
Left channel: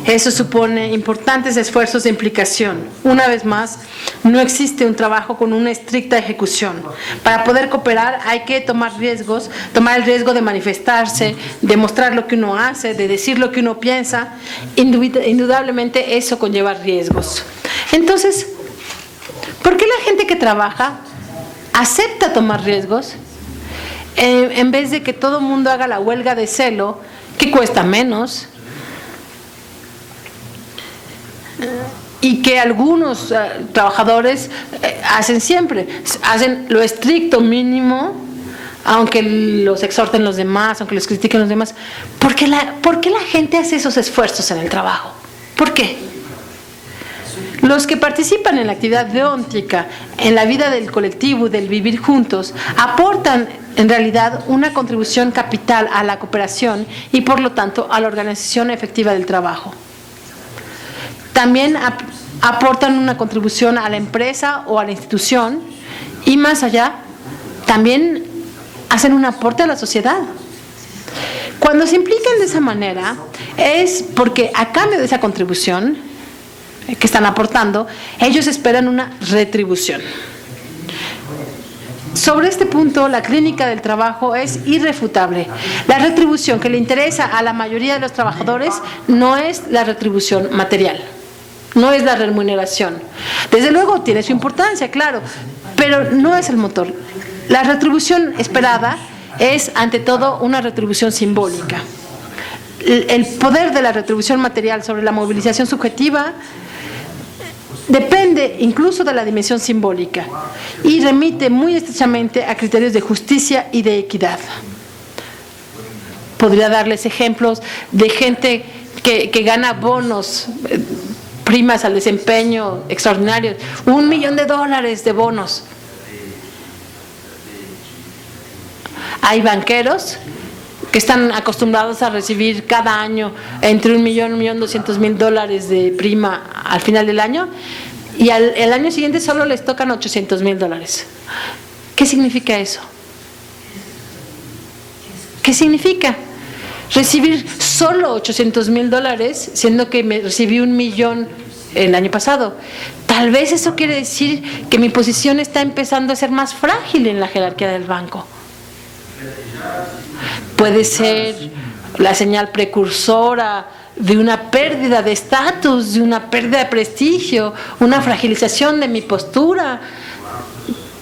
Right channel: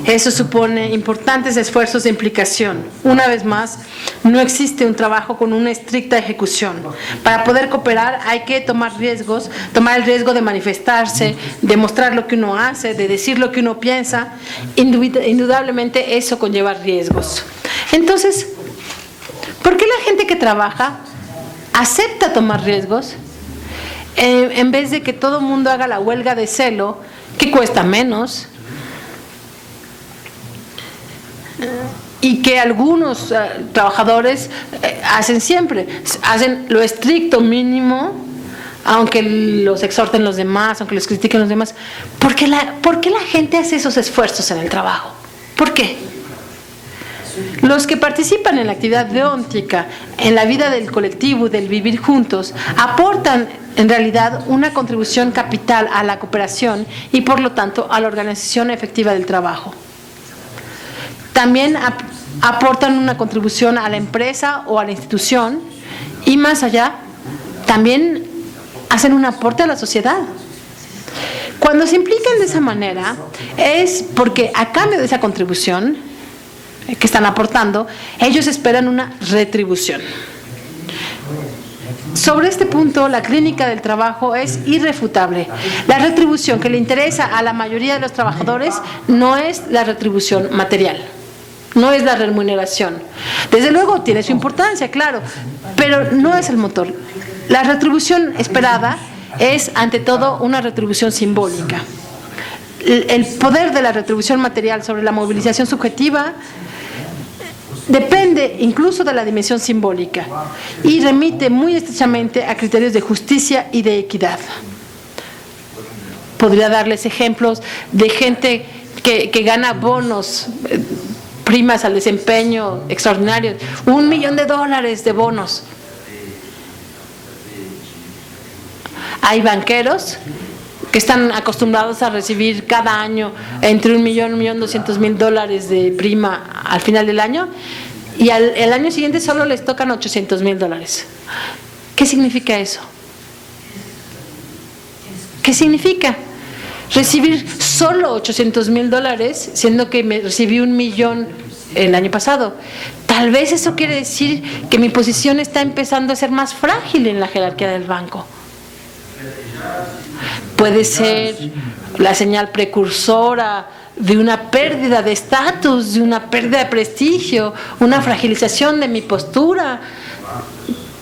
Eso supone importantes esfuerzos de implicación. Una vez más, no existe un trabajo con una estricta ejecución. Para poder cooperar hay que tomar riesgos, tomar el riesgo de manifestarse, de mostrar lo que uno hace, de decir lo que uno piensa. Indudablemente eso conlleva riesgos. Entonces, ¿por qué la gente que trabaja acepta tomar riesgos en vez de que todo el mundo haga la huelga de celo, que cuesta menos, y que algunos trabajadores hacen siempre? Hacen lo estricto mínimo, aunque los exhorten los demás, aunque los critiquen los demás. ¿Por qué la gente hace esos esfuerzos en el trabajo? ¿Por qué? Los que participan en la actividad deóntica, en la vida del colectivo y del vivir juntos, aportan en realidad una contribución capital a la cooperación y por lo tanto a la organización efectiva del trabajo. También aportan una contribución a la empresa o a la institución y más allá, también hacen un aporte a la sociedad. Cuando se implican de esa manera es porque a cambio de esa contribución que están aportando, ellos esperan una retribución. Sobre este punto, la clínica del trabajo es irrefutable. La retribución que le interesa a la mayoría de los trabajadores no es la retribución material, no es la remuneración. Desde luego tiene su importancia, claro, pero no es el motor. La retribución esperada es, ante todo, una retribución simbólica. El poder de la retribución material sobre la movilización subjetiva depende incluso de la dimensión simbólica y remite muy estrechamente a criterios de justicia y de equidad. Podría darles ejemplos de gente que gana bonos, primas al desempeño extraordinarios, $1 millón de bonos. Hay banqueros que están acostumbrados a recibir cada año entre $1 millón, $1.200.000 de prima al final del año, y el año siguiente solo les tocan $800.000. ¿Qué significa eso? ¿Qué significa recibir solo $800.000 siendo que me recibí $1 millón el año pasado? Tal vez eso quiere decir que mi posición está empezando a ser más frágil en la jerarquía del banco. Puede ser la señal precursora de una pérdida de estatus, de una pérdida de prestigio, una fragilización de mi postura.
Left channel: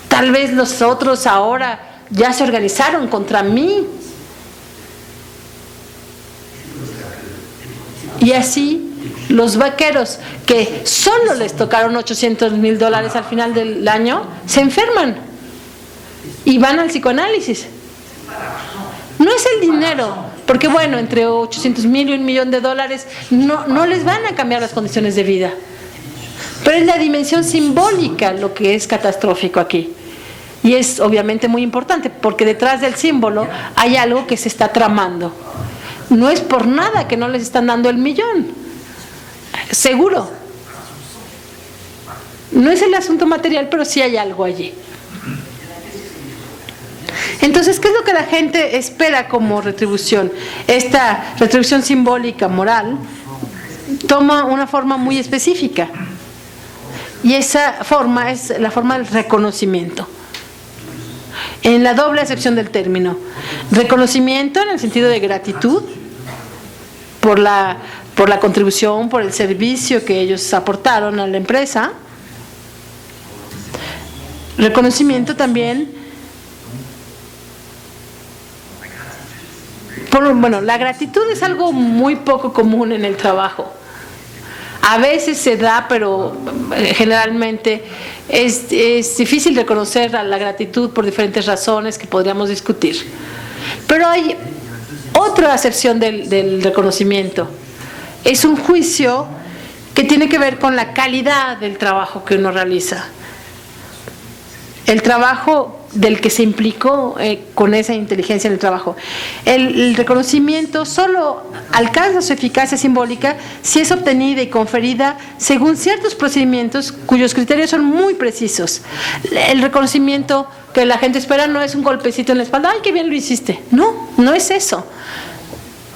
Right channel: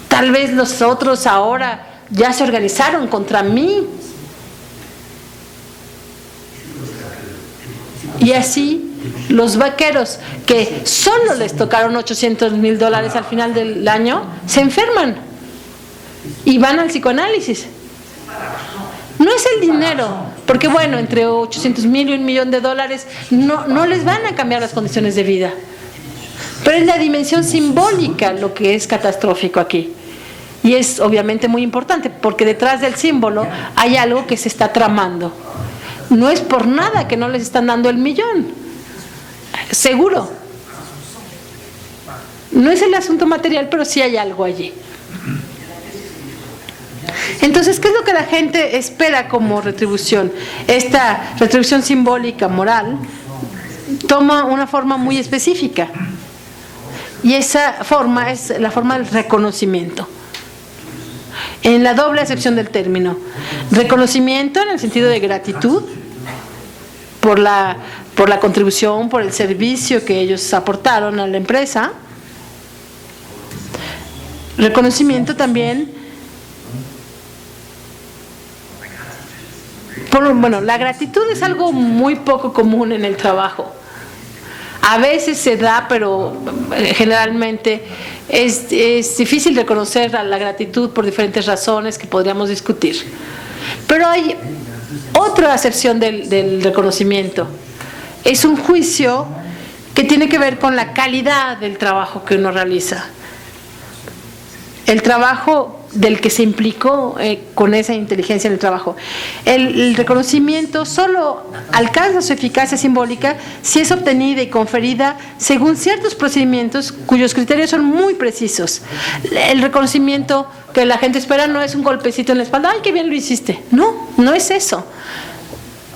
Tal vez los otros ahora ya se organizaron contra mí. Y así los vaqueros que solo les tocaron $800.000 al final del año se enferman y van al psicoanálisis. No es el dinero, porque bueno, entre $800.000 y $1 millón no les van a cambiar las condiciones de vida. Pero es la dimensión simbólica lo que es catastrófico aquí. Y es obviamente muy importante, porque detrás del símbolo hay algo que se está tramando. No es por nada que no les están dando el millón. Seguro. No es el asunto material, pero sí hay algo allí. Entonces, ¿qué es lo que la gente espera como retribución? Esta retribución simbólica, moral, toma una forma muy específica. Y esa forma es la forma del reconocimiento. En la doble acepción del término. Reconocimiento en el sentido de gratitud por la contribución, por el servicio que ellos aportaron a la empresa. Reconocimiento también bueno, la gratitud es algo muy poco común en el trabajo. A veces se da, pero generalmente es difícil reconocer la gratitud por diferentes razones que podríamos discutir. Pero hay otra acepción del reconocimiento. Es un juicio que tiene que ver con la calidad del trabajo que uno realiza. El trabajo del que se implicó con esa inteligencia en el trabajo. El reconocimiento solo alcanza su eficacia simbólica si es obtenida y conferida según ciertos procedimientos cuyos criterios son muy precisos. El reconocimiento que la gente espera no es un golpecito en la espalda, ¡ay, qué bien lo hiciste! No, no es eso.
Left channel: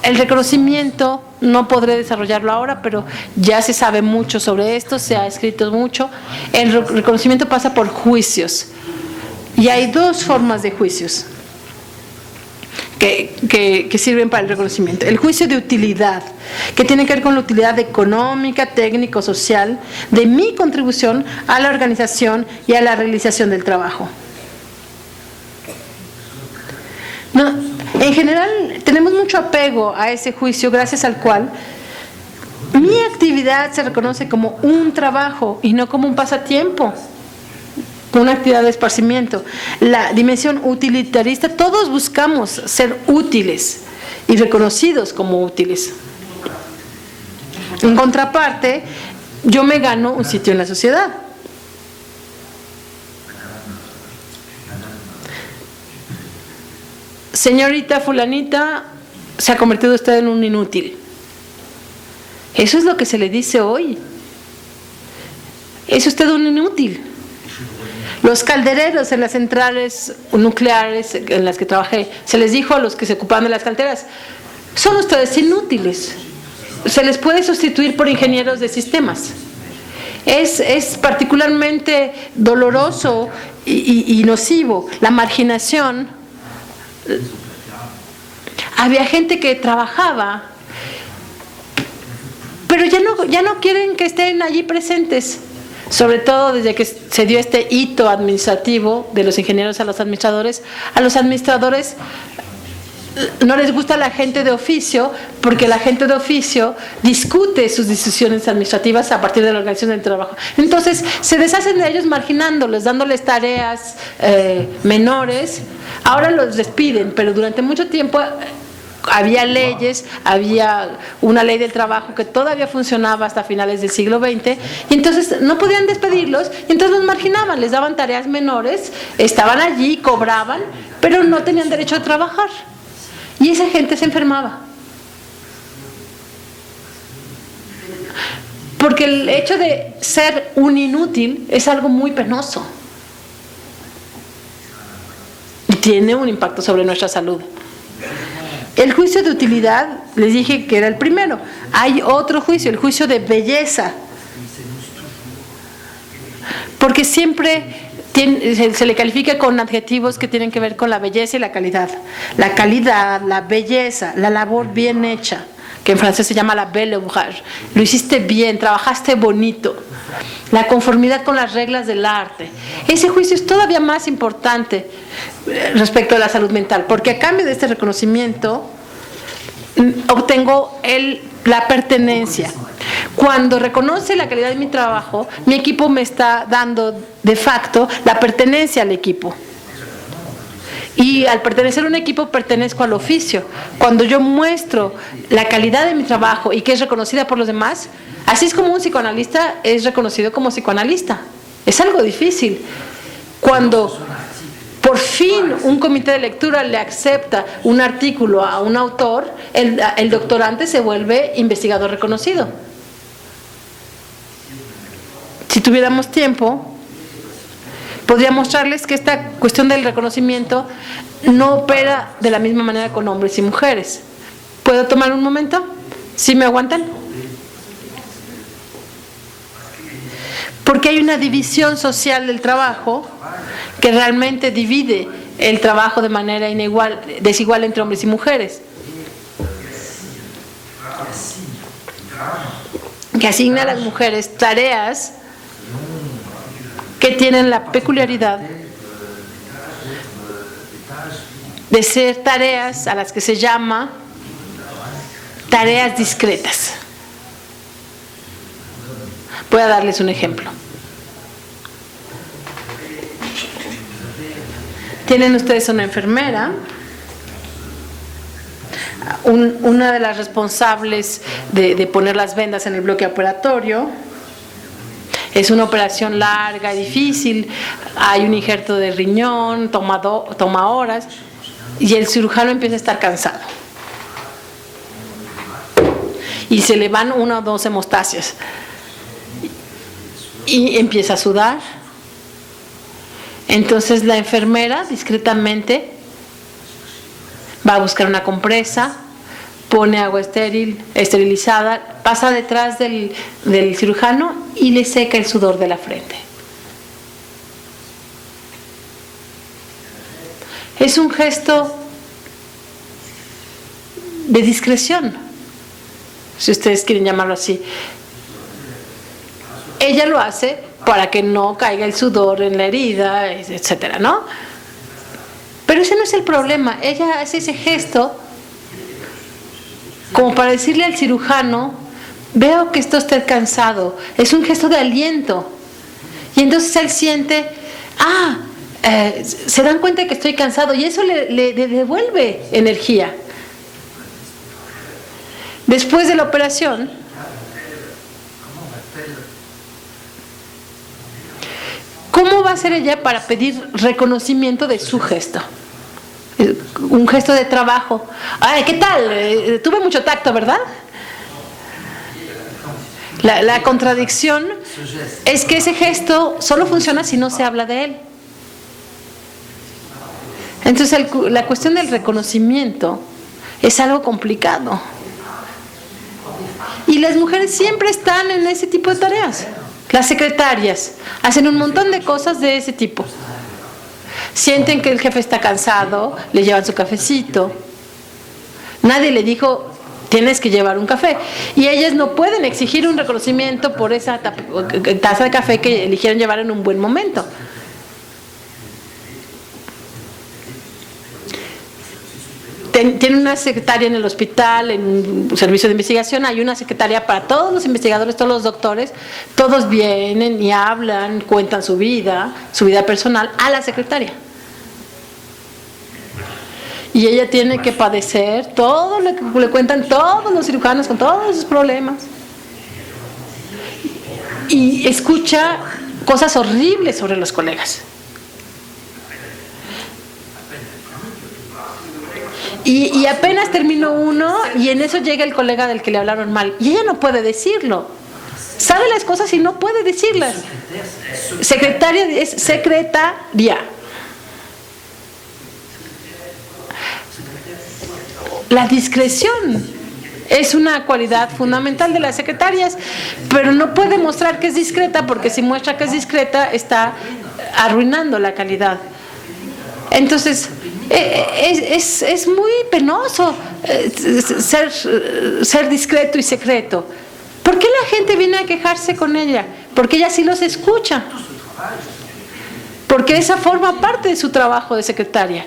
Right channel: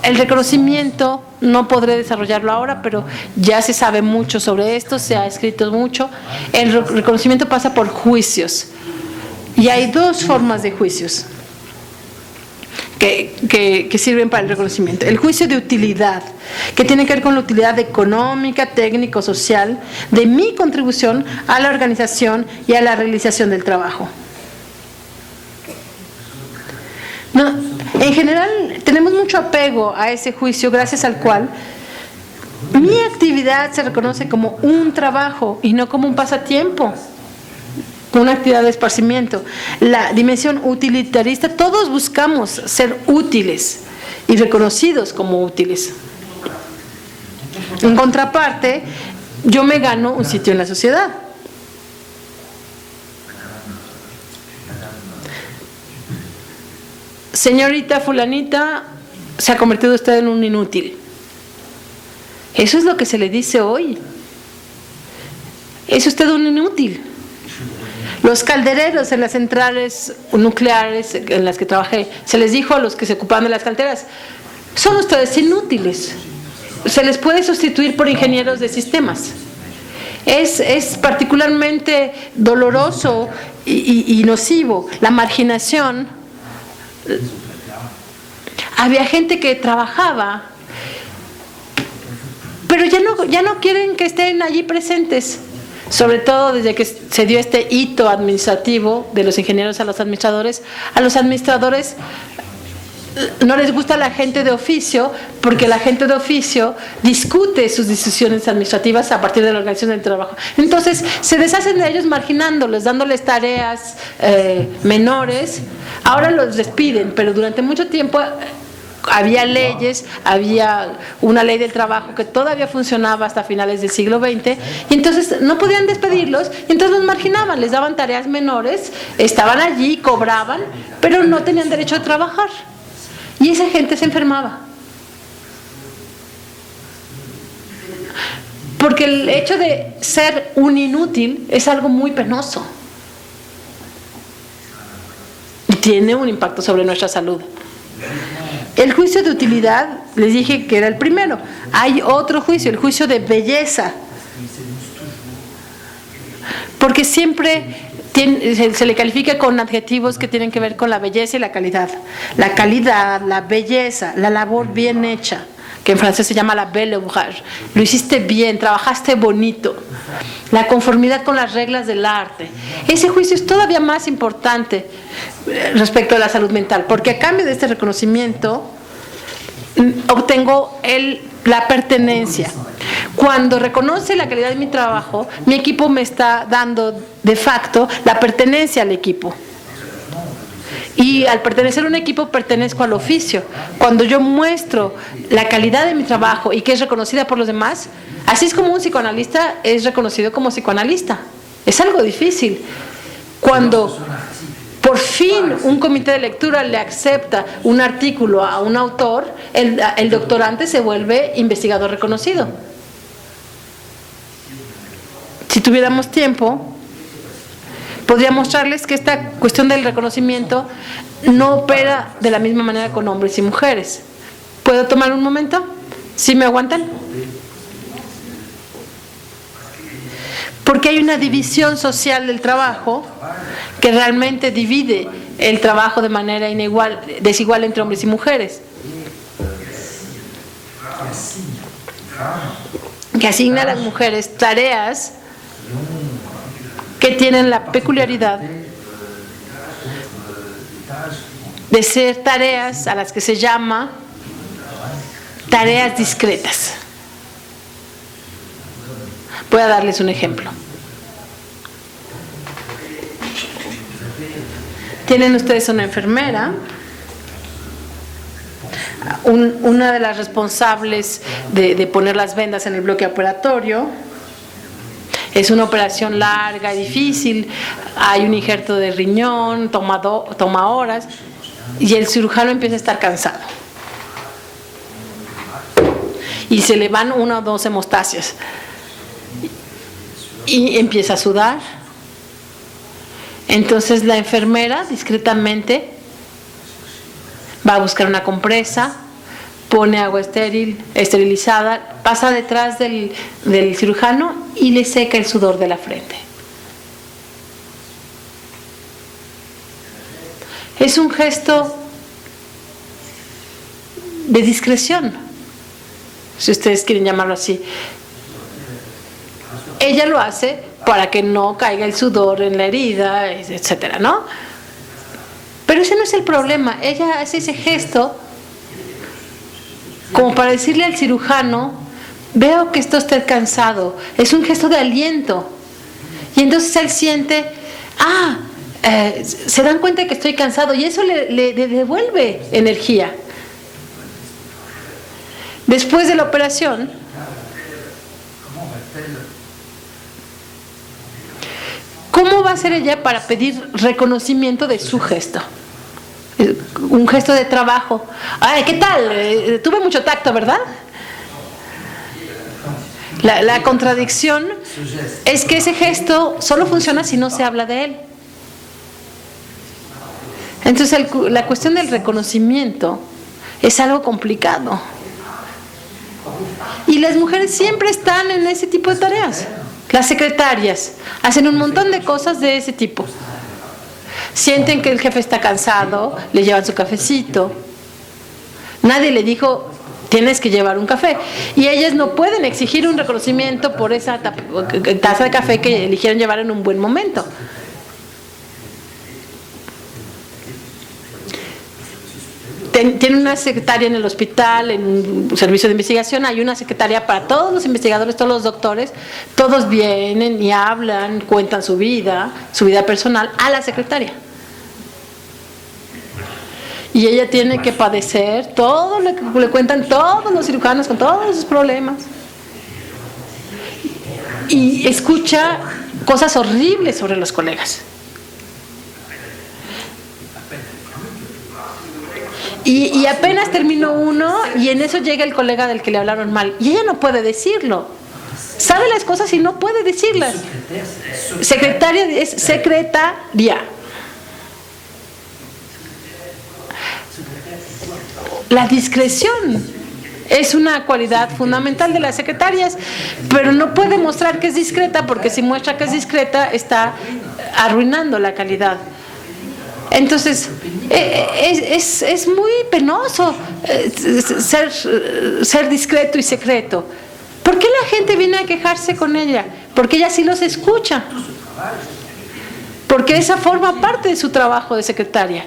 El reconocimiento, no podré desarrollarlo ahora, pero ya se sabe mucho sobre esto, se ha escrito mucho. El reconocimiento pasa por juicios. Y hay dos formas de juicios que sirven para el reconocimiento. El juicio de utilidad, que tiene que ver con la utilidad económica, técnico, social, de mi contribución a la organización y a la realización del trabajo. No, en general, tenemos mucho apego a ese juicio, gracias al cual mi actividad se reconoce como un trabajo y no como un pasatiempo, una actividad de esparcimiento. La dimensión utilitarista, todos buscamos ser útiles y reconocidos como útiles. En contraparte, yo me gano un sitio en la sociedad. Señorita fulanita, se ha convertido usted en un inútil. Eso es lo que se le dice hoy. Es usted un inútil. Los caldereros en las centrales nucleares en las que trabajé, se les dijo a los que se ocupaban de las calderas: son ustedes inútiles, se les puede sustituir por ingenieros de sistemas. Es particularmente doloroso y nocivo la marginación. Había gente que trabajaba, pero ya no quieren que estén allí presentes. Sobre todo desde que se dio este hito administrativo de los ingenieros a los administradores no les gusta la gente de oficio, porque la gente de oficio discute sus decisiones administrativas a partir de la organización del trabajo. Entonces se deshacen de ellos marginándolos, dándoles tareas menores. Ahora los despiden, pero durante mucho tiempo había leyes, había una ley del trabajo que todavía funcionaba hasta finales del siglo XX, y entonces no podían despedirlos, y entonces los marginaban, les daban tareas menores, estaban allí, cobraban, pero no tenían derecho a trabajar, y esa gente se enfermaba. Porque el hecho de ser un inútil es algo muy penoso y tiene un impacto sobre nuestra salud. El juicio de utilidad, les dije que era el primero. Hay otro juicio, el juicio de belleza. Porque siempre se le califica con adjetivos que tienen que ver con la belleza y la calidad. La calidad, la belleza, la labor bien hecha, que en francés se llama la belle ouvrage. Lo hiciste bien, trabajaste bonito. La conformidad con las reglas del arte. Ese juicio es todavía más importante respecto a la salud mental, porque a cambio de este reconocimiento obtengo la pertenencia. Cuando reconoce la calidad de mi trabajo, mi equipo me está dando de facto la pertenencia al equipo. Y al pertenecer a un equipo, pertenezco al oficio. Cuando yo muestro la calidad de mi trabajo y que es reconocida por los demás, así es como un psicoanalista es reconocido como psicoanalista. Es algo difícil. Cuando por fin un comité de lectura le acepta un artículo a un autor, el doctorante se vuelve investigador reconocido. Si tuviéramos tiempo, podría mostrarles que esta cuestión del reconocimiento no opera de la misma manera con hombres y mujeres. ¿Puedo tomar un momento? ¿Sí me aguantan? Porque hay una división social del trabajo que realmente divide el trabajo de manera desigual entre hombres y mujeres. Que asigna a las mujeres tareas que tienen la peculiaridad de ser tareas a las que se llama tareas discretas. Voy a darles un ejemplo. Tienen ustedes una enfermera, una de las responsables de poner las vendas en el bloque operatorio. Es una operación larga y difícil, hay un injerto de riñón, toma horas, y el cirujano empieza a estar cansado. Y se le van 1 o 2 hemostasis. Y empieza a sudar. Entonces la enfermera discretamente va a buscar una compresa, pone agua esterilizada, pasa detrás del cirujano y le seca el sudor de la frente. Es un gesto de discreción, si ustedes quieren llamarlo así. Ella lo hace para que no caiga el sudor en la herida, etcétera, ¿no? Pero ese no es el problema. Ella hace ese gesto como para decirle al cirujano: veo que está usted cansado. Es un gesto de aliento. Y entonces él siente, se dan cuenta de que estoy cansado, y eso le devuelve energía. Después de la operación, ¿cómo va a hacer ella para pedir reconocimiento de su gesto? Un gesto de trabajo. Ay, ¿qué tal? Tuve mucho tacto, ¿verdad? La contradicción es que ese gesto solo funciona si no se habla de él. Entonces la cuestión del reconocimiento es algo complicado. Y las mujeres siempre están en ese tipo de tareas. Las secretarias hacen un montón de cosas de ese tipo. Sienten que el jefe está cansado, le llevan su cafecito. Nadie le dijo: tienes que llevar un café. Y ellas no pueden exigir un reconocimiento por esa taza de café que eligieron llevar en un buen momento. Tienen una secretaria en el hospital, en un servicio de investigación. Hay una secretaria para todos los investigadores, todos los doctores. Todos vienen y hablan, cuentan su vida personal a la secretaria. Y ella tiene que padecer todo lo que le cuentan todos los cirujanos con todos sus problemas. Y escucha cosas horribles sobre los colegas. Y apenas terminó uno, y en eso llega el colega del que le hablaron mal. Y ella no puede decirlo. Sabe las cosas y no puede decirlas. Secretaria es secretaria. La discreción es una cualidad fundamental de las secretarias, pero no puede mostrar que es discreta, porque si muestra que es discreta está arruinando la calidad. Entonces es muy penoso ser discreto y secreto. ¿Por qué la gente viene a quejarse con ella? Porque ella sí los escucha. Porque esa forma parte de su trabajo de secretaria.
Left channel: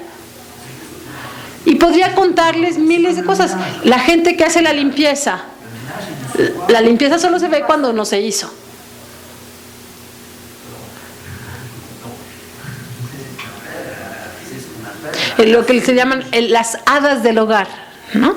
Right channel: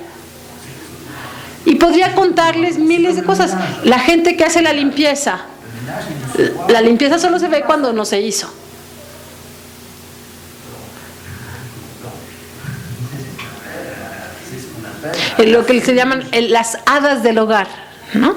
Y podría contarles miles de cosas. La gente que hace la limpieza solo se ve cuando no se hizo. Lo que se llaman las hadas del hogar, ¿no?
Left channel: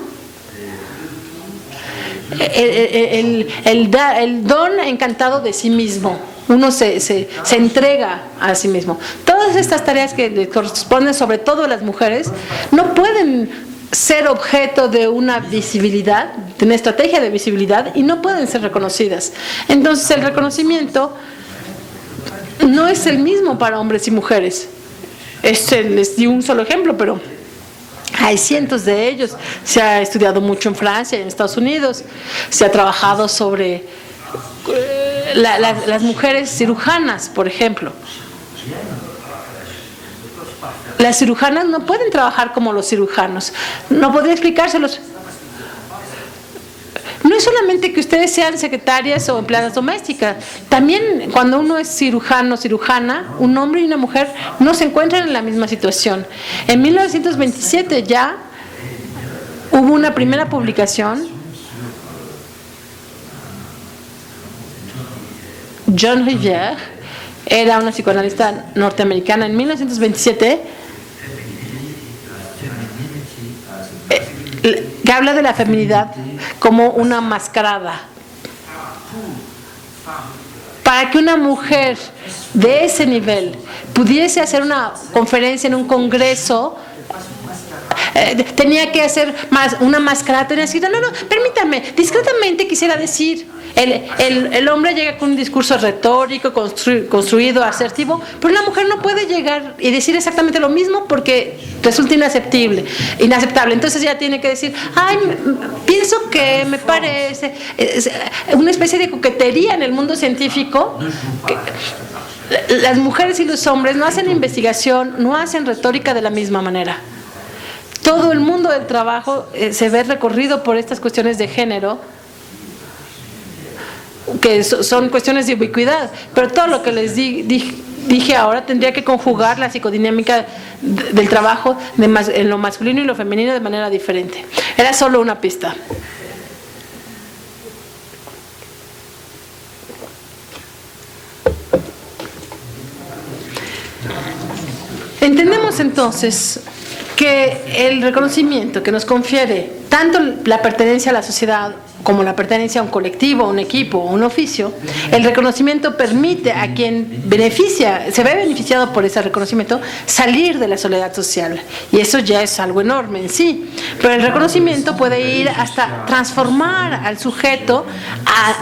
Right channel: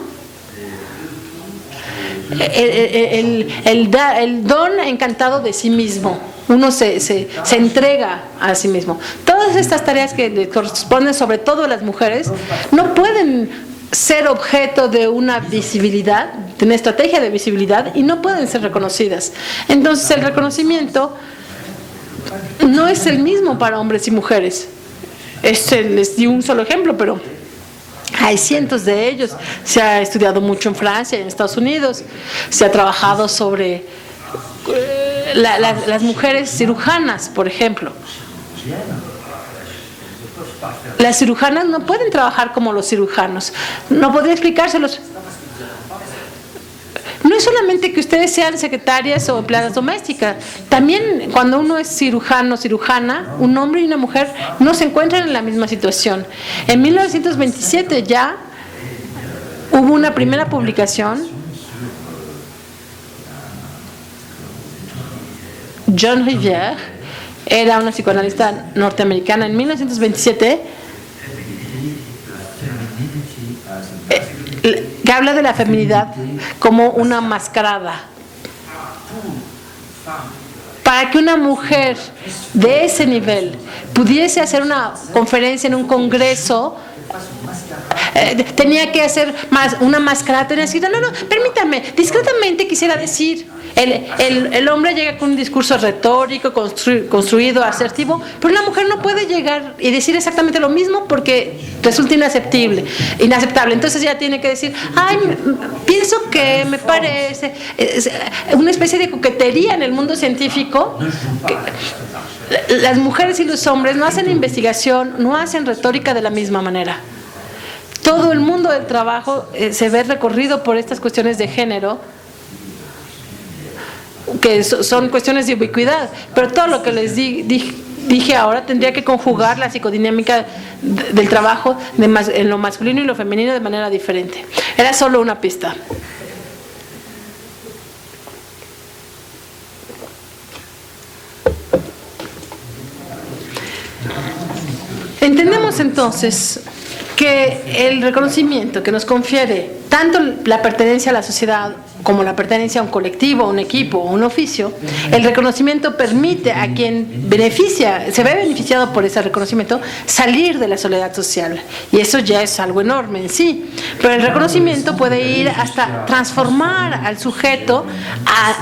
El don encantado de sí mismo. Uno se entrega a sí mismo. Todas estas tareas que le corresponden, sobre todo a las mujeres, no pueden ser objeto de una visibilidad, de una estrategia de visibilidad, y no pueden ser reconocidas. Entonces el reconocimiento no es el mismo para hombres y mujeres. Les di un solo ejemplo, pero hay cientos de ellos. Se ha estudiado mucho en Francia y en Estados Unidos. Se ha trabajado sobre las mujeres cirujanas, por ejemplo. Las cirujanas no pueden trabajar como los cirujanos. No podría explicárselos. No es solamente que ustedes sean secretarias o empleadas domésticas. También cuando uno es cirujano o cirujana, un hombre y una mujer no se encuentran en la misma situación. En 1927 ya hubo una primera publicación. John Rivière era una psicoanalista norteamericana en 1927 que habla de la feminidad como una mascarada. Para que una mujer de ese nivel pudiese hacer una conferencia en un congreso, tenía que hacer una mascarada, tenía que decir, no, permítame, discretamente quisiera decir. El hombre llega con un discurso retórico, construido, asertivo, pero la mujer no puede llegar y decir exactamente lo mismo porque resulta inaceptable. Entonces ella tiene que decir, pienso que me parece, una especie de coquetería en el mundo científico. Las mujeres y los hombres no hacen investigación, no hacen retórica de la misma manera. Todo el mundo del trabajo se ve recorrido por estas cuestiones de género, que son cuestiones de ubicuidad, pero todo lo que les dije ahora tendría que conjugar la psicodinámica del trabajo en lo masculino y lo femenino de manera diferente. Era solo una pista. Entendemos entonces que el reconocimiento que nos confiere tanto la pertenencia a la sociedad como la pertenencia a un colectivo, a un equipo, a un oficio, el reconocimiento permite a quien se ve beneficiado por ese reconocimiento salir de la soledad social. Y eso ya es algo enorme en sí. Pero el reconocimiento puede ir hasta transformar al sujeto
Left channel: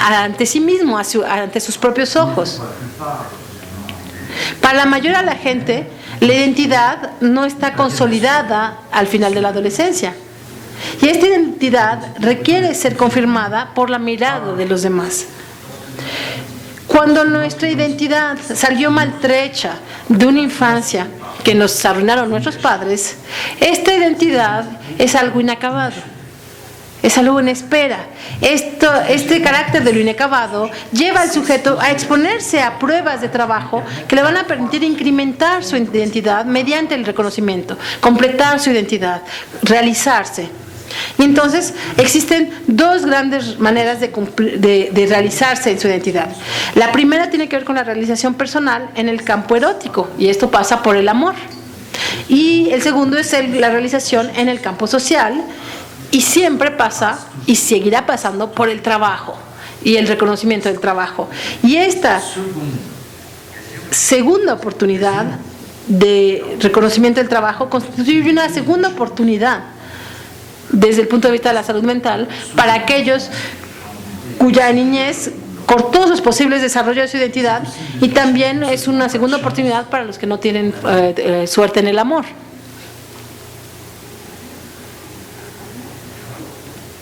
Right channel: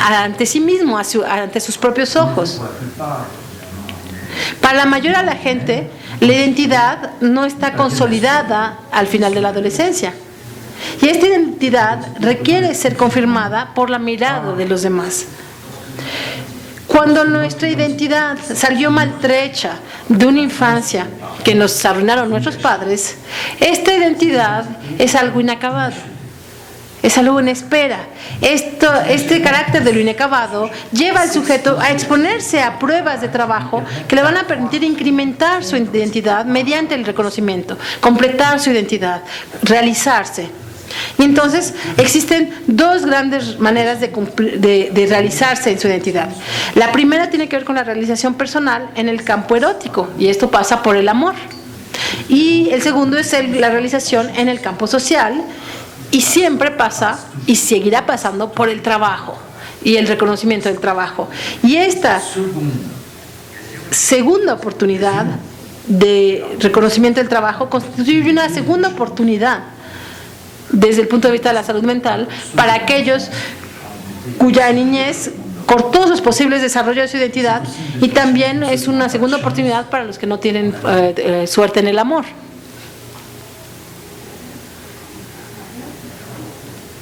ante sí mismo, ante sus propios ojos. Para la mayoría de la gente, la identidad no está consolidada al final de la adolescencia. Y esta identidad requiere ser confirmada por la mirada de los demás. Cuando nuestra identidad salió maltrecha de una infancia que nos arruinaron nuestros padres, esta identidad es algo inacabado, es algo en espera. Este carácter de lo inacabado lleva al sujeto a exponerse a pruebas de trabajo que le van a permitir incrementar su identidad mediante el reconocimiento, completar su identidad, realizarse. Y entonces existen dos grandes maneras de realizarse en su identidad. La primera tiene que ver con la realización personal en el campo erótico, y esto pasa por el amor. Y el segundo es la realización en el campo social, y siempre pasa y seguirá pasando por el trabajo y el reconocimiento del trabajo. Y esta segunda oportunidad de reconocimiento del trabajo constituye una segunda oportunidad desde el punto de vista de la salud mental para aquellos cuya niñez cortó sus posibles desarrollos de su identidad, y también es una segunda oportunidad para los que no tienen suerte en el amor.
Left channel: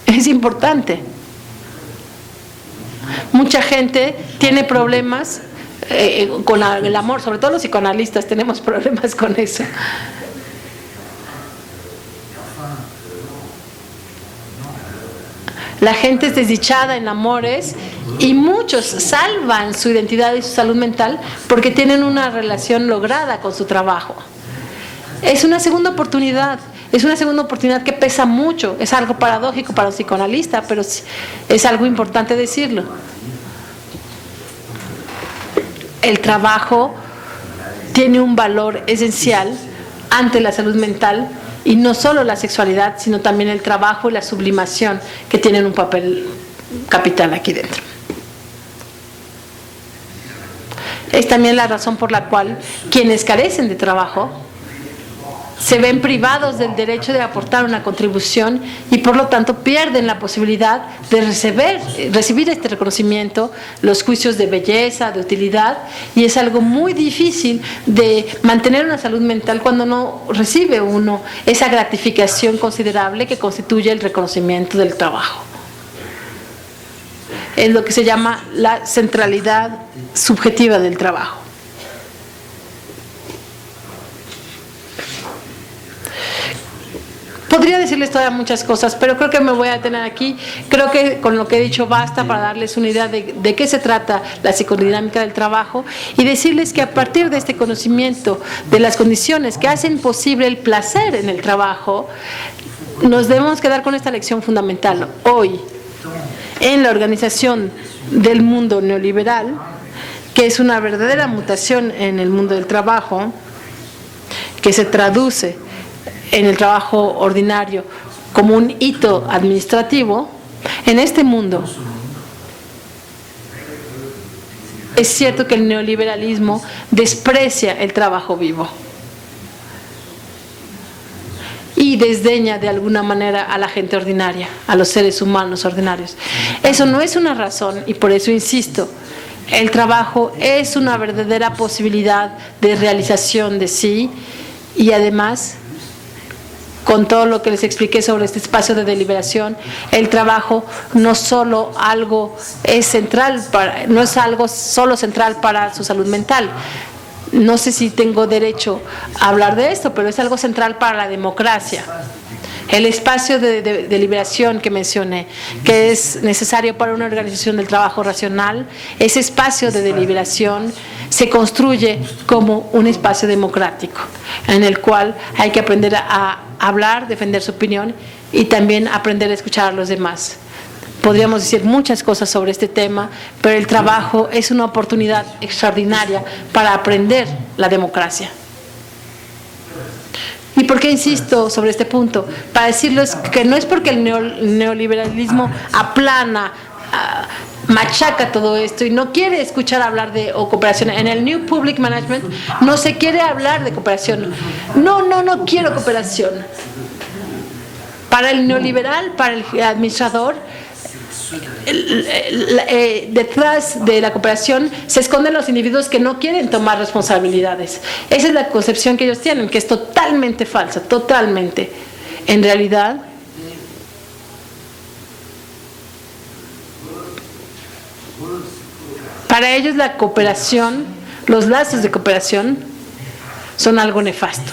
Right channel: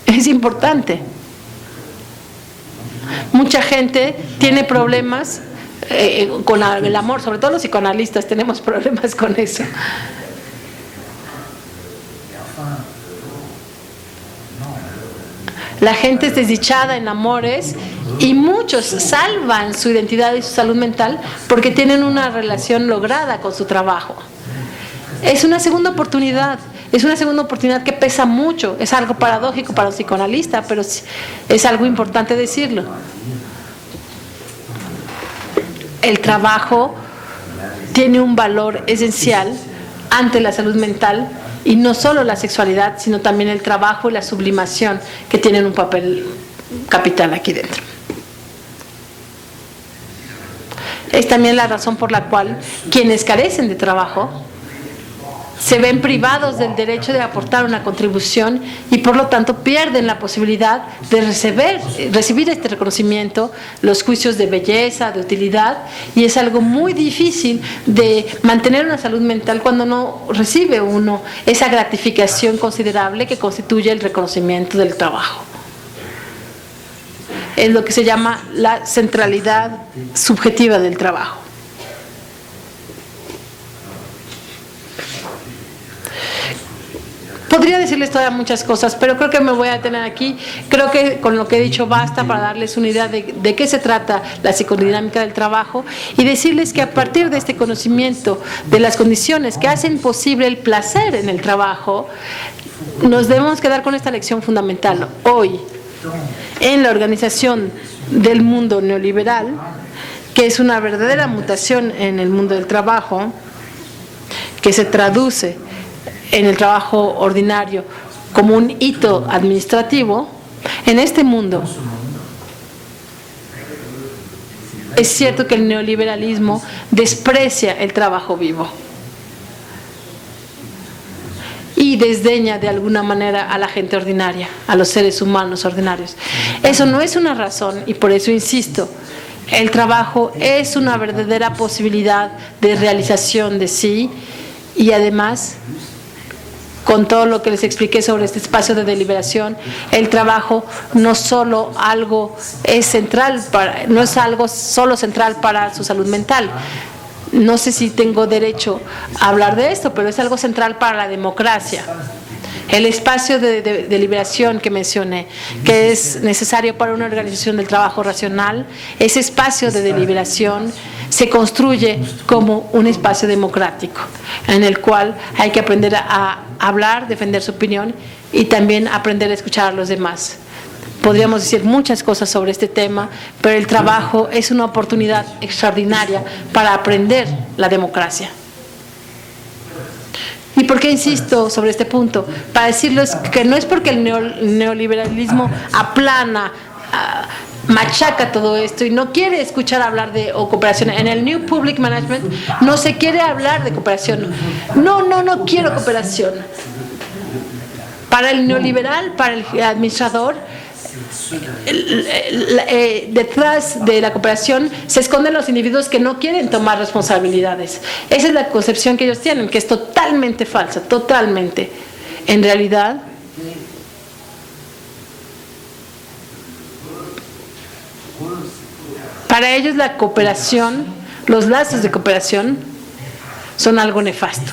Es importante. Mucha gente tiene problemas con el amor, sobre todo los psicoanalistas tenemos problemas con eso. La gente es desdichada en amores y muchos salvan su identidad y su salud mental porque tienen una relación lograda con su trabajo. Es una segunda oportunidad. Es una segunda oportunidad que pesa mucho. Es algo paradójico para un psicoanalista, pero es algo importante decirlo. El trabajo tiene un valor esencial ante la salud mental, y no solo la sexualidad, sino también el trabajo y la sublimación, que tienen un papel capital aquí dentro. Es también la razón por la cual quienes carecen de trabajo se ven privados del derecho de aportar una contribución y por lo tanto pierden la posibilidad de recibir este reconocimiento, los juicios de belleza, de utilidad, y es algo muy difícil de mantener una salud mental cuando no recibe uno esa gratificación considerable que constituye el reconocimiento del trabajo. Es lo que se llama la centralidad subjetiva del trabajo. Podría decirles todavía muchas cosas, pero creo que me voy a detener aquí. Creo que con lo que he dicho basta para darles una idea de qué se trata la psicodinámica del trabajo y decirles que a partir de este conocimiento de las condiciones que hacen posible el placer en el trabajo, nos debemos quedar con esta lección fundamental. Hoy, en la organización del mundo neoliberal, que es una verdadera mutación en el mundo del trabajo, que se traduce en el trabajo ordinario como un hito administrativo, en este mundo es cierto que el neoliberalismo desprecia el trabajo vivo y desdeña de alguna manera a la gente ordinaria, a los seres humanos ordinarios. Eso no es una razón y por eso insisto, el trabajo es una verdadera posibilidad de realización de sí y además, con todo lo que les expliqué sobre este espacio de deliberación, el trabajo no solo algo es central no es algo solo central para su salud mental. No sé si tengo derecho a hablar de esto, pero es algo central para la democracia. El espacio de deliberación que mencioné, que es necesario para una organización del trabajo racional, ese espacio de deliberación se construye como un espacio democrático, en el cual hay que aprender a hablar, defender su opinión y también aprender a escuchar a los demás. Podríamos decir muchas cosas sobre este tema, pero el trabajo es una oportunidad extraordinaria para aprender la democracia. ¿Y por qué insisto sobre este punto? Para decirles que no es porque el neoliberalismo aplana, machaca todo esto y no quiere escuchar hablar de cooperación. En el New Public Management no se quiere hablar de cooperación. No quiero cooperación. Para el neoliberal, para el administrador, detrás de la cooperación se esconden los individuos que no quieren tomar responsabilidades. Esa es la concepción que ellos tienen, que es totalmente falsa, totalmente. En realidad, para ellos la cooperación, los lazos de cooperación son algo nefasto.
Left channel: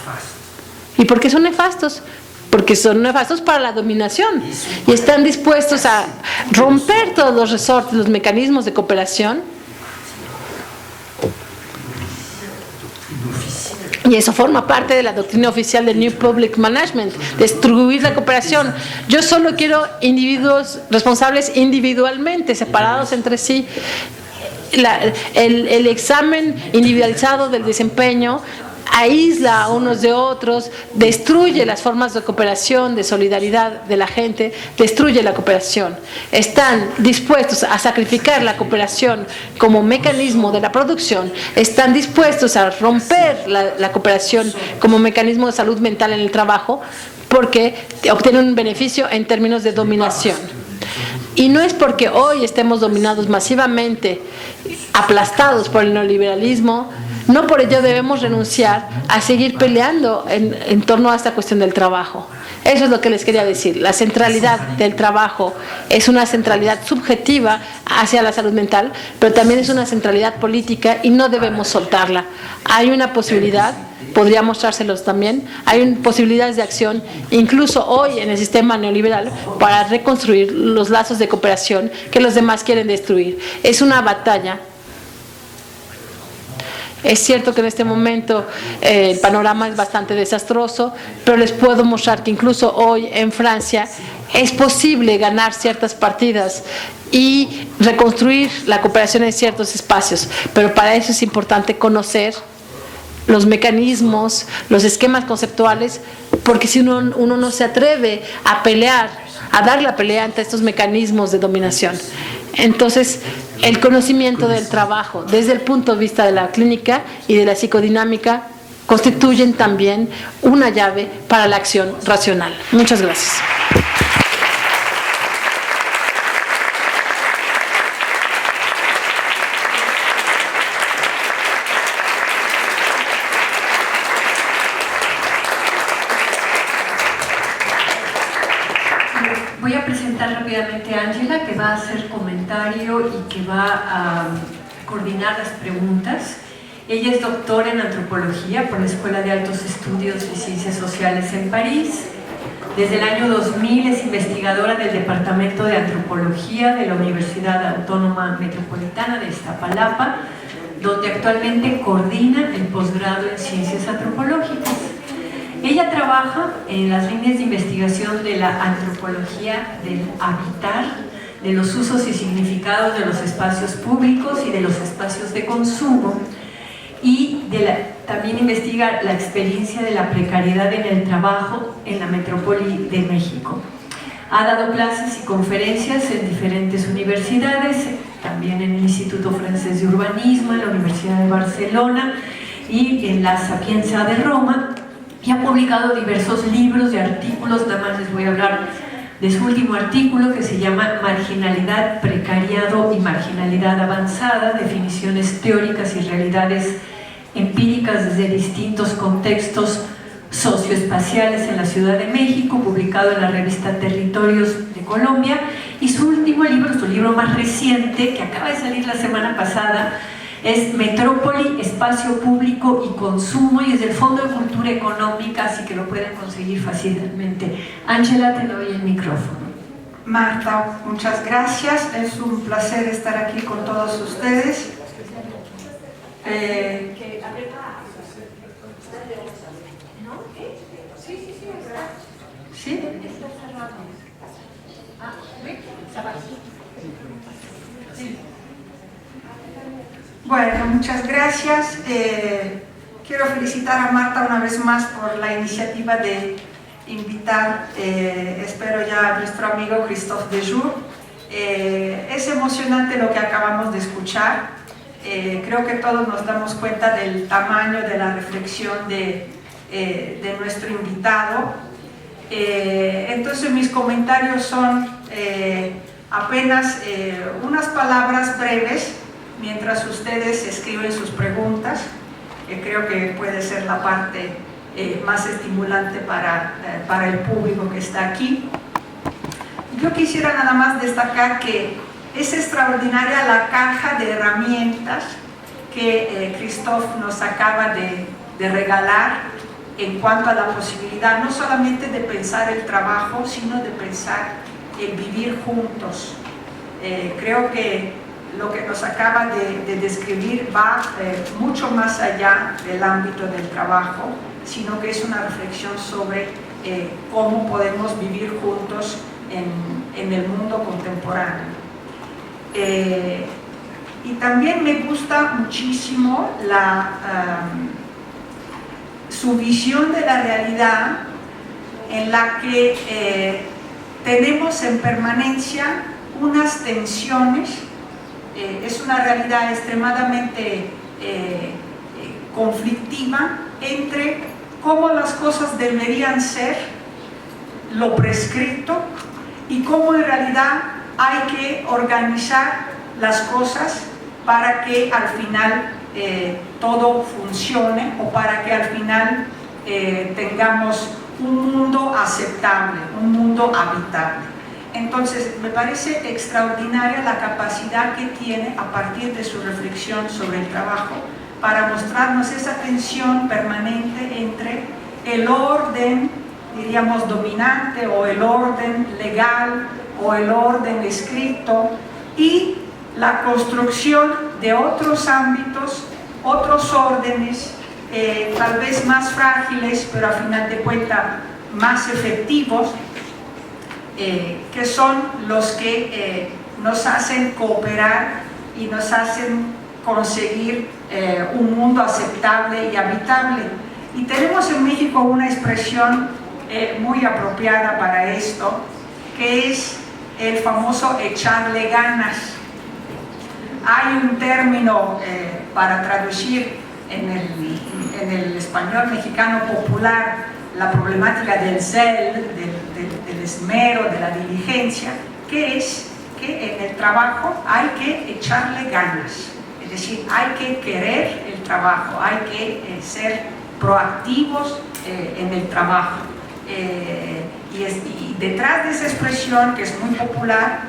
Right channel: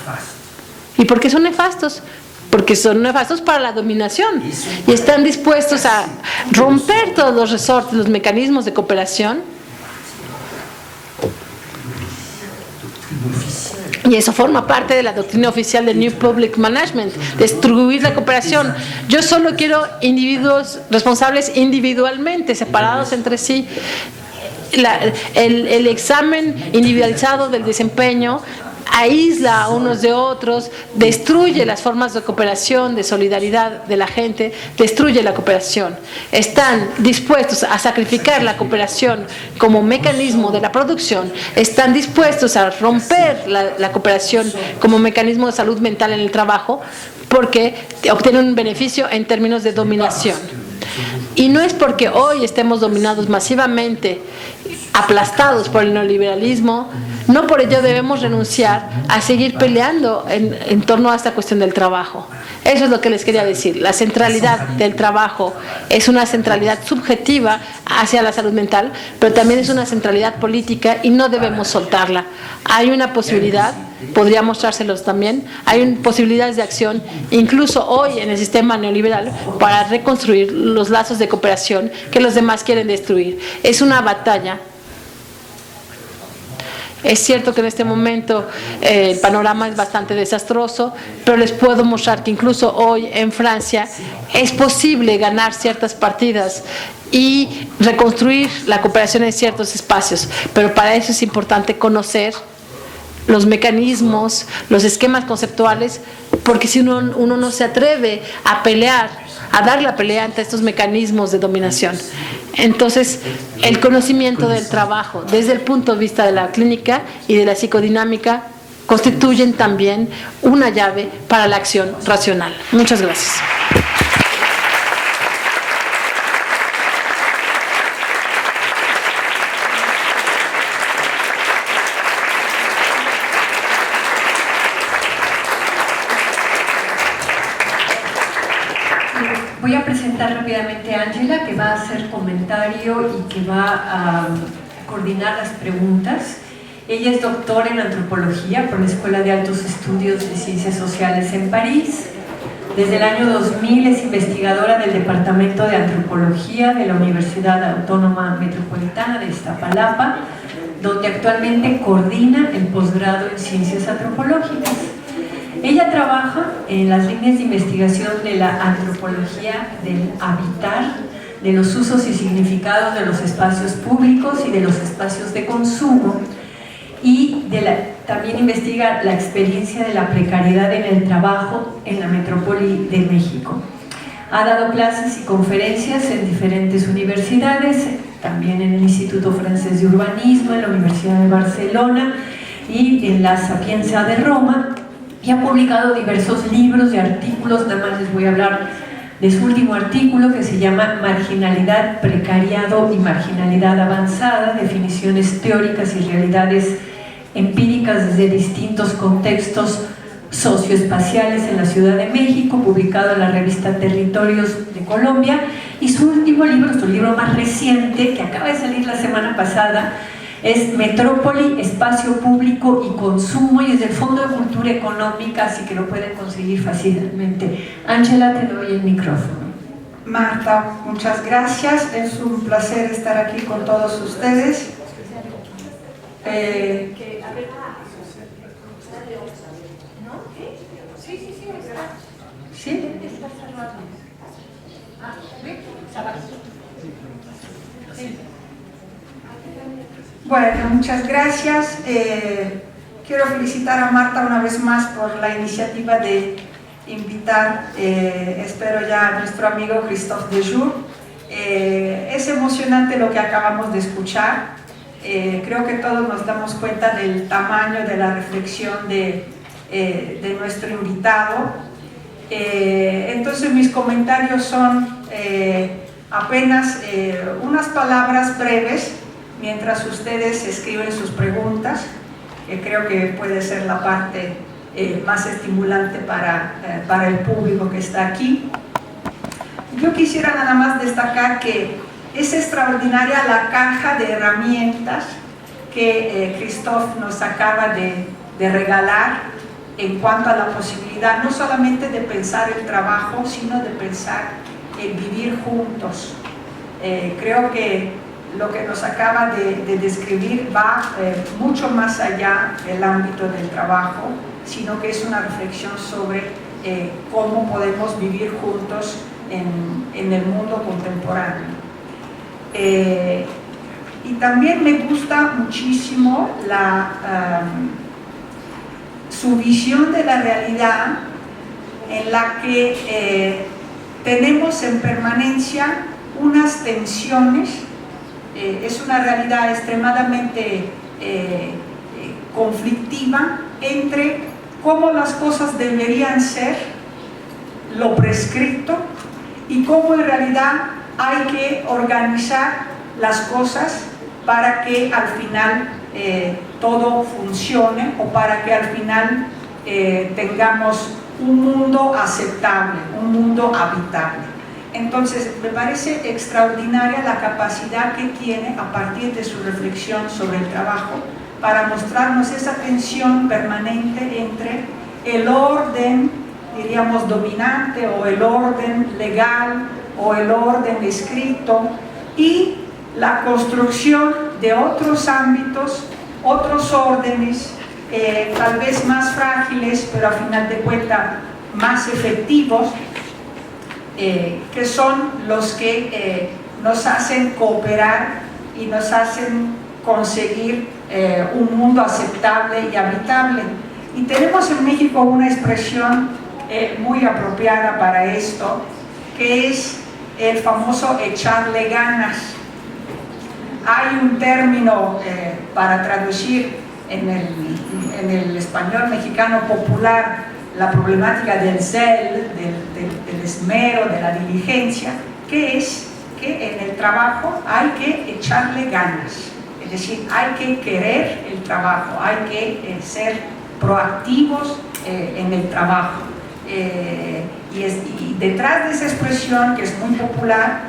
¿Y por qué son nefastos? Porque son nefastos para la dominación y están dispuestos a romper todos los resortes, los mecanismos de cooperación. Y eso forma parte de la doctrina oficial del New Public Management, destruir la cooperación. Yo solo quiero individuos responsables individualmente, separados entre sí. El examen individualizado del desempeño aísla a unos de otros, destruye las formas de cooperación, de solidaridad de la gente, destruye la cooperación. Están dispuestos a sacrificar la cooperación como mecanismo de la producción, están dispuestos a romper la cooperación como mecanismo de salud mental en el trabajo porque obtienen un beneficio en términos de dominación. Y no es porque hoy estemos dominados masivamente, aplastados por el neoliberalismo, no por ello debemos renunciar a seguir peleando en torno a esta cuestión del trabajo. Eso es lo que les quería decir. La centralidad del trabajo es una centralidad subjetiva hacia la salud mental, pero también es una centralidad política y no debemos soltarla. Hay una posibilidad, podría mostrárselos también, hay posibilidades de acción, incluso hoy en el sistema neoliberal, para reconstruir los lazos de cooperación que los demás quieren destruir. Es una batalla. Es cierto que en este momento el panorama es bastante desastroso, pero les puedo mostrar que incluso hoy en Francia es posible ganar ciertas partidas y reconstruir la cooperación en ciertos espacios, pero para eso es importante conocer los mecanismos, los esquemas conceptuales, porque si uno no se atreve a pelear, a dar la pelea ante estos mecanismos de dominación. Entonces, el conocimiento del trabajo desde el punto de vista de la clínica y de la psicodinámica constituyen también una llave para la acción racional. Muchas gracias. Voy a presentar rápidamente a Ángela, que va a hacer comentario y que va a coordinar las preguntas. Ella es doctora en antropología por la Escuela de Altos Estudios y Ciencias Sociales en París. Desde el año 2000 es investigadora del Departamento de Antropología de la Universidad Autónoma Metropolitana de Iztapalapa, donde actualmente coordina el posgrado en Ciencias Antropológicas. Ella trabaja en las líneas de investigación de la antropología del habitar, de los usos y significados de los espacios públicos y de los espacios de consumo, y también investiga la experiencia de la precariedad en el trabajo en la metrópoli de México. Ha dado clases y conferencias en diferentes universidades, también en el Instituto Francés de Urbanismo, en la Universidad de Barcelona y en la Sapienza de Roma, y ha publicado diversos libros y artículos. Nada más les voy a hablar de su último artículo, que se llama Marginalidad, Precariado y Marginalidad Avanzada, definiciones teóricas y realidades empíricas desde distintos contextos socioespaciales en la Ciudad de México, publicado en la revista Territorios de Colombia. Y su último libro, su libro más reciente, que acaba de salir la semana pasada, es Metrópoli, Espacio Público y Consumo, y es del Fondo de Cultura Económica, así que lo pueden conseguir fácilmente. Ángela, te doy el micrófono. Marta, muchas gracias. Es un placer estar aquí con todos ustedes. ¿Sí? Bueno, muchas gracias. Quiero felicitar a Marta una vez más por la iniciativa de invitar, espero ya, a nuestro amigo Christophe Dejoux. Es emocionante lo que acabamos de escuchar. Creo que todos nos damos cuenta del tamaño de la reflexión de nuestro invitado. Entonces mis comentarios son apenas unas palabras breves mientras ustedes escriben sus preguntas, que creo que puede ser la parte más estimulante para el público que está aquí. Yo quisiera nada más destacar que es extraordinaria la caja de herramientas que Christophe nos acaba de regalar en cuanto a la posibilidad no solamente de pensar el trabajo, sino de pensar el vivir juntos. Creo que lo que nos acaba de describir va mucho más allá del ámbito del trabajo, sino que es una reflexión sobre cómo podemos vivir juntos en el mundo contemporáneo. Y también me gusta muchísimo su visión de la realidad, en la que tenemos en permanencia unas tensiones. Es una realidad extremadamente conflictiva entre cómo las cosas deberían ser, lo prescrito, y cómo en realidad hay que organizar las cosas para que al final todo funcione, o para que al final tengamos un mundo aceptable, un mundo habitable. Entonces, me parece extraordinaria la capacidad que tiene, a partir de su reflexión sobre el trabajo, para mostrarnos esa tensión permanente entre el orden, diríamos, dominante, o el orden legal, o el orden escrito, y la construcción de otros ámbitos, otros órdenes, tal vez más frágiles, pero a final de cuentas más efectivos, que son los que nos hacen cooperar y nos hacen conseguir un mundo aceptable y habitable. Y tenemos en México una expresión muy apropiada para esto, que es el famoso echarle ganas. Hay un término para traducir en en el español mexicano popular la problemática del zel, del esmero, de la diligencia, que es que en el trabajo hay que echarle ganas, es decir, hay que querer el trabajo, hay que ser proactivos en el trabajo. Y detrás de esa expresión, que es muy popular,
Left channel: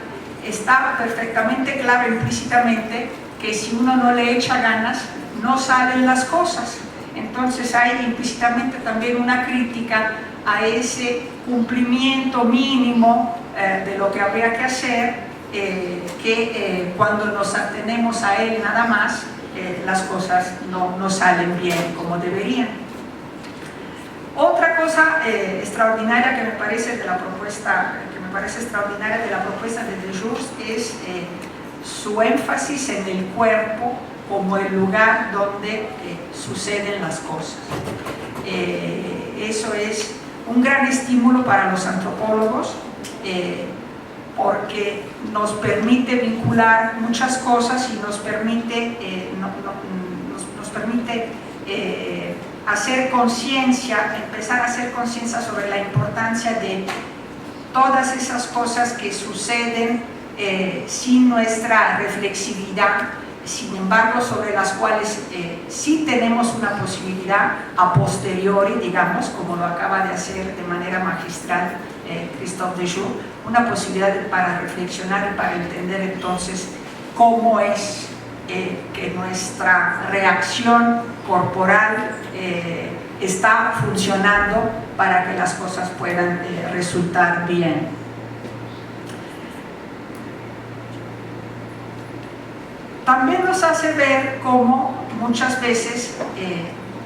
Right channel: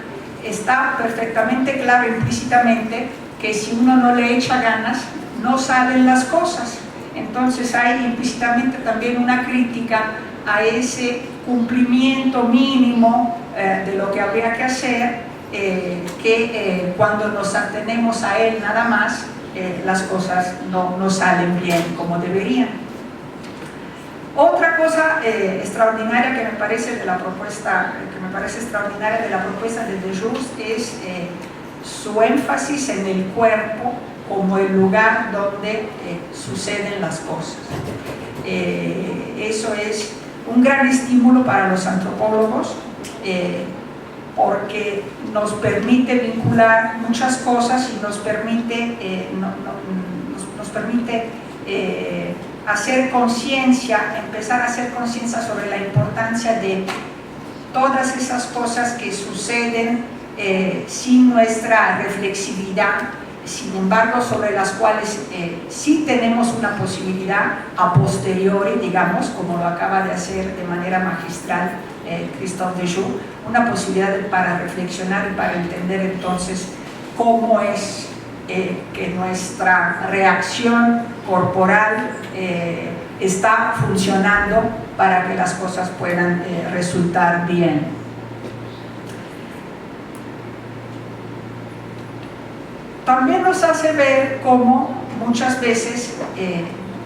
está perfectamente claro implícitamente que si uno no le echa ganas, no salen las cosas. Entonces hay implícitamente también una crítica a ese cumplimiento mínimo de lo que habría que hacer, que cuando nos atenemos a él nada más, las cosas no salen bien como deberían. Otra cosa extraordinaria que me parece extraordinaria de la propuesta de Deljours es su énfasis en el cuerpo como el lugar donde suceden las cosas. Eso es un gran estímulo para los antropólogos, porque nos permite vincular muchas cosas y nos permite hacer conciencia, empezar a hacer conciencia sobre la importancia de todas esas cosas que suceden sin nuestra reflexividad, sin embargo sobre las cuales sí tenemos una posibilidad a posteriori, digamos, como lo acaba de hacer de manera magistral Christophe Dejoux, una posibilidad para reflexionar y para entender entonces cómo es que nuestra reacción corporal está funcionando para que las cosas puedan resultar bien. También nos hace ver cómo muchas veces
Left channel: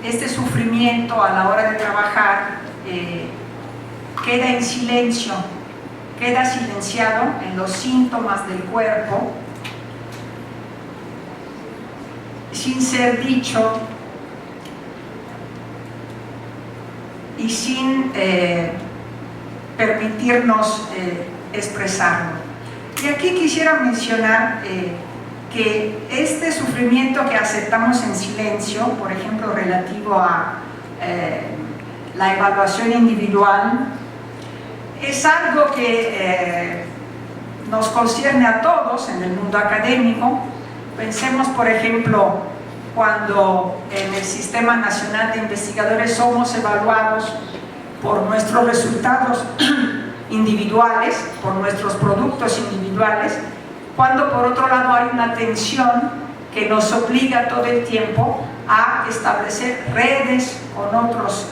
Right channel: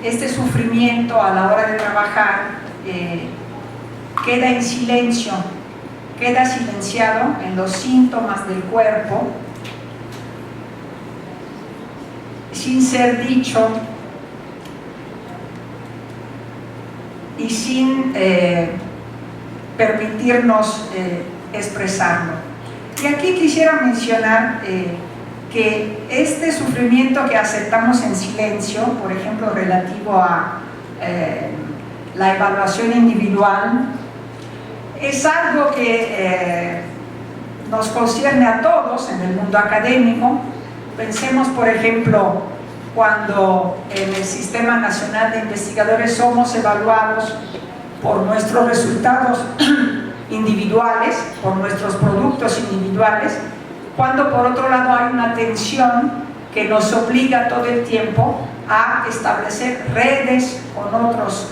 este sufrimiento a la hora de trabajar queda en silencio, queda silenciado en los síntomas del cuerpo, sin ser dicho y sin permitirnos expresarlo. Y aquí quisiera mencionar que este sufrimiento que aceptamos en silencio, por ejemplo, relativo a la evaluación individual, es algo que nos concierne a todos en el mundo académico. Pensemos, por ejemplo, cuando en el Sistema Nacional de Investigadores somos evaluados por nuestros resultados individuales, por nuestros productos individuales, cuando por otro lado hay una tensión que nos obliga todo el tiempo a establecer redes con otros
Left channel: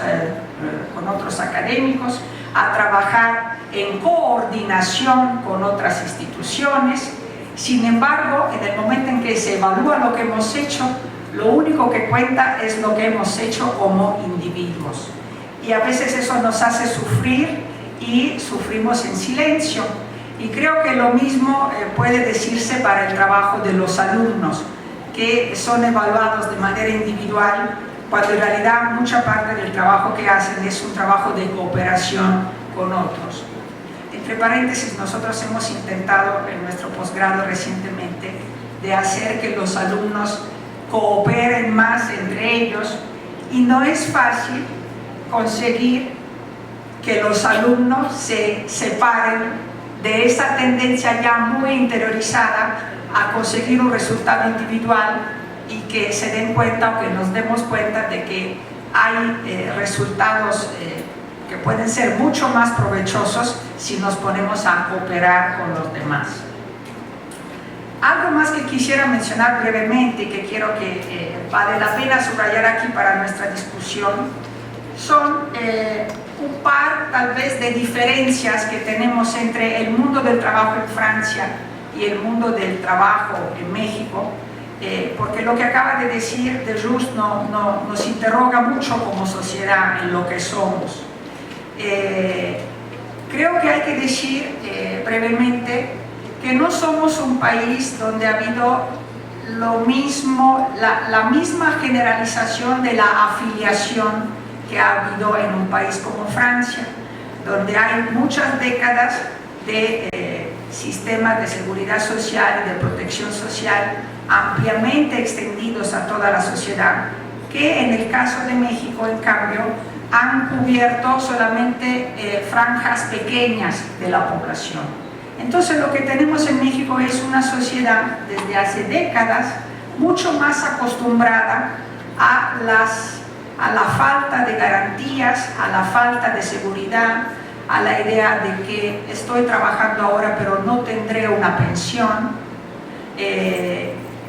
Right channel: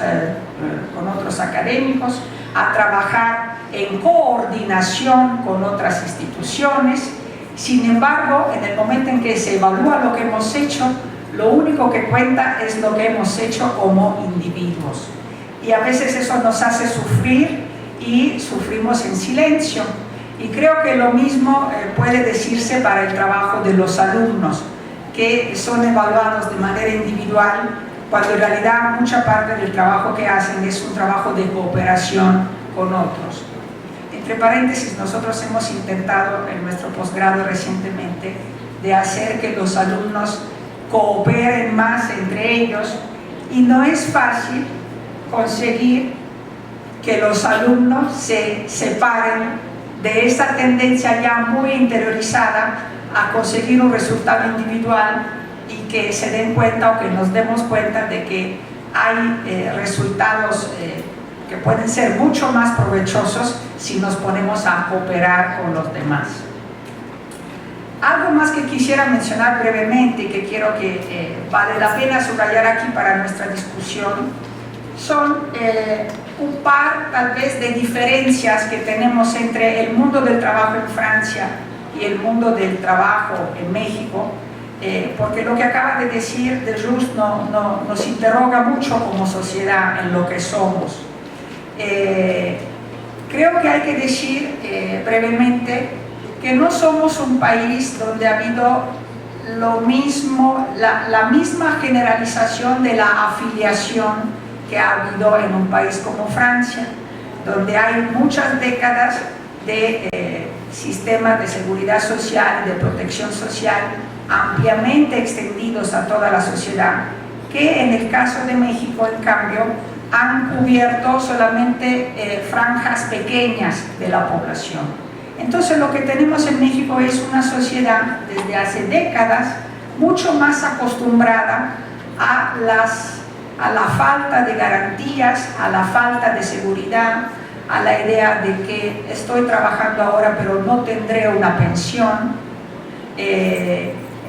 académicos, a trabajar en coordinación con otras instituciones. Sin embargo, en el momento en que se evalúa lo que hemos hecho, lo único que cuenta es lo que hemos hecho como individuos. Y a veces eso nos hace sufrir y sufrimos en silencio. Y creo que lo mismo puede decirse para el trabajo de los alumnos, que son evaluados de manera individual, cuando en realidad mucha parte del trabajo que hacen es un trabajo de cooperación con otros. Entre paréntesis, nosotros hemos intentado en nuestro posgrado recientemente de hacer que los alumnos cooperen más entre ellos, y no es fácil conseguir que los alumnos se separen de esa tendencia ya muy interiorizada a conseguir un resultado individual, y que se den cuenta o que nos demos cuenta de que hay resultados que pueden ser mucho más provechosos si nos ponemos a cooperar con los demás. Algo más que quisiera mencionar brevemente y que quiero que vale la pena subrayar aquí para nuestra discusión son un par tal vez de diferencias que tenemos entre el mundo del trabajo en Francia y el mundo del trabajo en México, porque lo que acaba de decir Deljours nos interroga mucho como sociedad en lo que somos. Creo que hay que decir brevemente que no somos un país donde ha habido la misma generalización de la afiliación que ha habido en un país como Francia, donde hay muchas décadas de sistemas de seguridad social y de protección social ampliamente extendidos a toda la sociedad, que en el caso de México, en cambio, han cubierto solamente franjas pequeñas de la población. Entonces lo que tenemos en México es una sociedad desde hace décadas mucho más acostumbrada a la falta de garantías, a la falta de seguridad, a la idea de que estoy trabajando ahora pero no tendré una pensión.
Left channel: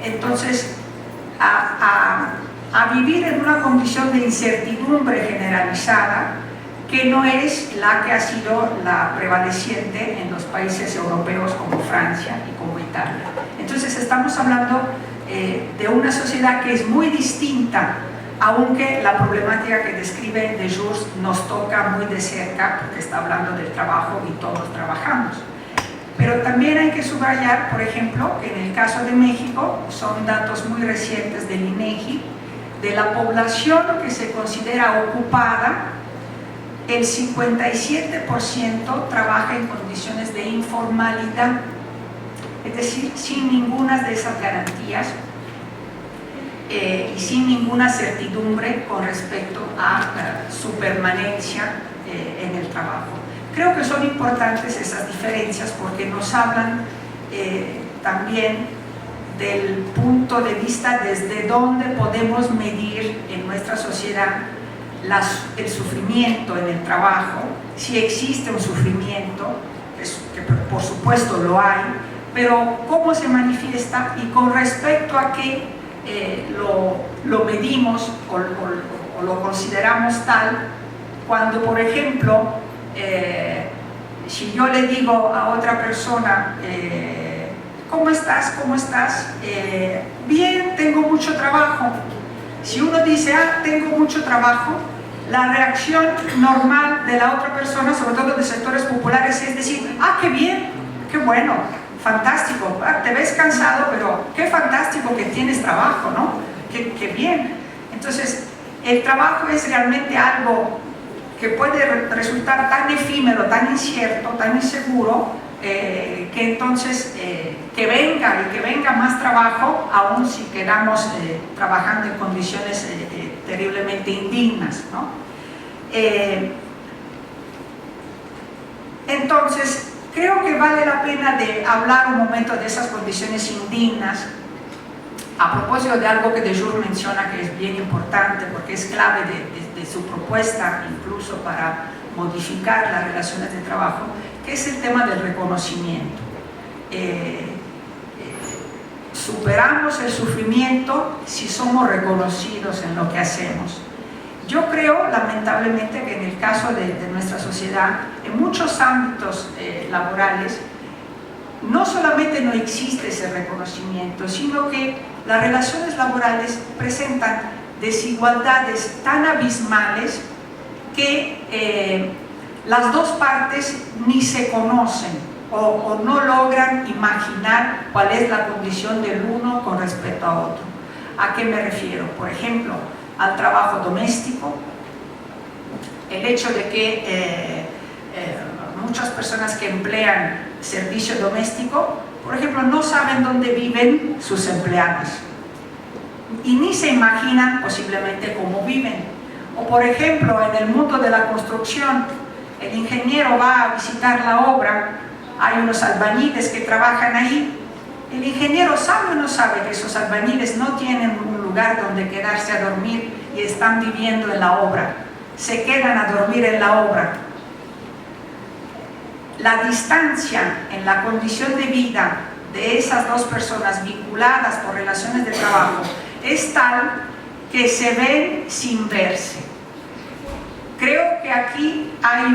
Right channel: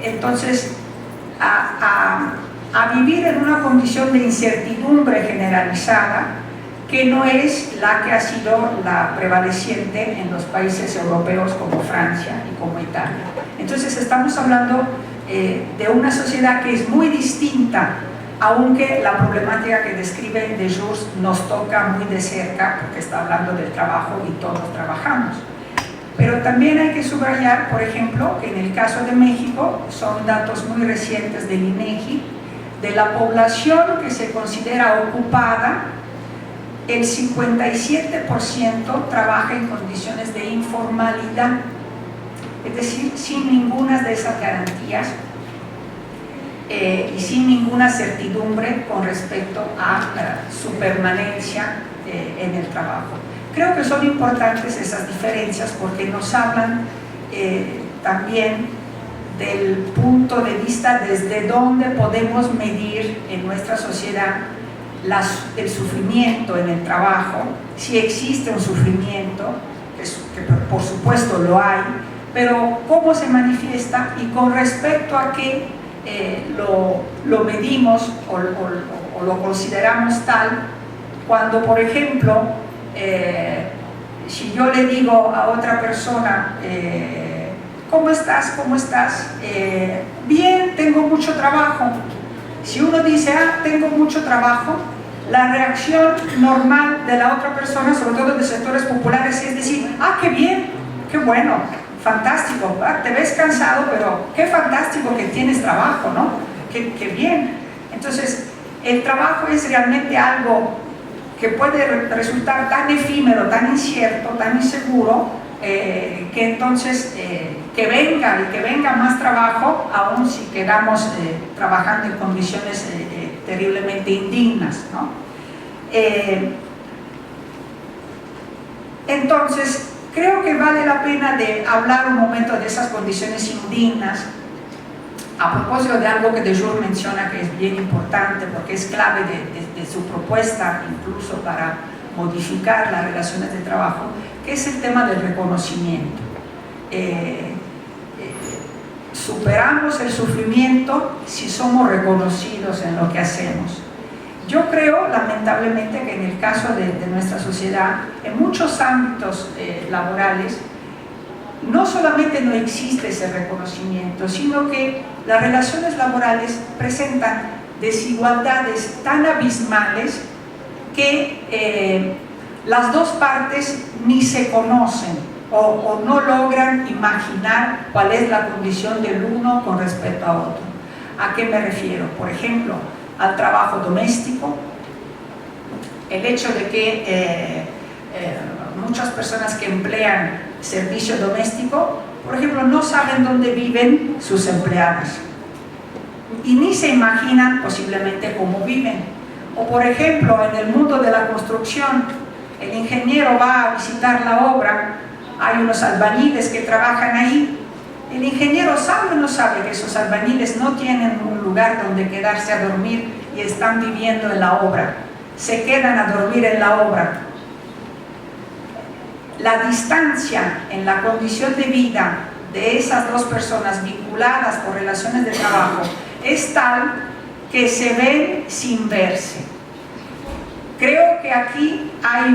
Entonces, a vivir en una condición de incertidumbre generalizada que no es la que ha sido la prevaleciente en los países europeos como Francia y como Italia. Entonces estamos hablando de una sociedad que es muy distinta, aunque la problemática que describe Desjours nos toca muy de cerca porque está hablando del trabajo y todos trabajamos. Pero también hay que subrayar, por ejemplo, que en el caso de México, son datos muy recientes del INEGI, de la población que se considera ocupada, el 57% trabaja en condiciones de informalidad, es decir, sin ninguna de esas garantías y sin ninguna certidumbre con respecto a su permanencia en el trabajo. Creo que son importantes esas diferencias porque nos hablan también del punto de vista desde donde podemos medir en nuestra sociedad el sufrimiento en el trabajo, si existe un sufrimiento, que por supuesto lo hay, pero cómo se manifiesta y con respecto a qué lo medimos o lo consideramos tal, cuando por ejemplo si yo le digo a otra persona ¿cómo estás? ¿Cómo estás? Bien, tengo mucho trabajo. Si uno dice, tengo mucho trabajo, la reacción normal de la otra persona, sobre todo de sectores populares, es decir, qué bien, qué bueno, fantástico, te ves cansado, pero qué fantástico que tienes trabajo, ¿no? Qué bien. Entonces, el trabajo es realmente algo que puede resultar tan efímero, tan incierto, tan inseguro, que entonces que venga más trabajo, aun si quedamos trabajando en condiciones terriblemente indignas, ¿no? Entonces, creo que vale la pena de hablar un momento de esas condiciones indignas a propósito de algo que Desjours menciona que es bien importante porque es clave de su propuesta incluso para modificar las relaciones de trabajo, que es el tema del reconocimiento. Superamos el sufrimiento si somos reconocidos en lo que hacemos. Yo creo, lamentablemente, que en el caso de nuestra sociedad, en muchos ámbitos laborales, no solamente no existe ese reconocimiento, sino que las relaciones laborales presentan desigualdades tan abismales que las dos partes ni se conocen o no logran imaginar cuál es la condición del uno con respecto a otro. ¿A qué me refiero? Por ejemplo, al trabajo doméstico, el hecho de que muchas personas que emplean servicio doméstico, por ejemplo, no saben dónde viven sus empleados y ni se imaginan posiblemente cómo viven. O por ejemplo, en el mundo de la construcción, el ingeniero va a visitar la obra, hay unos albañiles que trabajan ahí, el ingeniero sabe o no sabe que esos albañiles no tienen un lugar donde quedarse a dormir y están viviendo en la obra, se quedan a dormir en la obra. La distancia en la condición de vida de esas dos personas vinculadas por relaciones de trabajo es tal que se ven sin verse. Creo que aquí hay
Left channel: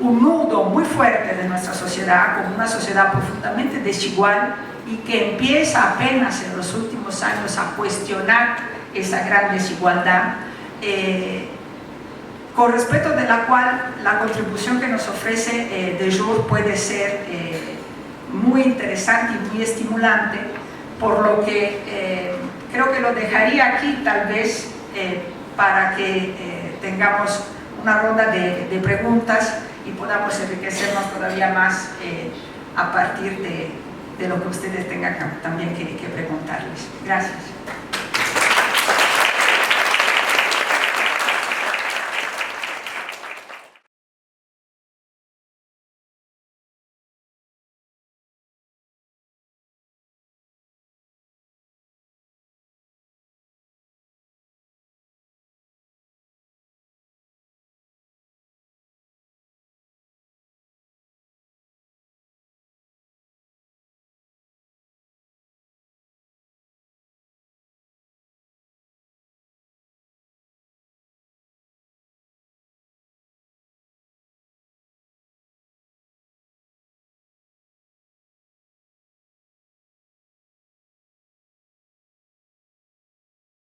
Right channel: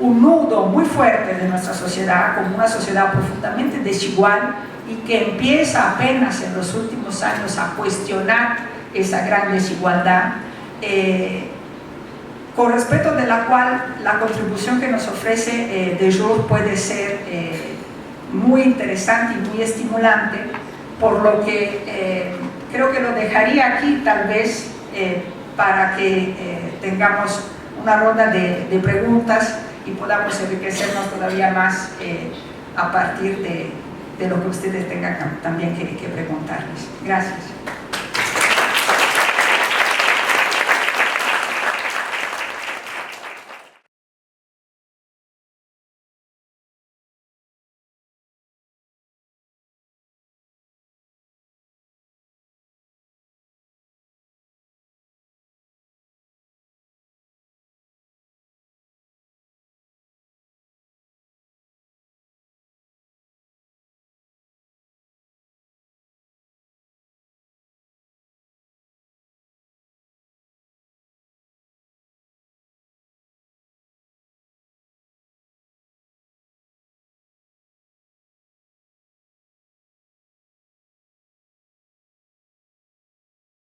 un nudo muy fuerte de nuestra sociedad, como una sociedad profundamente desigual y que empieza apenas en los últimos años a cuestionar esa gran desigualdad, con respecto de la cual la contribución que nos ofrece Desjours puede ser muy interesante y muy estimulante, por lo que creo que lo dejaría aquí tal vez para que tengamos una ronda de preguntas y podamos enriquecernos todavía más a partir de lo que ustedes tengan también que preguntarles. Gracias.